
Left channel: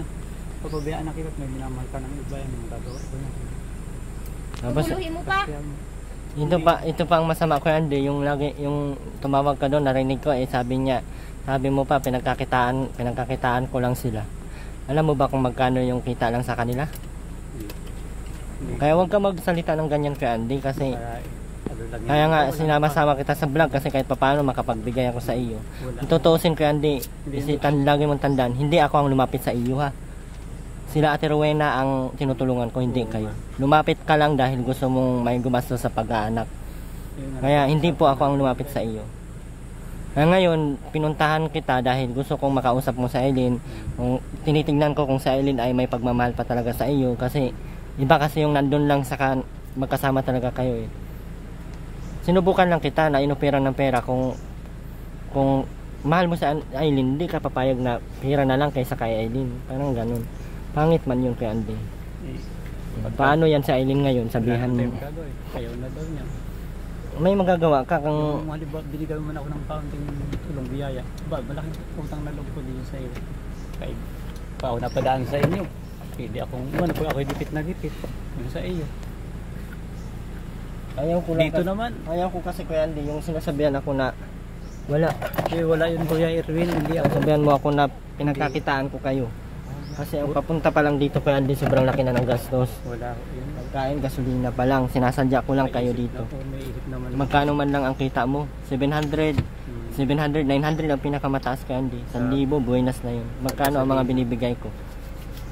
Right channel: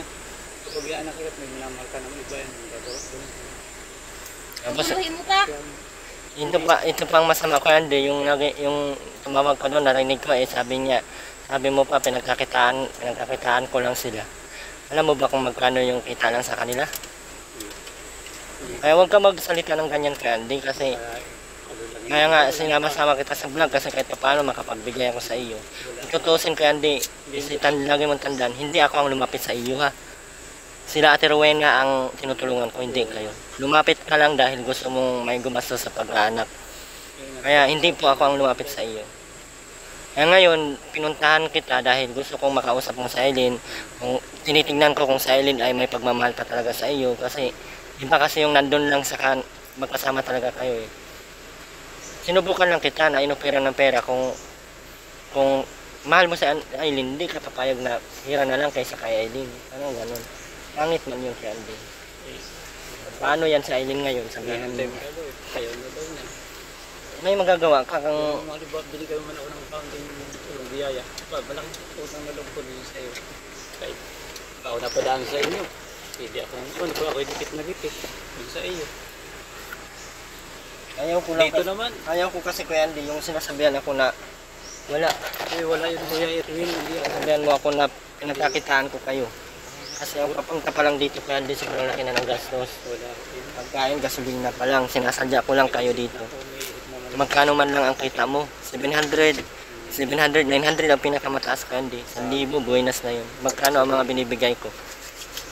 Papabayaan na kita, may minamahal ka ng iba yan. Gagawa ko na. Tapos Guguluhin mo pa. ito pa ang masama ko Andy, yung tumawag ka doon, narinig ko sabi mo pa pinagkakitaan ko lang sila. Alam mo ba kung magkano yung kita lang sa kanila? Kaya huwag ka magsalita ng ganyan kay Andy kasi kaya nga sinama-sama kita sa vlog kasi kahit papaano makapagbigay ako sa iyo. Itutusin kay Andy, lagi mong tandaan, hindi ako ang lumapit sa iyo ha. Sila Ate Rowena ang tinutulungan ko, hindi kayo. Lumapit ka lang dahil gusto mong may gumastos sa pag-aanak. Kaya hindi po ako ang lumapit sa iyo. Kaya ngayon, pinuntahan kita dahil gusto kong makausap mo sa Aileen. Kung tinitingnan ko kung sa Aileen ay may pagmamahal pa talaga sa iyo. Kasi iba kasi yung nandun lang sa magkasama talaga kayo eh. Sinubukan lang kita na inopera ng pera kung mahal mo sa Aileen, hindi ka papayag na hira na lang kaysa kay Aileen. Parang ganun. Pangit man yun kay Andy. Paano yan sa Aileen ngayon? Sabihan mo. Ayaw na daw na. May magagawa ka kung Halimbawa, binigay mo na ako ng kaunting tulong biyaya. Diba, malaking utang na loob ko din sa iyo. Kahit ako napadaan sa inyo. Pwede akong, ako dikit na dikit. Yun sa iyo. ayaw ko lang Dito naman. ayaw ko kasi kay Andy yung sinasabihan ako na wala. Wala yung Kuya Erwin. Hindi ako. Sabihan mo ako na pinagkakitaan ko kayo. Kasi ang papunta pa lang dito kay Andy sobrang laki na ng gastos. Wala. Yun. Pagkain, gasolina pa lang. Sinasadya ko lang kayo dito. Ako may ihip naman. Magkano man lang ang kita mo? 700, 900 ang pinakamataas kay Andy. 1,000, buenas na yun. Magkano ang mga binibigay ko?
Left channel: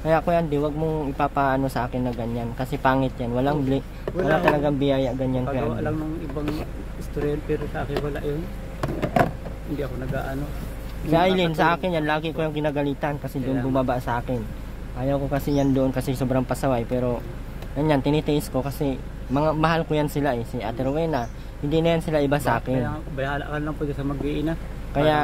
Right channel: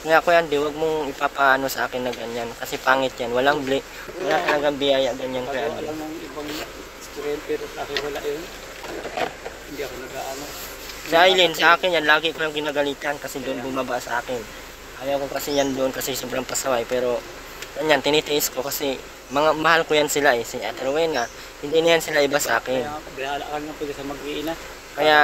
Kaya Kuya Andy, wag mong ipapaano sa akin na ganyan. Kasi pangit yan. Wala talagang biyaya ganyan kay Pag Andy. alam ng ibang istorya pero sa akin wala yun. Hindi ako nag-aano. Sa Aileen, sa akin yan, lagi ko yung ginagalitan kasi doon bumaba sa akin. Ayaw ko kasi yan doon kasi sobrang pasaway. Pero, yan, tinitiis ko kasi mahal ko yan sila eh. Si Ate Rowena, hindi na yan sila iba sa akin. Kaya bahala ka lang po sa mag-iina. Kaya,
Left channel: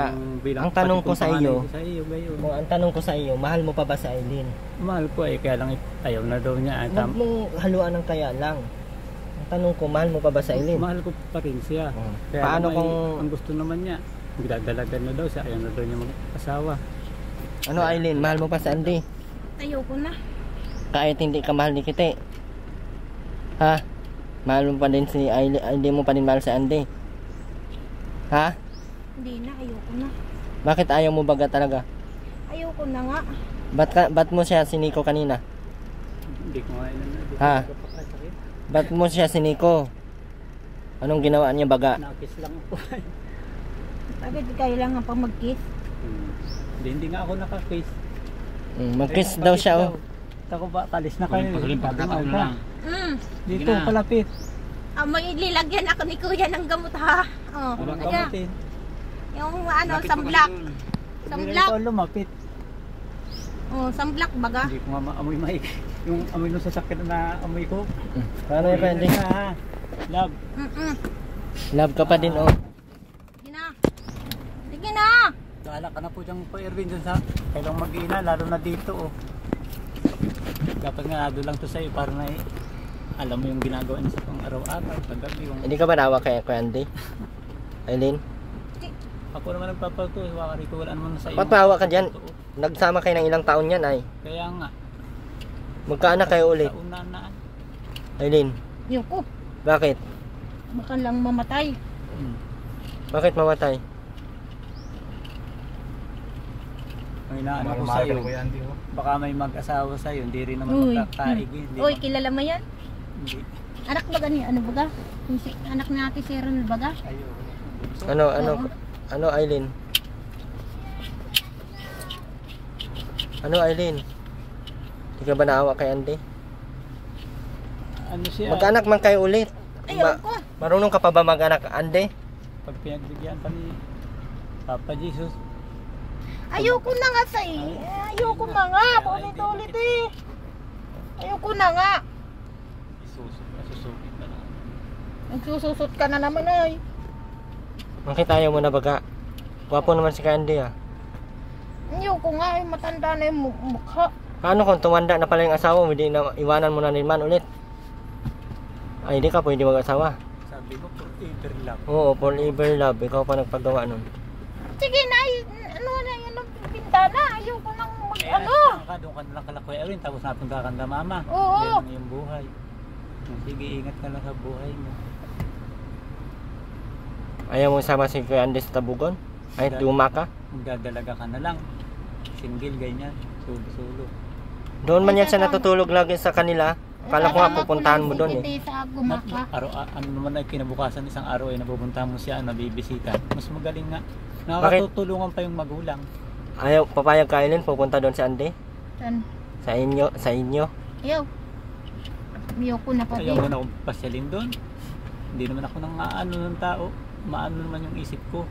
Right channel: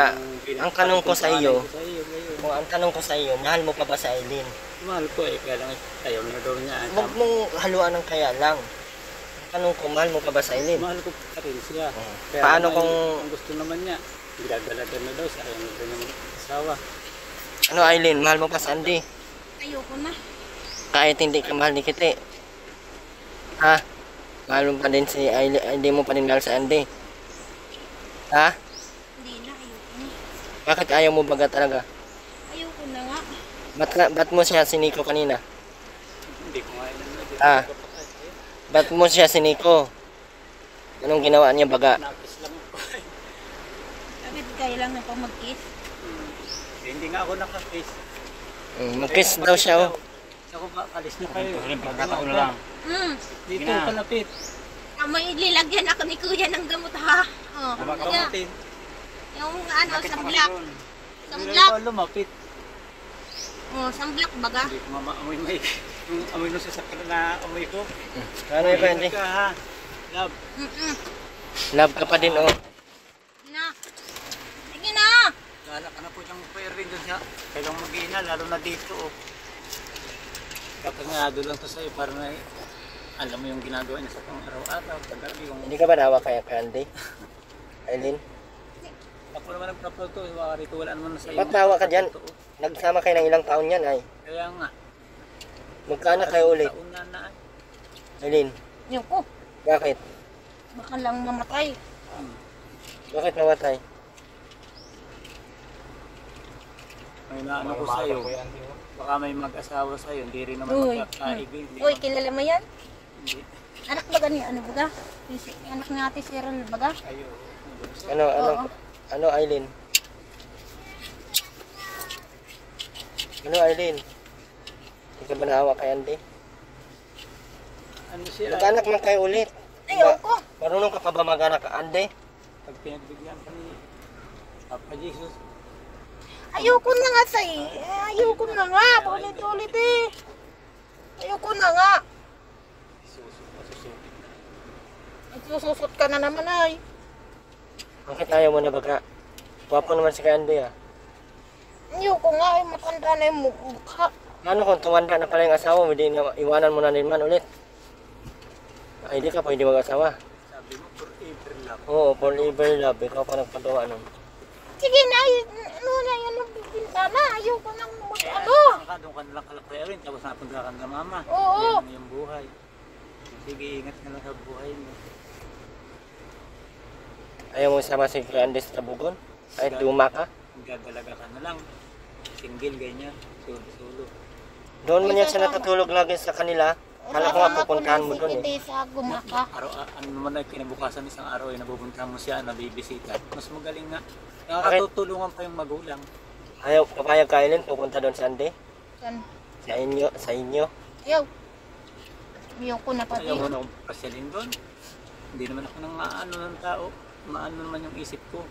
Bilang ang tanong ko sa iyo, ngayon. ang tanong ko sa iyo, mahal mo pa ba sa Aileen? Mahal ko eh, kaya lang ayaw na daw niya. Huwag mong haluan ng kaya lang. Ang tanong ko, mahal mo pa ba sa Aileen? Mahal ko pa rin siya. Oh. Kaya Paano lang, kung, ang gusto naman niya, dinadala-dala na daw siya, ayaw na daw niya mag-asawa. ano Aileen, mahal mo pa sa Andy? Ayoko na. Kahit hindi ka mahal ni Kite. Ha? Mahal mo pa din si Aileen, hindi mo pa din mahal sa Andy. Ha? Hindi na, ayoko na. Bakit ayaw mo baga talaga? Ayoko na nga. Ba't mo siya siniko kanina? Hindi ko nga yun. Ha? Ba't mo siya siniko? Anong ginawa niya baga? Nakis lang ako. Bakit kailangan pa mag-kiss? Hindi nga ako nakakiss. Mag-kiss daw siya oh. Sako ba, kalis na kayo. Sabi nga, Mm. dito, palapit. May lilagyan ako ni kuya ng gamot ha. Oh, Ano kaya, kamutin? yung ano, samblak. Samblak. Hindi rin lumapit. Oh, samblak baga. Hindi ko nga maamoy maik. Yung amoy nung sasakyan na amoy ko. Ano yung Kuya Andy? Ka, ha? Love. Love ka pa din oh. Sige na. Sige na. Gala ka na po diyang po Erwin dun sa kailang mag-ina, lalo na dito oh. Kapag naado lang to sa'yo para na alam mo yung ginagawa niya sa pang araw-araw, kagabi yung... Hindi ka ba nawa kay Kuya Andy? Aileen? Ako naman nagpapalto, wakari ko wala naman sa iyo. Papawa ka dyan. Nagsama kayo ng ilang taon yan ay. Kaya nga, Magkaanak kayo ulit. tauna na. Aileen, Yung ko. bakit? Baka lang mamatay. Bakit mamatay? Ang inaano ko sa'yo, baka may mag-asawa sa'yo, hindi rin naman Uy. magkakaigil. Uy, kilala mo yan? Hindi. Anak baga ni ano baga? Yung anak ni Ate Cheryl baga? Ayo. Ano, Aileen? Ano, Aileen? Hindi ka ba naawa kay Andy? Ano siya? Mag-anak man kayo ulit. Ayoko. Marunong ka pa ba mag-anak, Andy? Pag pinagbigyan pa ni Papa Jesus, Ayoko na nga sa ayoko na nga. Ulit-ulit eh. Ayoko na nga. susupit na lang. Nagsususot ka na naman ay. Bakit ayaw mo na baga? Gwapo naman si Kuya Andy ah. Ayoko nga ay matanda na yung mukha. Ano kung tumanda na pala yung asawa mo, hindi na iwanan mo na naman ulit? Ay, di ka pwede mag-asawa. Sabi mo, forever love. Oo, forever love. Ikaw pa nagpagawa nun. Sige na, ano na yun ang pintana. Ayoko nang mag-ano. Doon ka nalang kala Kuya Erwin, tapos napunta ka na mama. Oo. Yan yung buhay. Sige, ingat ka lang sa buhay mo. Ayaw mo isama si Kuya Andy sa tabugon? Ay, duma ka? Magdadalaga ka na lang. Single, ganyan. Sulo-sulo. Doon man yan siya natutulog lagi sa kanila. Kala ko nga pupuntahan mo doon eh. Hindi sa gumaka. Ano naman ay kinabukasan isang araw ay napupuntahan mo siya, nabibisita. Mas magaling nga. Nakakatutulungan pa yung magulang. Ayaw, papayag ka Aileen, pupunta doon si Andy? San? Sa inyo? Ayaw. Ayoko na pa Kaya din. muna akong pasyalin doon. Hindi naman ako nang maano ng tao. Maano naman yung isip ko.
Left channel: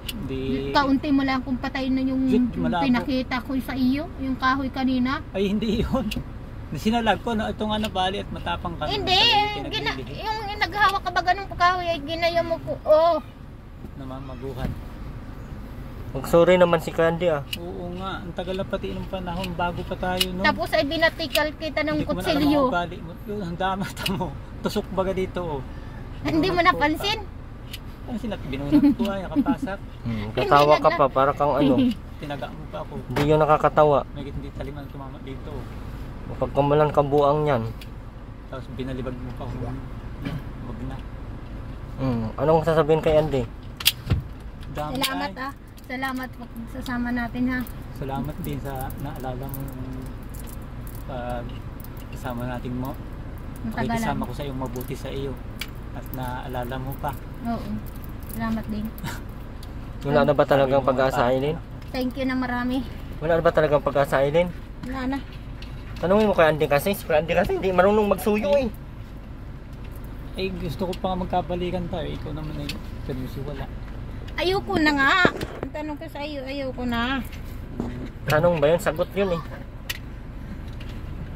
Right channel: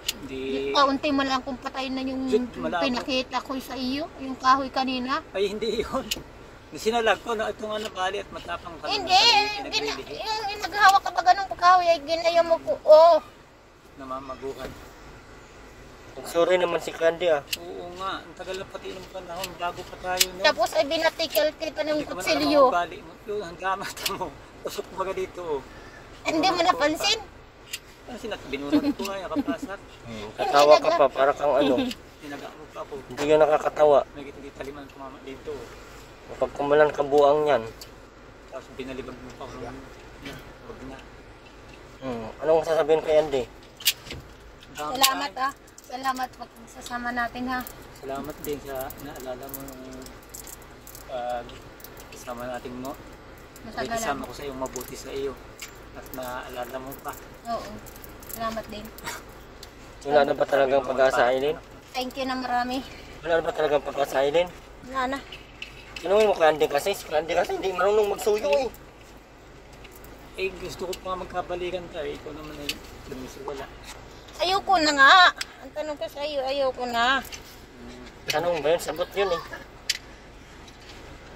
Hindi... Kaunti mo lang kung patay na yung Shit, malabo. pinakita ko sa iyo. Yung kahoy kanina. Ay, hindi yun. Sinalag ko, no, ito nga nabali at matapang ka. Hindi. Yung naghahawak ka ba ganun kahoy ay ginaya mo ko. Oh. Namamaguhan. Sorry naman si Kuya Andy ah. Oo nga, ang tagal na pati ng panahon bago pa tayo, no? Tapos ay binatikal kita ng Hindi ko man alam kutsilyo. ang ugali mo. Yun, ang damata mo. Tusok baga dito, oh. Hindi mo napansin? Ano sinat? Binunod ko ay, nakapasat. Katawa ka pa, para kang ano. Tinagaan mo pa ako. Hindi yun nakakatawa. May hindi taliman tumama dito, oh. Pagkamalan kabuang yan. Tapos binalibag mo pa ako. Wag na. Anong sasabihin kay Andy? Dami Salamat tayo. ah. Salamat pag sasama natin ha. Salamat din sa naalala mo yung kasama natin mo. Matagalan. Kasama ko sa iyong mabuti sa iyo. At naalala mo pa. Oo. Salamat din. Wala na ba talagang pag-asa, Aileen? Thank you na marami. Wala na ba talagang pag-asa, Aileen? Wala na. Tanungin mo kay Andy kasi. Si Kuya Andy kasi hindi marunong magsuyo eh. Eh gusto ko pa nga magkabalikan tayo. Ikaw naman ay wala. Ayoko na nga. Ang tanong ko sa iyo, ayoko na. Tanong ba yun? Sagot yun eh.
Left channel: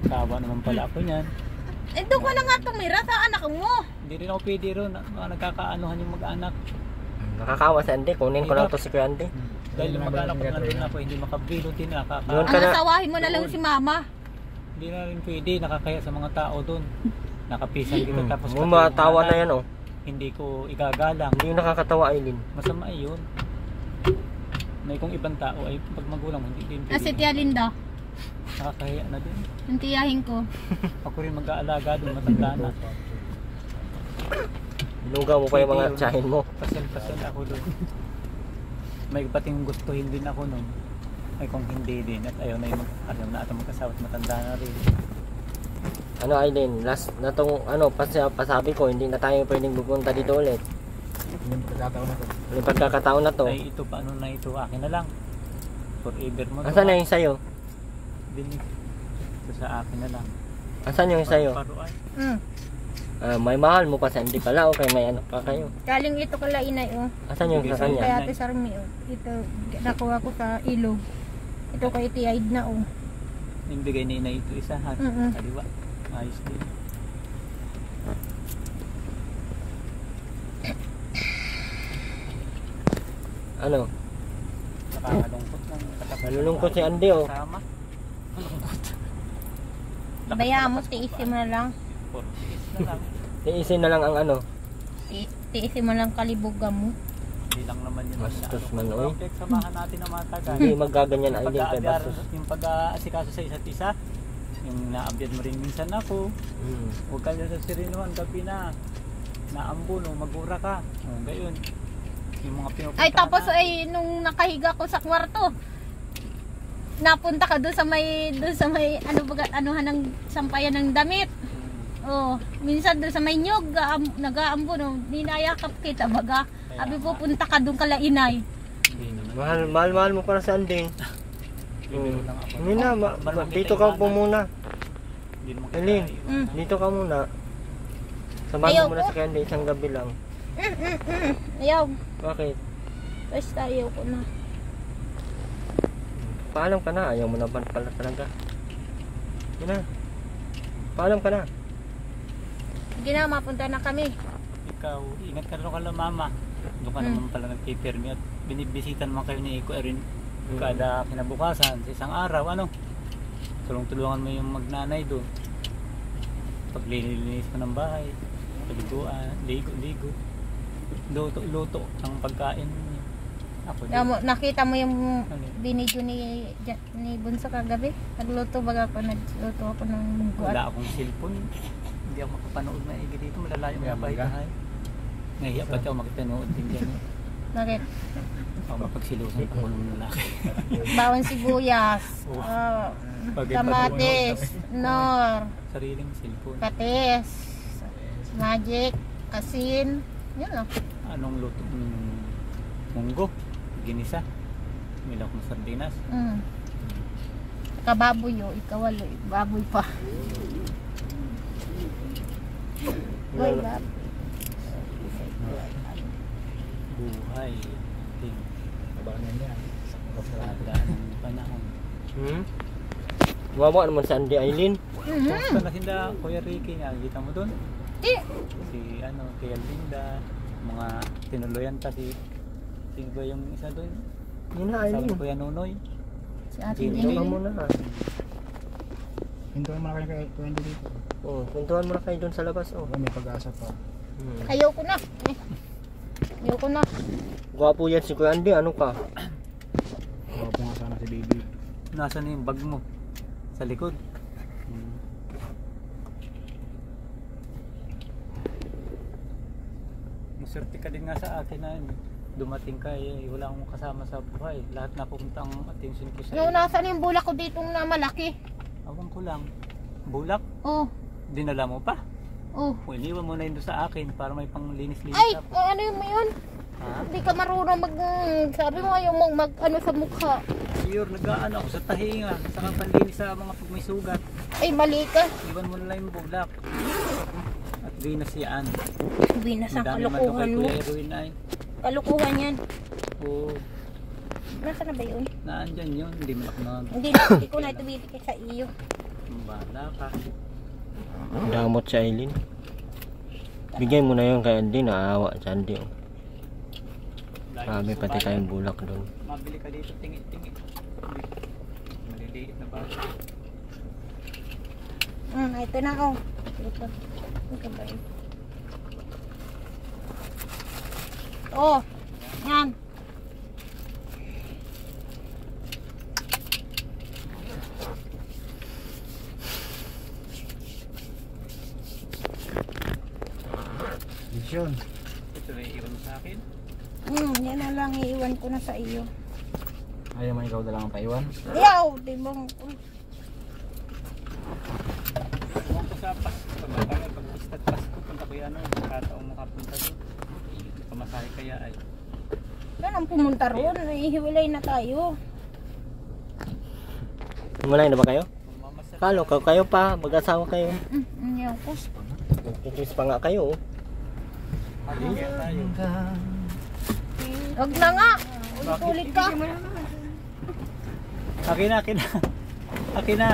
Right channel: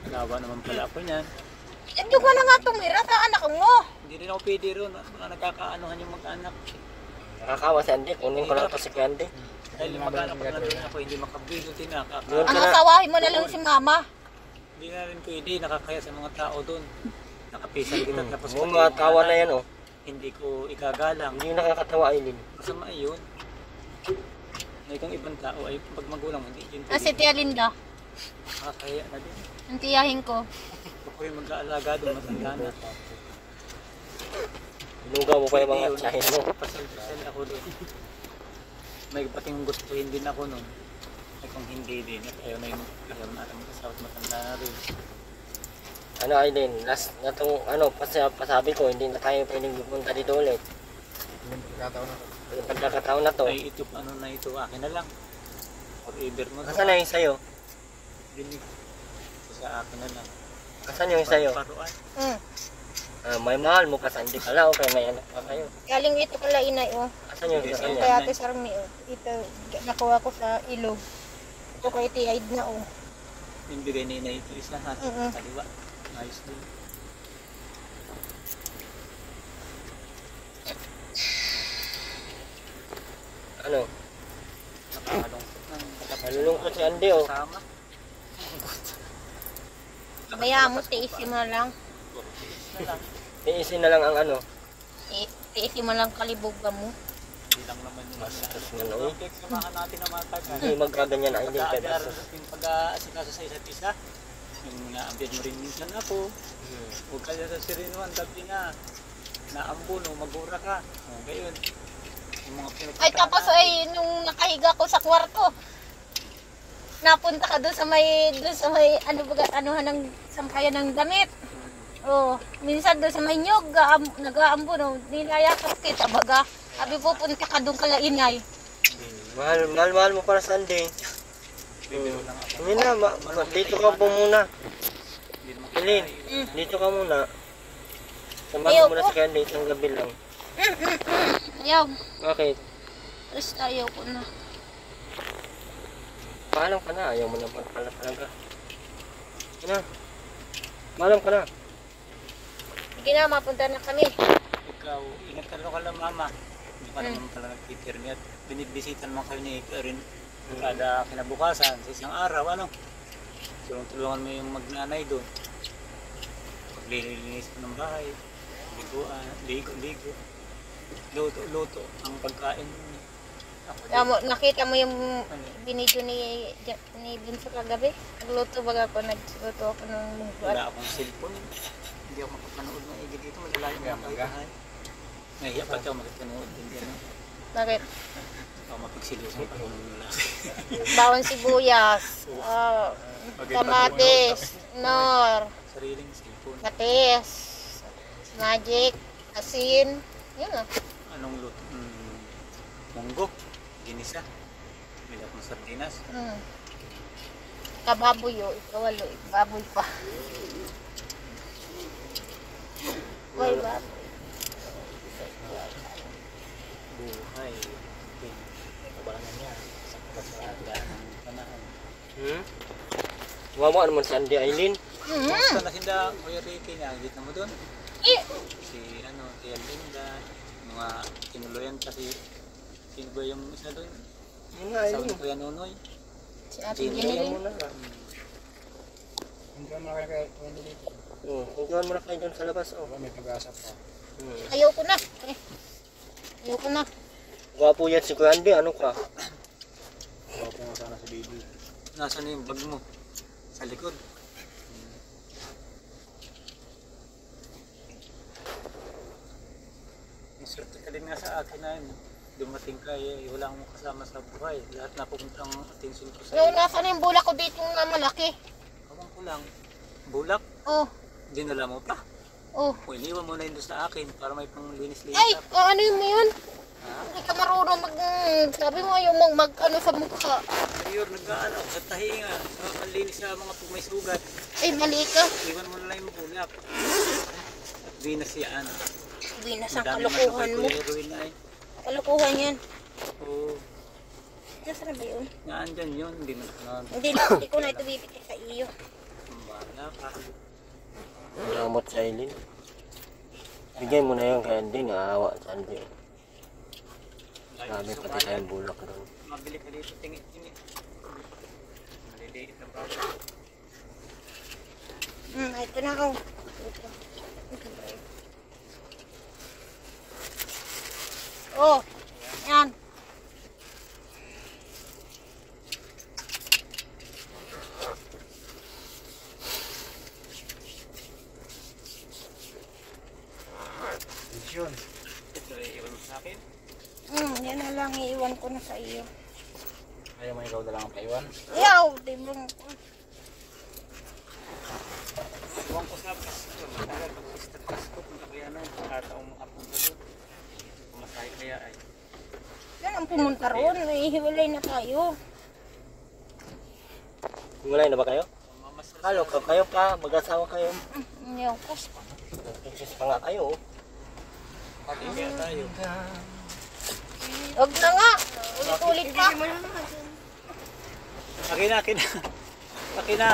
Kawa naman pala ako niyan. Eh doon ka na nga tumira sa anak mo. Hindi rin ako pwede ron. Nagkakaanuhan yung mag-anak. Nakakawa si Andy. Kunin ko lang to si Kuya Andy. Dahil mag-anak ko na rin ako. Hindi makabulo din nakaka. Doon ka Ang na. asawahin mo na lang si mama. Hindi na rin pwede. Nakakaya sa mga tao doon. Nakapisan kita tapos Yung matawa na yan oh. hindi ko igagalang. Hindi yung nakakatawa, Aileen. Masama yun. May kung ibang tao ay pag magulang hindi din Ah, si Tia Linda. nakakahiya na din. Ang tiyahin ko. Ako rin mag-aalaga doon, matanda na. Inugaw mo pa yung mga tsahin mo. Pasal-pasal ako doon. May pating gustuhin din ako noon. Ay kung hindi din at ayaw na yung ayaw na atang mag-asawa at matanda na rin. Ano Aileen, last na tong ano, pasabi ko, hindi na tayo pwedeng pupunta dito ulit. Yung pagkakataon na to. Ay ito paano na ito, akin na lang. Forever mo. Asan na yung sa'yo? Bili. Ito sa akin na lang. Asan yung sa'yo? Paruan. May mahal mo pa sa Andy pala. Okay, may anak pa kayo. Galing ito kala inay, oh. Asan yung sa Kay kanya? Ate Sarmi, oh. Ito, nakuha ko sa ilog. Ito kay Tiaid na, oh. Yung bigay ni Inay ito isa ha. Mm-mm. Kaliwa. Ayos din. Ano? Nakakalungkot ng Nalulungkot si Andy, oh. Sama. Bayaan mo, tiisin mo lang. Puro tiis na lang. Tiisin na lang ang ano. Tiisin mo lang kalibugan mo. Hindi lang naman yung Bastos man, oy. Okay, samahan natin na matagal. Hindi magaganyan ay din kay Bastos. Yung pag-aasikaso sa isa't isa. Yung naambyan mo rin minsan ako. Huwag ka sa sirinuan, gabi na. Naambon o magura ka. O, gayon. Yung mga pinupuntahan Ay, tapos natin. ay, nung nakahiga ko sa kwarto, napunta ka doon sa may, ano baga, anuhan ng sampayan ng damit. Oh, minsan doon sa may nyog, nag-aambon, oh, ninayakap kita baga. Abi pupunta ka doon kala inay. Mahal mo para sa Andy. Bibiro lang ako. Hindi na, dito ka po muna. Hindi mo Eileen, Mm. dito ka muna. Samahan Ayaw mo muna ko. sa Andy isang gabi lang. Ayaw, Bakit? basta ayaw ko na. Paalam ka na, ayaw mo naman pala talaga. Yun na. Paalam ka na. Sige na, mapunta na kami. Ikaw, ingat ka rin ka lang mama. Doon ka naman pala nagpipirmi at binibisitan mo kayo ni Iko Erin kada kinabukasan sa isang araw. Ano? Tulungan mo yung magnanay doon. Paglilinis mo ng bahay, liguan, ligo. Luto ang pagkain. Ako din. Nakita mo yung binidyo ni Bunso kagabi? Nagluto baga ako, nagluto ako ng munggo. Wala akong cellphone. Hindi ako makapanood na igi dito. Malalayo mo ang bahay. Ngayon pati ako makitanood din dyan. Bakit? O mapagsilusan pa ko ng lalaki. Bawang sibuyas, kamatis, nor, Sariling cellphone. katis, magic, asin, yun lang. Anong luto? Munggo. Ginisa. Milok ng sardinas. Kababoy o, ikawalo, baboy pa. Boy, baboy. Buhay. Abangan niya. Sa kasalanan ng panahon. Wawa naman sa Andy, Eileen. Kumusta na sinda, Kuya Ricky, nakikita mo doon? Si Linda, mga tinuluyan kasi sino ba yung isa doon? Yun na, Sabi Eileen. ni Kuya Nonoy. Si Ate Sino Dito ka Jenny. muna ha. Hintuan mo na kayo kay Wendy dito. Kuntuhan mo na kayo dun sa labas. May pag-asa pa. Ayoko na. Ayoko na. Gwapo yan si Kuya Andy, ano ka? Gwapo nga sana si baby. Nasaan yung bag mo? Sa likod. Maswerte ka din nga sa akin na dumating ka wala akong kasama sa buhay. Lahat na pupunta ang attention ko sa Ngayon, nasaan yung bulak ko dito na malaki? Awang ko lang. Bulak, Oh, dinala mo pa. oh. O iniwan mo na yun doon sa akin para may panglinis-linis Ay, ako. ano yun mo yun? Ha? Hindi ka marunong sabi mo ayaw mong ano sa mukha. Ayun, nag-ano ako sa tahinga. Saka panlinis sa mga pag may sugat. Ay, mali ka. Iwan mo na lang yung bulak. At binas yan. Binas ang Madami kalukuhan naman mo. kay Kuya Erwin ay. Kalukuhan yan. Oo, Nasaan na ba yun? naandyan yun. Hindi mo na Hindi ko na ito bibigay sa iyo. bahala ka. Damot si Eileen. Bigay mo na yun kay Andy, naawa si Andy. Marami pati tayong bulak doon. Mabili ka dito, tingit-tingit. Maliliit na bago. Ito na ako. Ito. Ito ba yun? Oh, yan. Vision. Ito ay iwan mo sa akin. Yan na lang iiwan ko na sa iyo. Ayaw man ikaw na lang ang paiwan. Yaw, di mo. Huwag ko sa Pasko. Matagal pag-istat Pasko. Punta ko yan. Kataong makapunta doon. Pamasahe kaya ay. Yan ang pumunta roon. Hiwalay na tayo. Malay na ba kayo? Mamasarap Akala ko kayo pa, mag-asawa kayo. Ayaw ko. Kikis pa nga kayo. Huwag na nga. Ulit-ulit ka. Akin na, akin na. Akin na.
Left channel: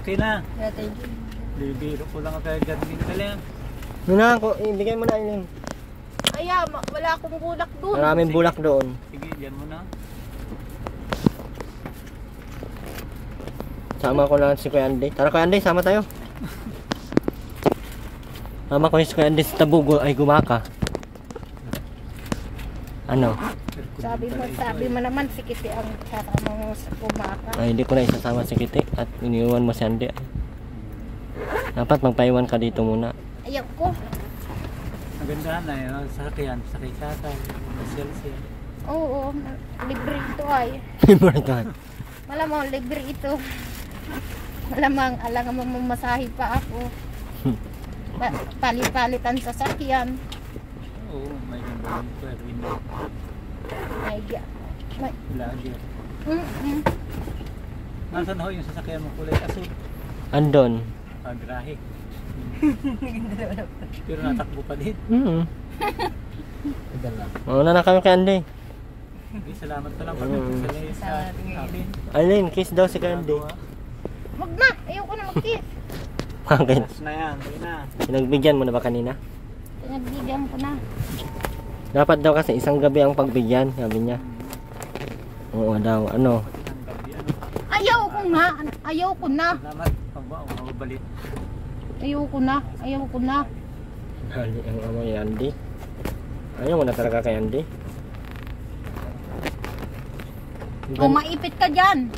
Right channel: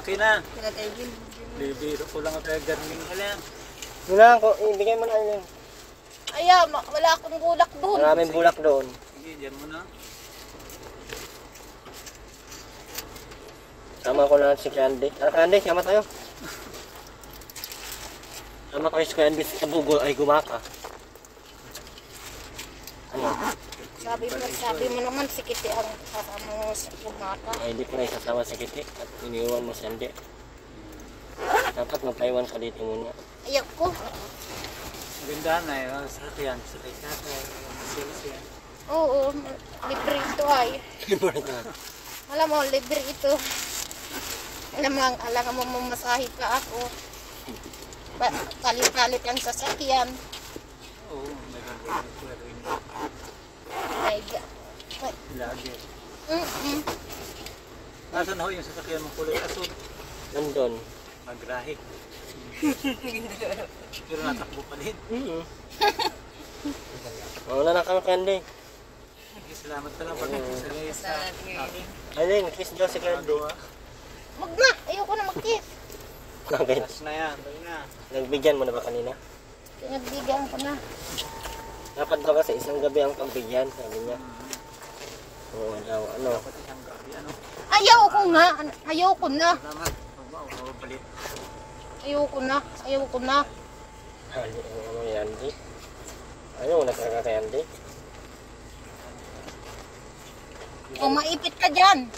Akin na. Bibiro ko lang kay Garmin na lang. Muna ako, ibigay mo na yun. Aya, wala akong bulak doon. Maraming bulak doon. Sige, dyan mo na. Sama ko lang si Kuya Andy. Tara Kuya Andy, sama tayo. Sama ko si Kuya Andy sa Tabugo ay gumaka. Ano? Sabi mo naman, si Kitty ang sasama mo sa kumaka. Ay, hindi ko na isasama si Kitty at iniwan mo si Andy. Dapat magpaiwan ka dito muna. Ayaw ko. Maganda na yun. Sakyan, sakay tatay. Masya. Oo, libre ito ay. Alam mo, libre ito. Alam mo, mamasahe pa ako. Palit-palitan sa sakyan. Oo, may ganda nito. May Lager. Mm-mm. Nasaan ho yung sasakyan mo kulay asul? Andon. Grahe. Pero natakbo ka din. Mauna na kami kay Andy. Okay, salamat ka lang pag sa akin. Aileen, kiss daw si Kuya Andy. Wag na, ayoko na mag-kiss. Bakit? Last na yan, tayo na. Nagbigyan mo na ba kanina? Pinagbigyan ko na. Dapat daw kasi isang gabi ang pagbigyan, sabi niya. Oo daw, ano? Pati isang gabi, ano? Ayaw ko nga, ayaw ko na. Salamat. Pagbabalit. Ayaw ko na. Hali ang ano ni Andy. Ayaw mo na talaga kay Andy. O maipit ka dyan.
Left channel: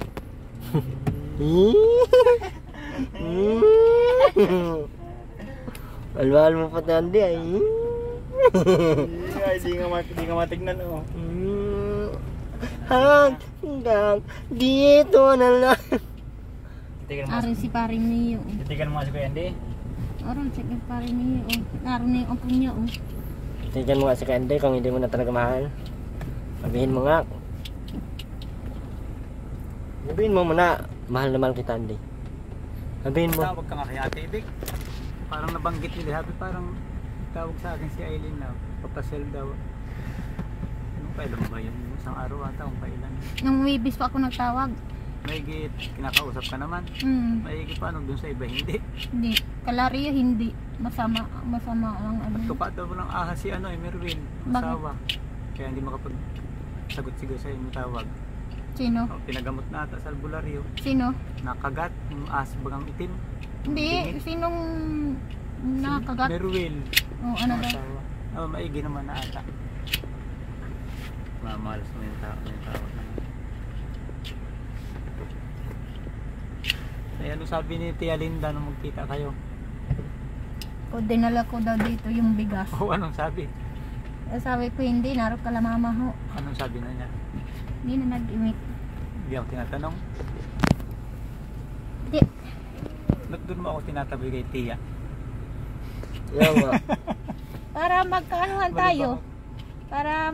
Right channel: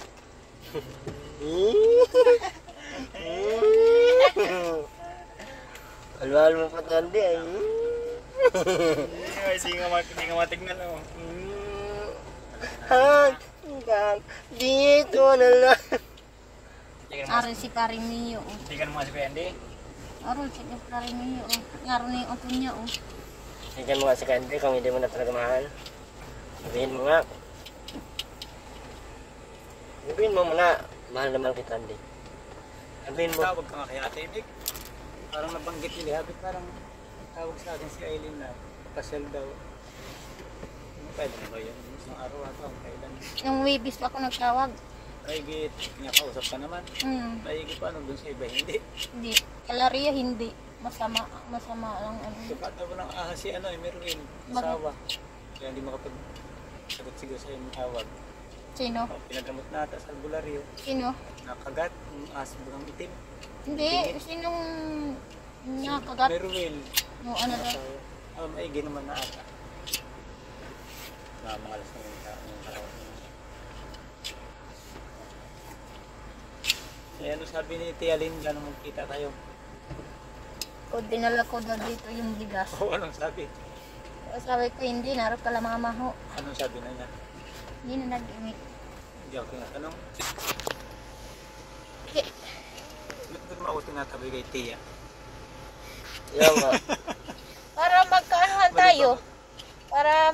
Walwal mo pati Andy ay. Ay, di nga matignan oh. Hanggang dito na lang. Aron si paring niyo. Titigan mo nga si Kuya Andy. Aron si paring niyo. Aron ni ang punya. Tignan mo nga si Andy kung hindi mo na talaga mahal. Sabihin mo nga. Sabihin mo muna, mahal na mahal kita Andy. Sabihin mo. Tawag ka nga kay Ate Ibig. Parang nabanggit nila. Parang tawag sa akin si Aileen na papasel daw. Ano kailan ba yan? Isang araw ata kung kailan. Nung Webis pa ako nagtawag. Maigit, kinakausap ka naman. Maigit pa dun sa iba, hindi. Hindi. Kalaria hindi. Masama lang ano. Tuka daw lang ahas si Merwin, Bakit? asawa. Kaya hindi makapag-sagot sigaw sa yung tawag. Sino? O, pinagamot na ata sa albularyo. Sino? Nakagat, yung ahas bagang itim. Hindi. Sinong nakagat? Merwin. O ano daw? asawa. Maigi naman na ata. Mamalas mo yung tawag. Ano sabi ni Tia Linda nung magkita kayo? O dinala ko daw dito yung bigas. O anong sabi? Sabi ko hindi, narap ka lang mama ho. Anong sabi na niya? Hindi na nag-imik. Hindi ako tinatanong. Di. Ba't doon mo ako tinatabi kay Tia? Yan nga. Para magkaanuhan tayo. Para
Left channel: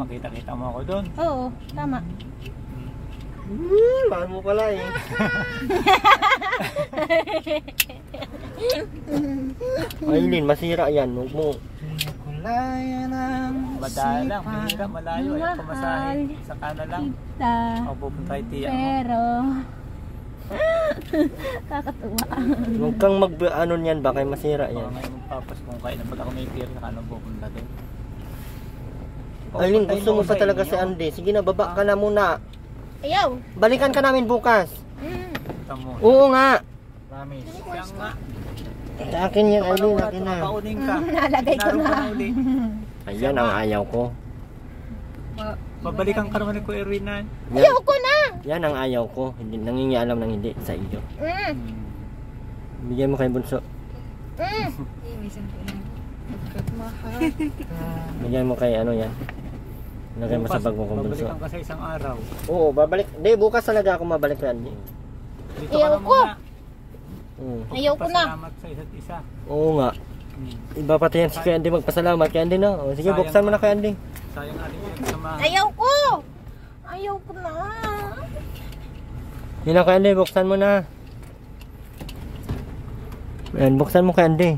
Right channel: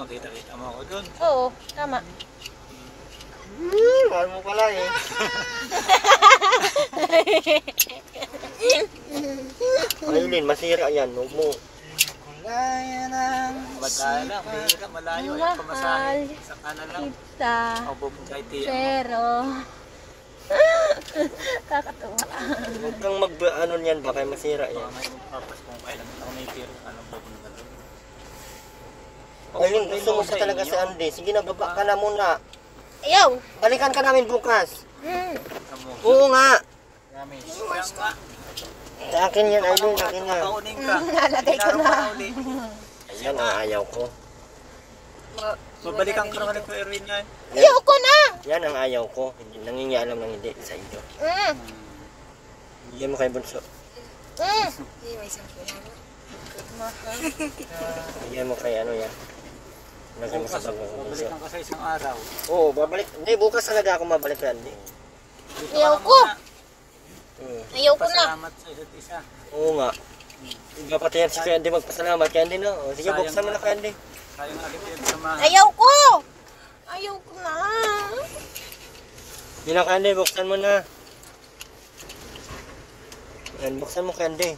Makita-kita mo ako doon. Oo, tama. Mahal mo pala eh. Aileen, masira yan. Huwag mo. Kulaya ng Madala, mahira, malayo. Ayaw pamasahe. Saka na lang. Kita. Ako pupunta kay Tia. Pero kakatuwa. Huwag kang ano niyan, baka masira Baka yan. ngayon magpapas kung kailan ba't ako may tira. Saka pupunta doon. Aileen, gusto mo pa talaga si Andy. Sige na, baba ka na muna. Ayaw. Balikan ka namin bukas. Tamo. Oo nga. Promise. Kaya nga. Sa akin yan, Aileen. Akin na. Kaunin ka. Nalagay ko na. Ayan ang ayaw ko. Babalikan ka naman ni Kuya Erwin na. Ayaw ko na. Yan ang ayaw ko. Hindi, nangingialam ng hindi sa iyo. Bigyan mo kay Bunso. Bigyan mo kay ano yan. Lagay mo sa bag mo kung Bunso. Babalikan ka sa isang araw. Oo, babalik. Hindi, bukas talaga ako mabalik kay Andy. Dito Ayaw ka na ko. muna. Ayaw ko na. Pasalamat sa isa't isa. Oo nga. Iba pati yan si Kuya Andy magpasalamat kay Andy na. O, sige, buksan mo na kay Andy. Sayang aking pinagsamahan. Ayaw ko. Ayaw ko na. Yun na kay Andy, buksan mo na. Yan, buksan mo kay Andy.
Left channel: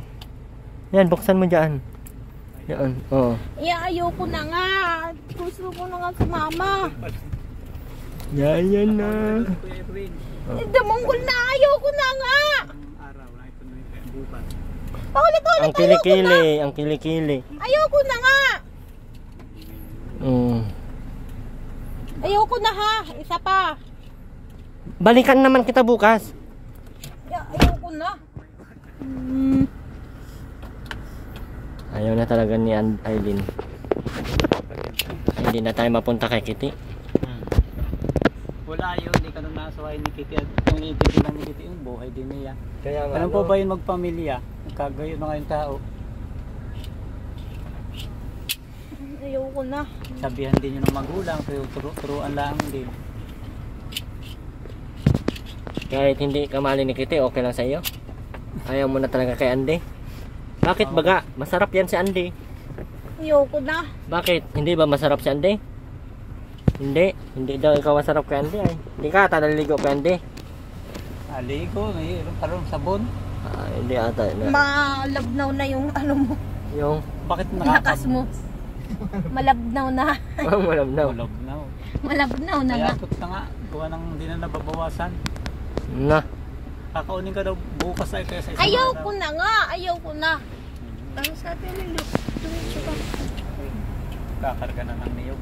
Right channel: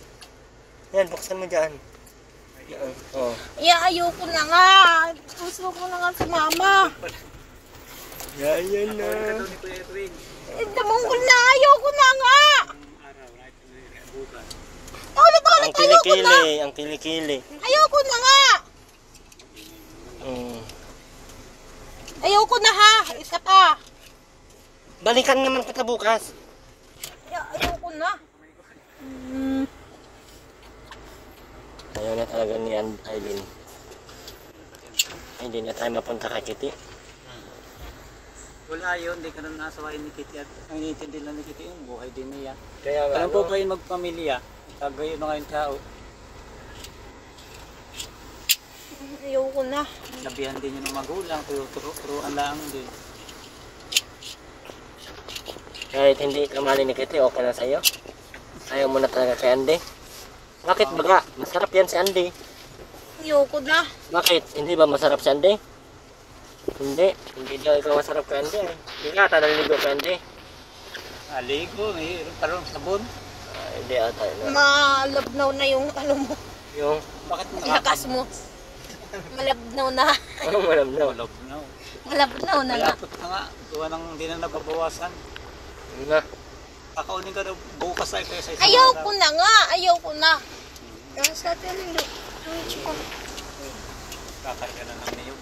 Yan, buksan mo dyan. Yan, oo. Ayoko na nga. Gusto ko na nga si mama. Yan na. Damunggol na, ayoko na nga. Ang kilikili, ang kilikili. Ayoko na nga. Ayoko na ha, isa pa. Balikan naman kita bukas. Ayoko na. Ayaw na talaga ni Aileen. Hindi na tayo mapunta kay Kitty. Wala yun, hindi ka na nasawain ni Kitty at ang inintindi lang ni Kitty yung buhay din niya. Kaya nga, Alam po ba yung magpamilya? Nagkagayo na kayong tao. Ayoko na. Sabihan din nyo ng magulang, turuan lang din. kahit hindi ka mahali ni Kitty, okay lang sa iyo? Ayaw mo na talaga kay Andy? Bakit baga? Masarap yan si Andy. Ayoko na. Bakit? Hindi ba masarap si Andy? Hindi daw ikaw masarap kay Andy. Ay. Hindi ka ata naliligo kay Andy. Aligo, mayroon parang sabon. Hindi ata. Malabnaw na yung ano mo. Yung? Bakit Lakas mo. Malabnaw na. Malabnaw. Malabnaw. Malabnaw na nga. Malapot na nga. Gawa ng hindi na nababawasan. Na. Kakaunin ka daw bukas ay kaya sa isang Ayoko na nga. Ayoko na. Ang sa atin yung Kakar ka naman niyo.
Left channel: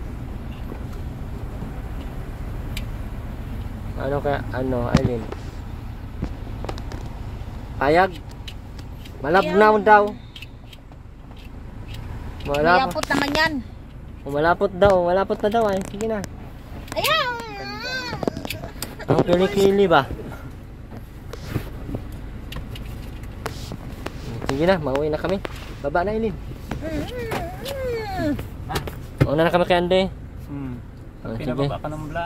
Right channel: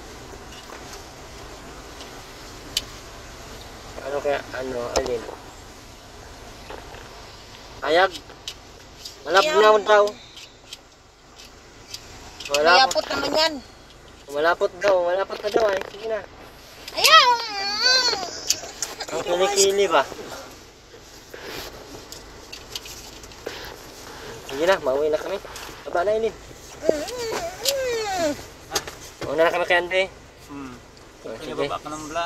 Ano kaya? Ano, Aileen? Payag? Malabnaw daw. Mayapot naman yan. Malapot daw. Malapot na daw ay. Sige na. Ayaw. Ang kilikili ba? Sige na, mauwi na kami. Baba na, Aileen. Mauna na kami kay Andy. Pag sige. pinababa ka ng bla,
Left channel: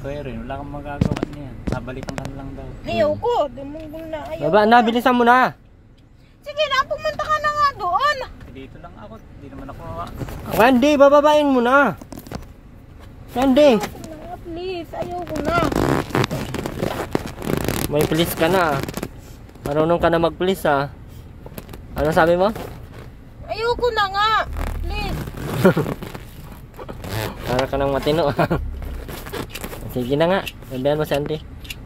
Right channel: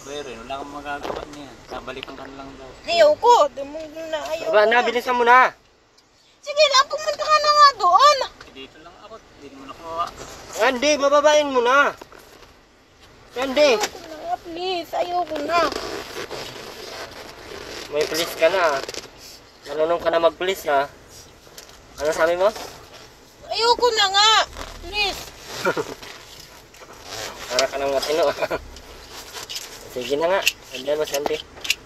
pero wala kang magagawa niyan. Sabalikan ka na lang daw. Ayoko. Dumunggol na. Ayoko. Baba na, bilisan mo na. Sige na, pumunta ka na nga doon. Dito lang ako, hindi naman ako Andy, bababain mo na. Andy. Ayoko na nga, please. Ayoko na. May please ka na. Marunong ka na mag-please ha. Ano sabi mo? Ayoko na nga. Please. Para ka nang matino. Sige na nga. Sabihan mo si Andy.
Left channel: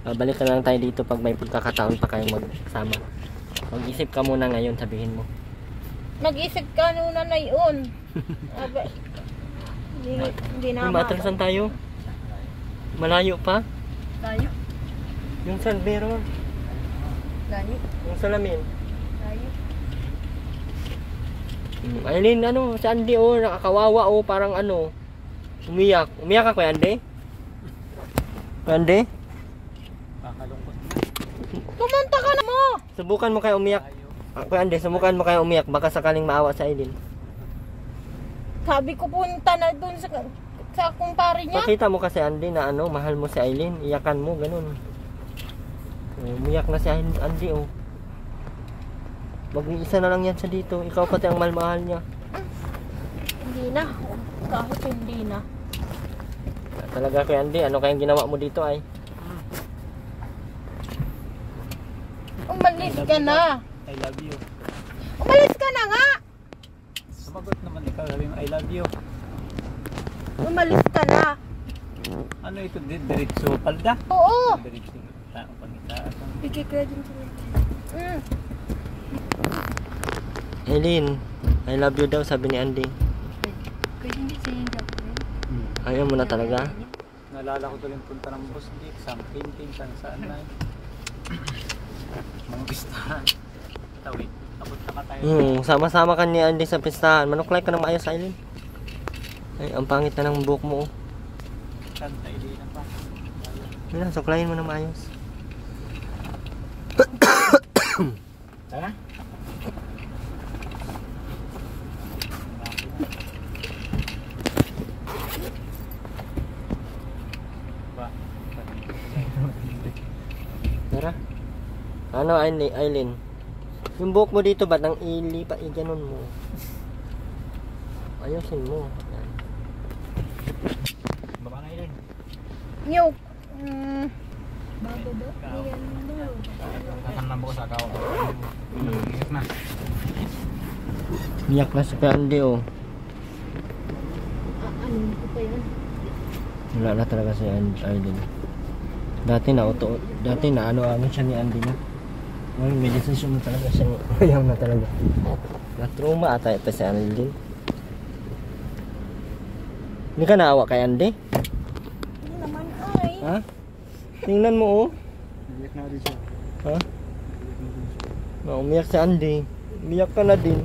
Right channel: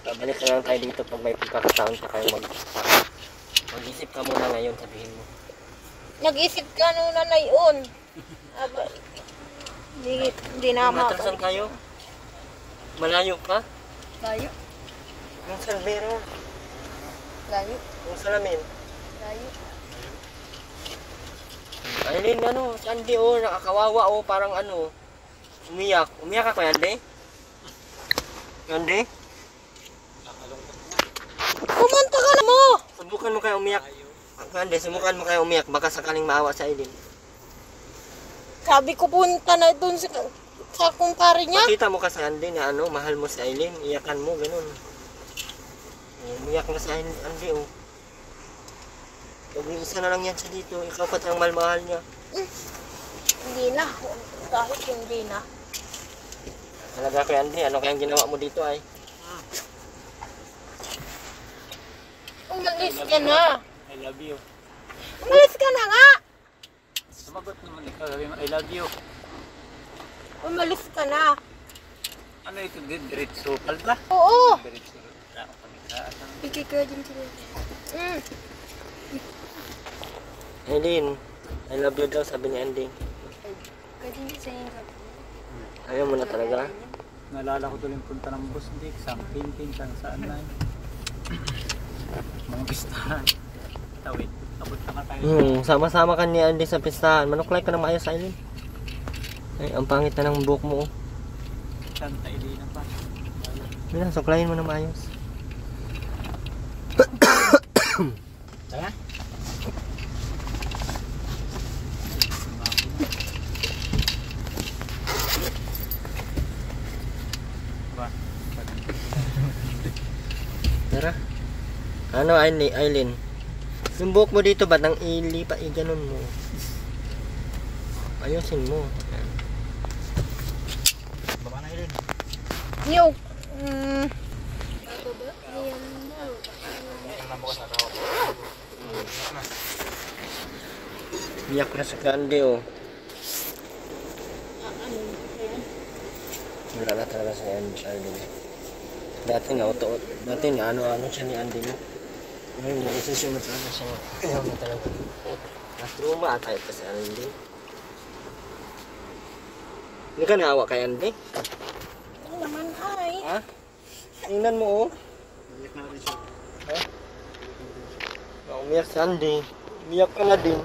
Babalik ka lang tayo dito pag may pagkakataon pa kayong magsama. Mag-isip ka muna ngayon, sabihin mo. Mag-isip ka nuna na yun. Aba, hindi na Matrasan tayo. Malayo pa. Layo. Yung salbero. Layo. Yung salamin. Layo. Aileen, ano, si Andy oh, nakakawawa oh, parang ano. Umiyak. Umiyak ka kay Andy? Kay Andy? kakalungkot mo. Pumunta ka na mo. Subukan mo kaya umiyak. Kay Andy, subukan mo kaya umiyak. Baka sakaling maawa sa Aileen. Sabi ko punta na dun sa kumpare niya. Pakita mo kasi Andy na ano, mahal mo si Aileen. Iyakan mo, ganun. Umiyak na si Andy oh. Mag-iisa na lang yan sa dito. Ikaw pati ang mahal niya. Hindi na. Kahit hindi na. Talaga kay Andy, ano kayang ginawa mo dito ay? Umalis ka na. I love you. Umalis ka na nga. Sumagot naman ikaw, sabi mo, I love you. Umalis ka na. Ano ito, diretso palda? Oo. Diretso tao pamitaan. Bigay ka din sila. Aileen, I love you daw, sabi ni Andy. Pwede hindi sa'yo yung Ayaw mo na talaga? Naalala ko tuloy yung punta ng Boss Dick, sang Tintin, sang saan na. Mga pistahan. Tawid, abot na tayo. Sama-sama ka ni Andy sa pistahan. Manuklay ka na maayos, Aileen. Ay, ang pangit na ng buhok mo. Kanta, hindi na pa. Mira, suklayin mo na maayos. Tara. Tara. Ano, Aileen? Yung buhok mo dito ba nang ilipa, ganon mo. Ayusin mo. Ayan. Baba na Aileen. Yung, nambok sa kao. Na. Iyak na si Andy oh. Wala na talaga si Andy. Dati na ano siya ni Andy no. Ngayon may desisyon na talaga siya. Ayaw na talaga. Mas trauma ata ito si Andy. Hindi ka naawa kay Andy? Ano naman ay? Ha? Tingnan mo oh. Iyak na din siya. Ha? Umiyak si Andy. Umiyak ka na din.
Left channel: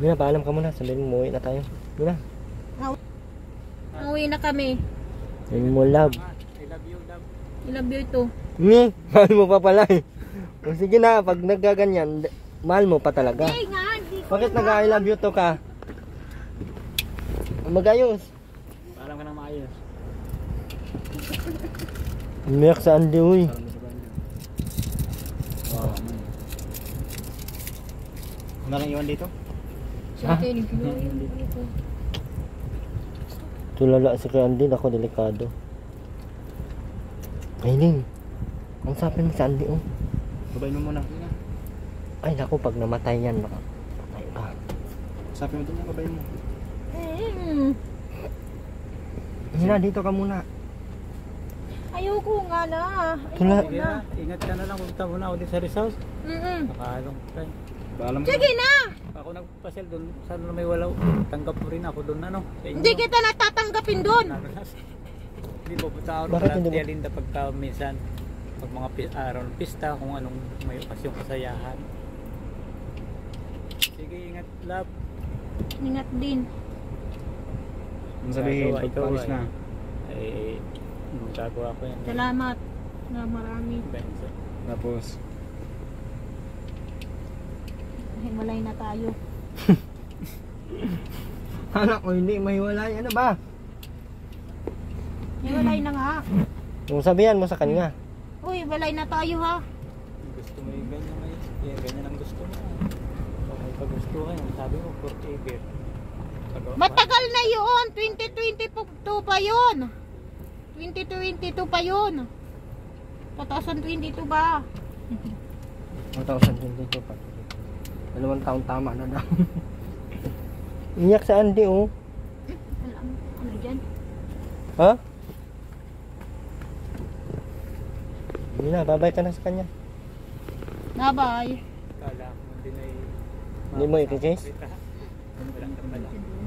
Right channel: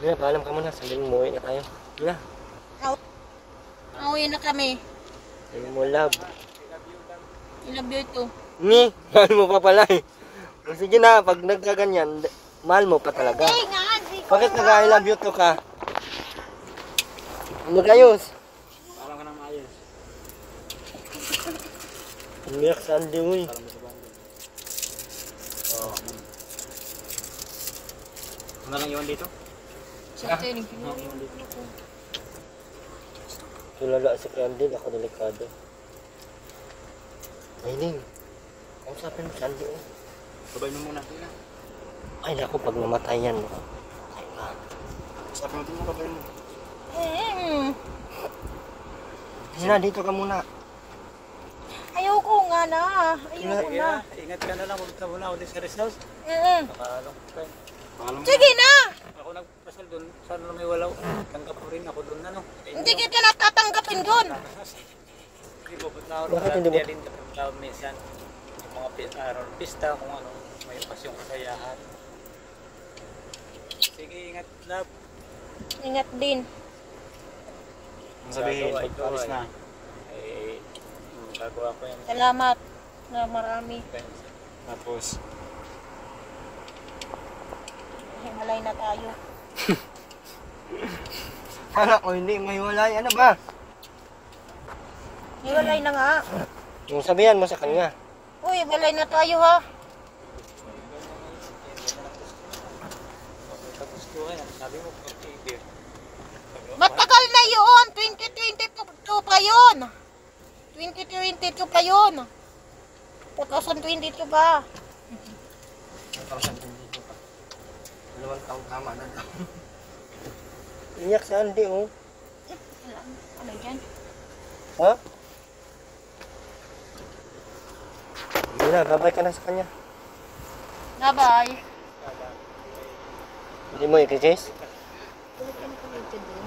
Mira, paalam ka muna. Sabihin mo, uwi na tayo. Mira. Uwi na kami. Sabihin mo, love. I love you ito. Ni, mahal mo pa pala eh. O, sige na, pag nagkaganyan, mahal mo pa talaga. Ay nga, di ko. Bakit nag-I love you to ka? Mag-ayos. Alam ka nang maayos. Umiyak sa Andy, uy. Alam mo sa banda. Oo. Ano lang iwan dito? Siyempre, Tulala si kay Andy, ako delikado. Aileen, kausapin mo si Andy, oh. Babay mo muna. Ay, naku, pag namatay yan, patay ka. Sabi mo ito mo, babay mo. Hina, dito ka muna. Ayoko nga na. Tula- Sige na, ingat ka na lang. Punta muna ako din sa resort. Nakaalam ka. Paalam mo. Sige na! Ako nagpasyal doon. Sana na may walaw. Tanggap mo rin ako doon. Ano? Sa inyo. Hindi kita natatanggapin doon. Hindi ba punta ako Bakit hindi mo- Kaya Linda pagka minsan yung mga araw ng pista kung anong may okasyong kasayahan. Sige, ingat love. Ingat din. Ang sabihin, Gagawa, ikaw pagpalis ay- na. Gagawa ko yan. Salamat na marami. Tapos, Himalay na tayo. Anak ko, hindi mahiwalay. Ano ba? Himalay na nga. Yung sabihan mo sa kanya. Uy, himalay na tayo ha. Gusto mo yung ganyan mo yun. Ganyan ang gusto mo. Kung may kagustuhan, ang sabi mo, 48. Matagal na yun. 2022 pa yun. 2022 pa yun. 2022 ba? 2022 pa. 2 taon tama na daw. Iyak sa Andy, oh. Ano dyan? Ha? Hindi na, babay ka na sa kanya. Nga bye. Hindi mo i-chase?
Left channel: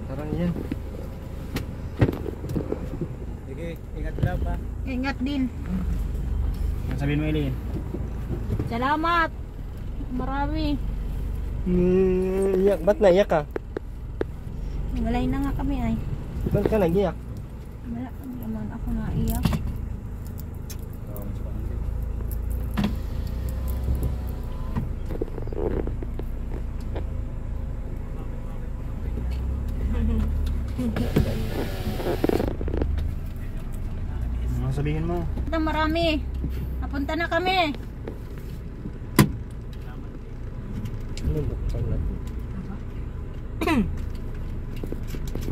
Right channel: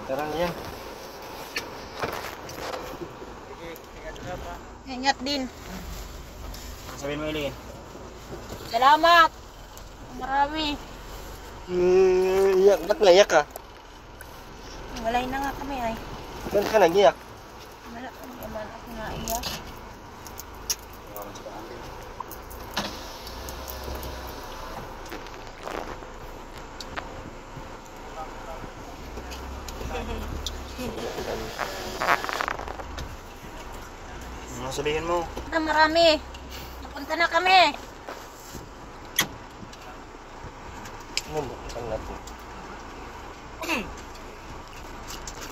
Tara yan. Sige, ingat love ha. Ingat din. ang sabihin mo, Eileen. Salamat. Marami. Iyak, ba't naiyak ka? Himalay na nga kami ay. Ba't ka nag-iyak? Wala naman ako naiyak. Ano sabihin mo? Na marami. Napunta na kami.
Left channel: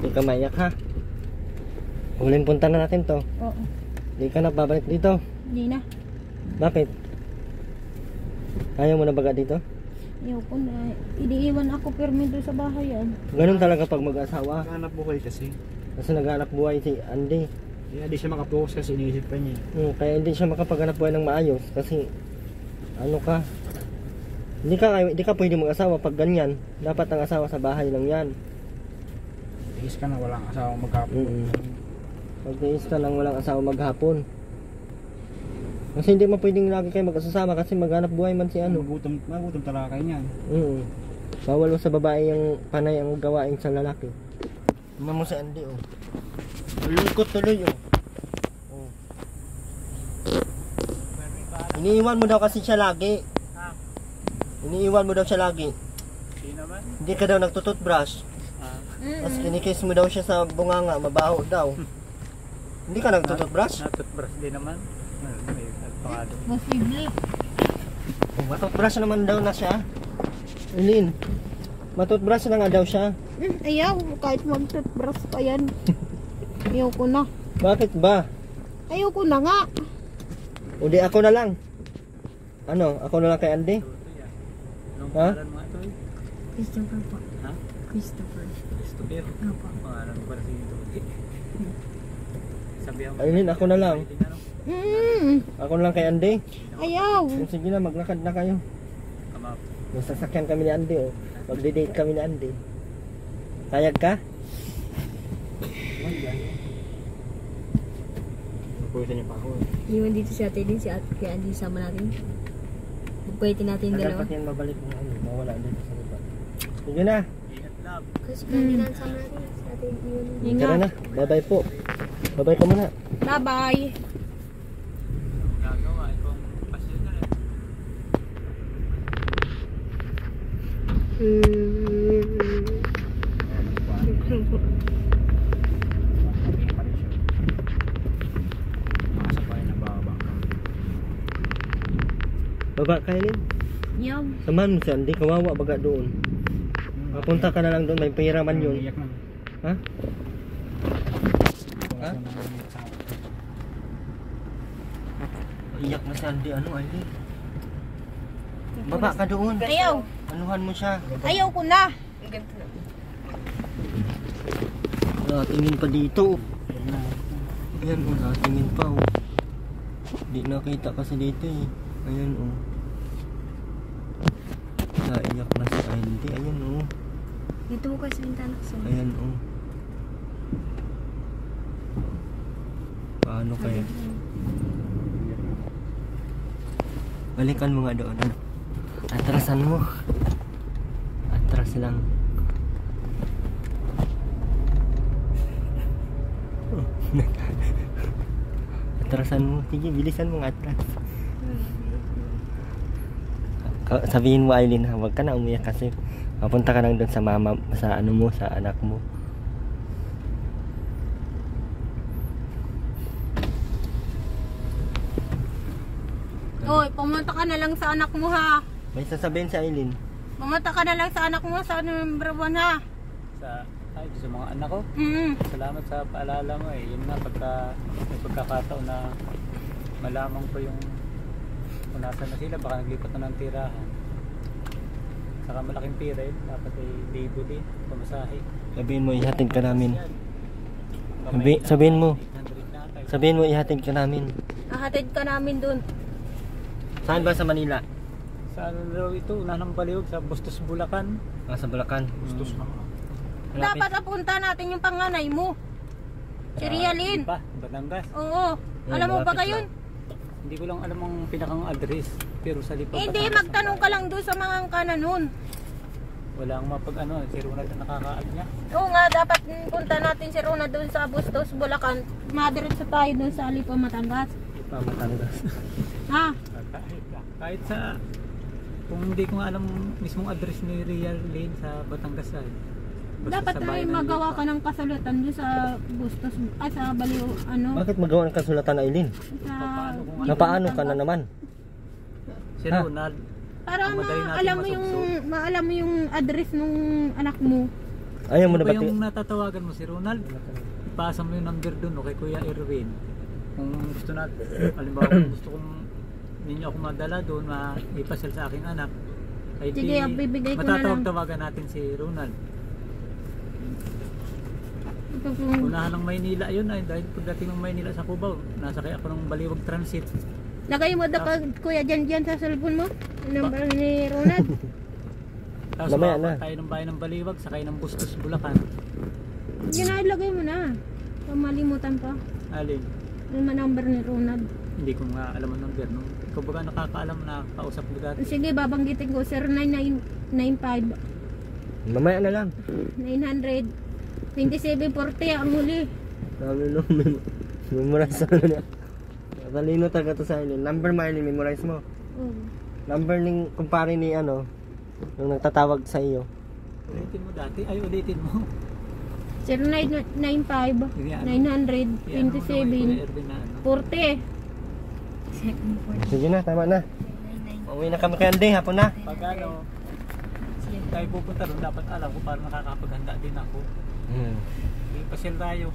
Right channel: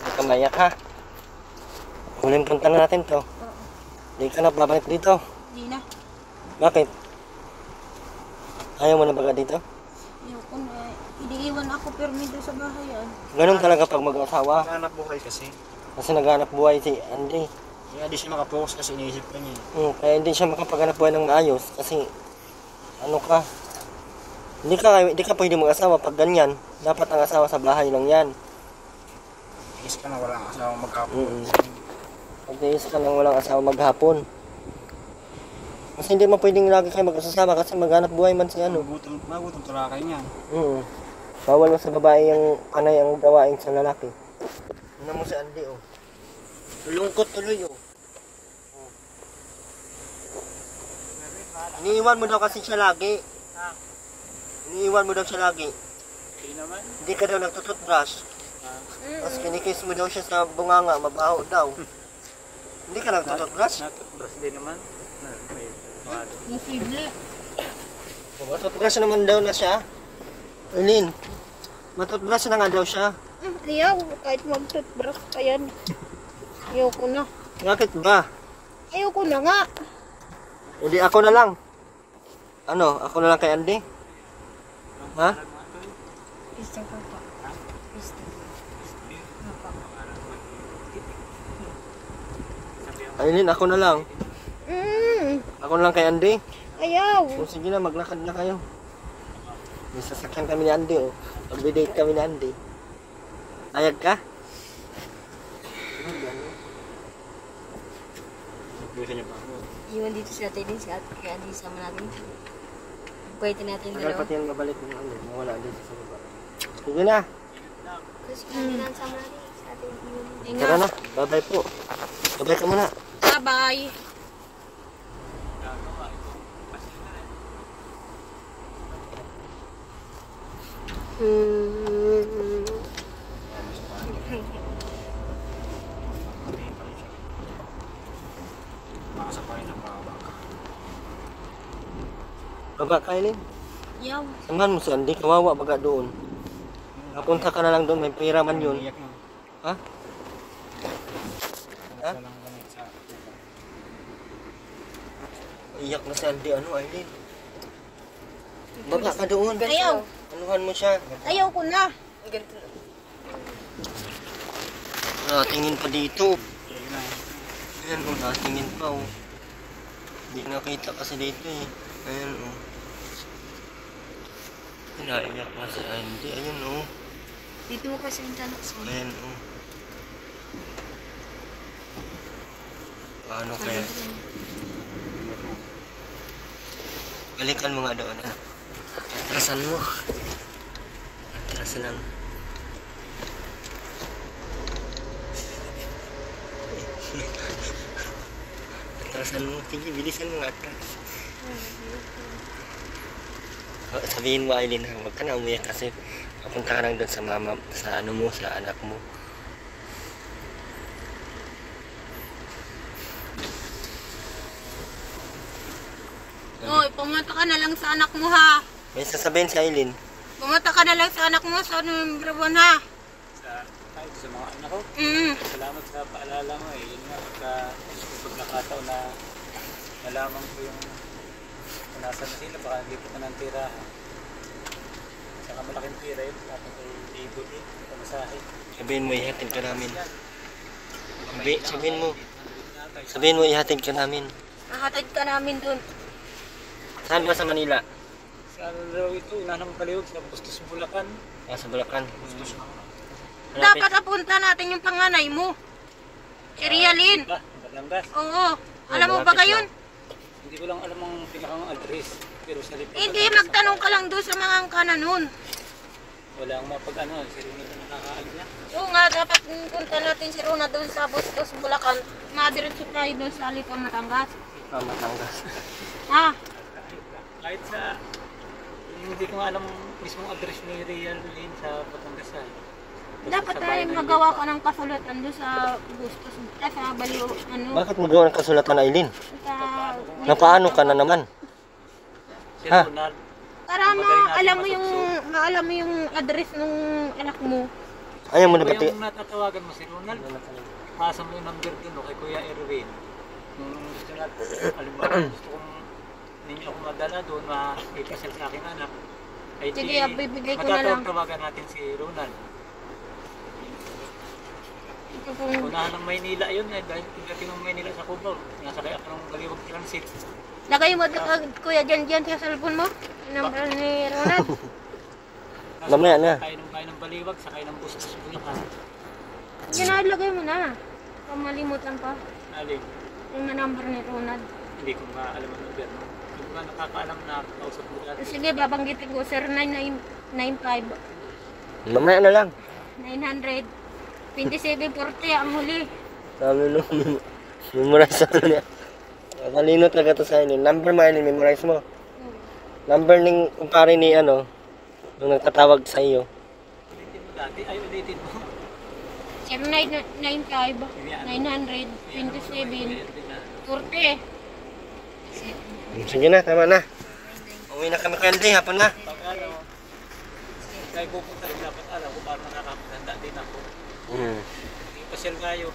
Hindi ka maiyak ha? Huling punta na natin to. Oo. Hindi ka na babalik dito. Hindi na. Bakit? Ayaw mo na baga dito? Ayoko na. Iniiwan ako permido sa bahay yan. Ganun talaga pag mag-asawa. Hanap buhay kasi. Kasi naghanap buhay si Andy. Kaya di siya makapokus kasi iniisip ka niya. Kaya hindi siya makapaghanap buhay ng maayos. Kasi ano ka? Hindi ka pwede mag-asawa pag ganyan. Dapat ang asawa sa bahay lang yan. Tigis ka na walang asawa maghapon. Magtiis ka lang walang asawa maghapon. Kasi hindi mo pwedeng lagi kayo mag-asasama kasi maghanap buhay man si ano. Magutom talakay niyan. Bawal mo sa babae yung panay ang gawain sa lalaki. Tingnan mo si Andy, oh. Lulungkot tuloy, oh. Iniiwan mo daw kasi siya lagi. Iniiwan mo daw siya lagi. Hindi naman. Hindi ka daw nagtututbrush. Tapos kinikiss mo daw siya sa bunganga, mabaho daw. Hindi ka nagtututbrush? Natutbrush din naman. May pangado. Posible. Matutbrush naman daw na siya. Eileen, Matutbrush na nga daw siya. Ayaw, kahit mag-toothbrush pa yan. Ayoko na. Bakit ba? Ayoko na nga. Hindi ako na lang. Ano? Ako na lang kay Andy? Ha? Christopher po. Christopher. Apa. Aileen, ako na lang. Ako na lang kay Andy. Ayaw. O, sige na, maglakad na kayo. May sasakyan kami ni Andy, oh. Magbe-date kami ni Andy. Tayag ka? Puwisan niya pa ako. Iwan dito si Ate din, si Ate kaya Andy sama natin. Pwede natin Tagal dalawa. pati yung mabalik mo. Mawala din sa baba. Sige na. Kasi kaya na sama natin. Si Ate iwan. Tara na. Bye-bye po. Bye-bye ka muna. Bye-bye. Baba ka, Aileen. Yaw. Samahan mo si Andy. Kawawa baga doon. Kapunta ka na lang doon. May pera man yun. Ha? Iyak na si Andy. Ano, Aileen? Baba ka doon. Ayaw. Anuhan mo siya. Ayaw ko na. Natingin pa dito. Ayan, oh, natingin pa, oh. Hindi nakita kasi dito, eh. Ayan, oh. Naiyak na si Andy. Ayan, oh. Dito mo kasi yung chance mo. Ayan, oh. Paano kaya? Balikan mo nga doon, ano? Atrasan mo. Atras lang. Atrasan mo. Sige, bilisan mo nga atras. Sabihin mo, Aileen, ha, huwag ka na umiyak kasi mapunta ka lang doon sa mama, sa ano mo, sa anak mo. Oy, pumunta ka na lang sa anak mo ha. May sasabihin si Aileen. Pumunta ka na lang sa anak mo sa number 1 ha. Sa mga anak ko, salamat sa paalala mo eh. Yun nga, may pagkakataon na malaman ko yung kung nasan na sila, baka naglipat na ng tirahan. Saka malaking tira yun, dapat ay libo din, pamasahe. Sabihin mo, ihatid ka namin. Sabihin mo, ihatid ka namin. Nahatid ka namin dun. Saan ba sa Manila? Sa ano daw ito, unang paliwag sa Bustos, Bulacan. Sa Bulacan. Bustos na. Dapat apunta natin yung panganay mo. Si Rialin. Pa, Batangas. Oo. Alam mo ba gayon? Hindi ko lang alam ang pinakang address, pero sa Lipa. Hindi, magtanong ka lang doon sa mga angkana nun. Wala akong mapag-ano, si Ronald na nakakaag na. Oo nga, dapat punta natin si Rona doon sa Bustos, Bulacan. Madiretso tayo doon sa Alipa, Matangas. Matangas. Ha? Kahit sa, kung hindi ko nga alam mismong address ni Real Lane sa Batangas ay. Dapat tayo magawa ka ng kasulatan doon sa Bustos, sa Baliw, ano, Bakit magawa ng kasulatan, Aileen? sa... Napaano ka na naman? Si Ha? Ronald, Para maalam mo yung address ng anak mo. Ayaw mo na kung pati. yung natatawagan mo si Ronald, ipasa mo yung number dun o kay Kuya Erwin. Kung gusto na, halimbawa kung gusto kong ninyo ako madala doon, maipasel sa aking anak, ay Sige, bibigay ko na lang. matatawag-tawagan natin si Ronald. Ito pong... Unahan ng Maynila yun ay dahil pagdating ng Maynila sa Cubao, nasakay ako ng Baliwag Transit. Lagay mo daw kuya dyan sa cellphone mo. Number ni Ronald. Tapos Mamaya na. Sakay ng bayan ng Baliwag, sakay ng Bustos, Bulacan. Ginalagay mo na. Kung malimutan pa. Alin, Yung number ni Ronald. hindi ko nga alam ang number. No? Kumbaga nakakaalam na kausap mo dati. Sige, babanggitin ko. 0995 Mamaya na lang. 900 2740 ang huli. Sabi nung memorize ano niya. Kanino talaga to sa Aileen. Number mo, Aileen, memorize mo. Number ng kumpare ni ano, yung nagtatawag sa iyo. Ulitin mo dati, ay ulitin mo. 0995 900 2740. Sige na, tama na. Uwi na kami kay Andy, hapon na. Pag ano, tayo pupunta rin, dapat alam ko para nakakapaghanda din ako. Hindi pasyal tayo.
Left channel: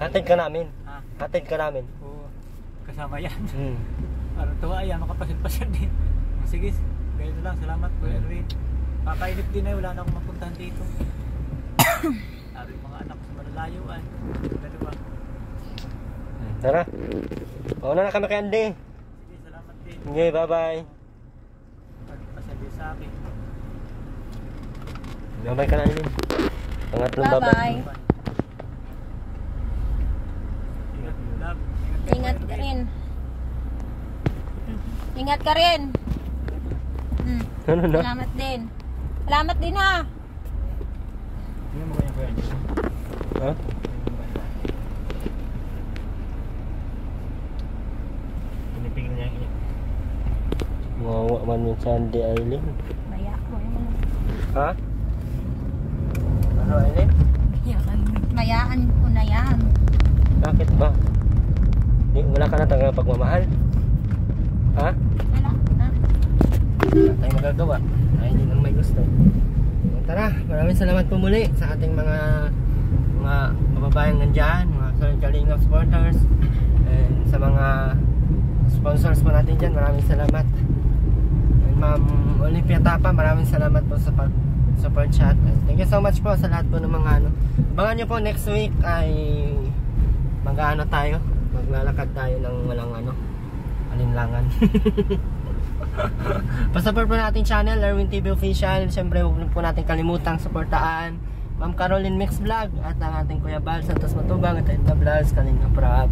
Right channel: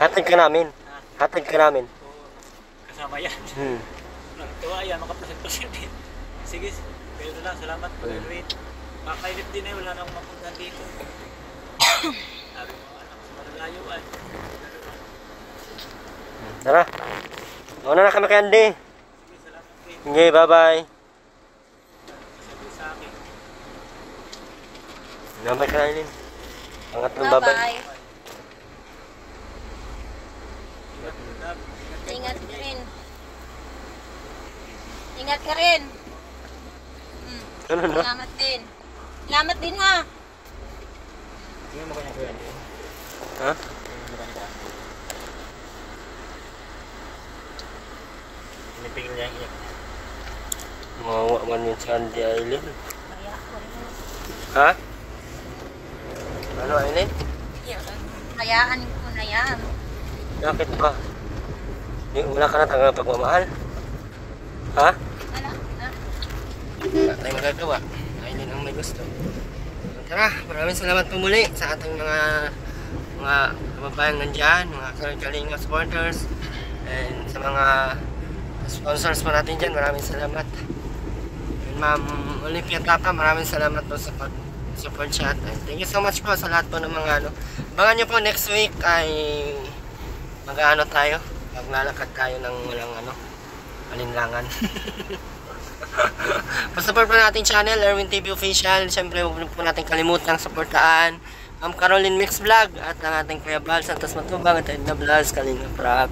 Hatid ka namin. Ha? Hatid ka namin. O, kasama yan. Hmm. Natuwa yan, makapasyal-pasyal din. Sige, gano'n lang, salamat po Elwin. Makainip din wala na akong mapuntahan dito. Sabi mga anak sa malalayo ay. Gano'n lang. Tara. Mauna na kami kay Andy. Sige, salamat din. Okay, bye-bye. Masabi sa akin. Bye-bye ka na, Aileen. Pangatlong bye-bye. Bye-bye. Ingat. Ingat ka rin. Ingat ka rin. Ano na? Salamat din. Salamat din ha. Tingnan mo kanya kuya niya. Ha? Pinipigil niya ang iyak. Mawawa man yun sa Andy, Aileen. Maya ko rin. Ha? Ano, Aileen? Hayaan ko na yan. Bakit ba? Wala ka na talaga pagmamahal? Ha? Wala na. Wala tayong magagawa. Aileen ang may gusto. Tara, maraming salamat po muli sa ating mga kababayang nandyan, mga Kalinga supporters, and sa mga sponsors po natin dyan, maraming salamat. And Ma'am Olympia Tapa, maraming salamat po sa pag-support chat. And thank you so much po sa lahat po ng mga abangan nyo po next week ay tayo, maglalakad tayo ng walang alinlangan. Pa-support po natin channel, Erwin TV Official. Siyempre, huwag po natin kalimutang suportaan Ma'am Caroline Mix Vlog at ang ating Kuya Bal Santos Matubang at Edna Vlogs, Kalinga Prab.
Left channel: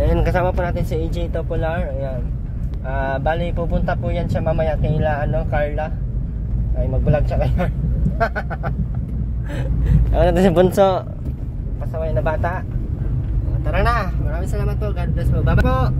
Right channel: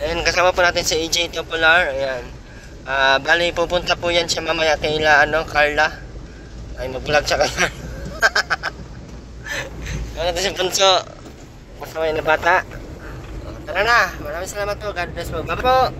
And kasama po natin si AJ Topolar. Ayan. Bali, pupunta po yan siya mamaya kaila Carla. Ay, mag-vlog siya kaya. Ano natin si Bunso. Pasaway na bata. Tara na. Maraming salamat po. God bless po. Bye po.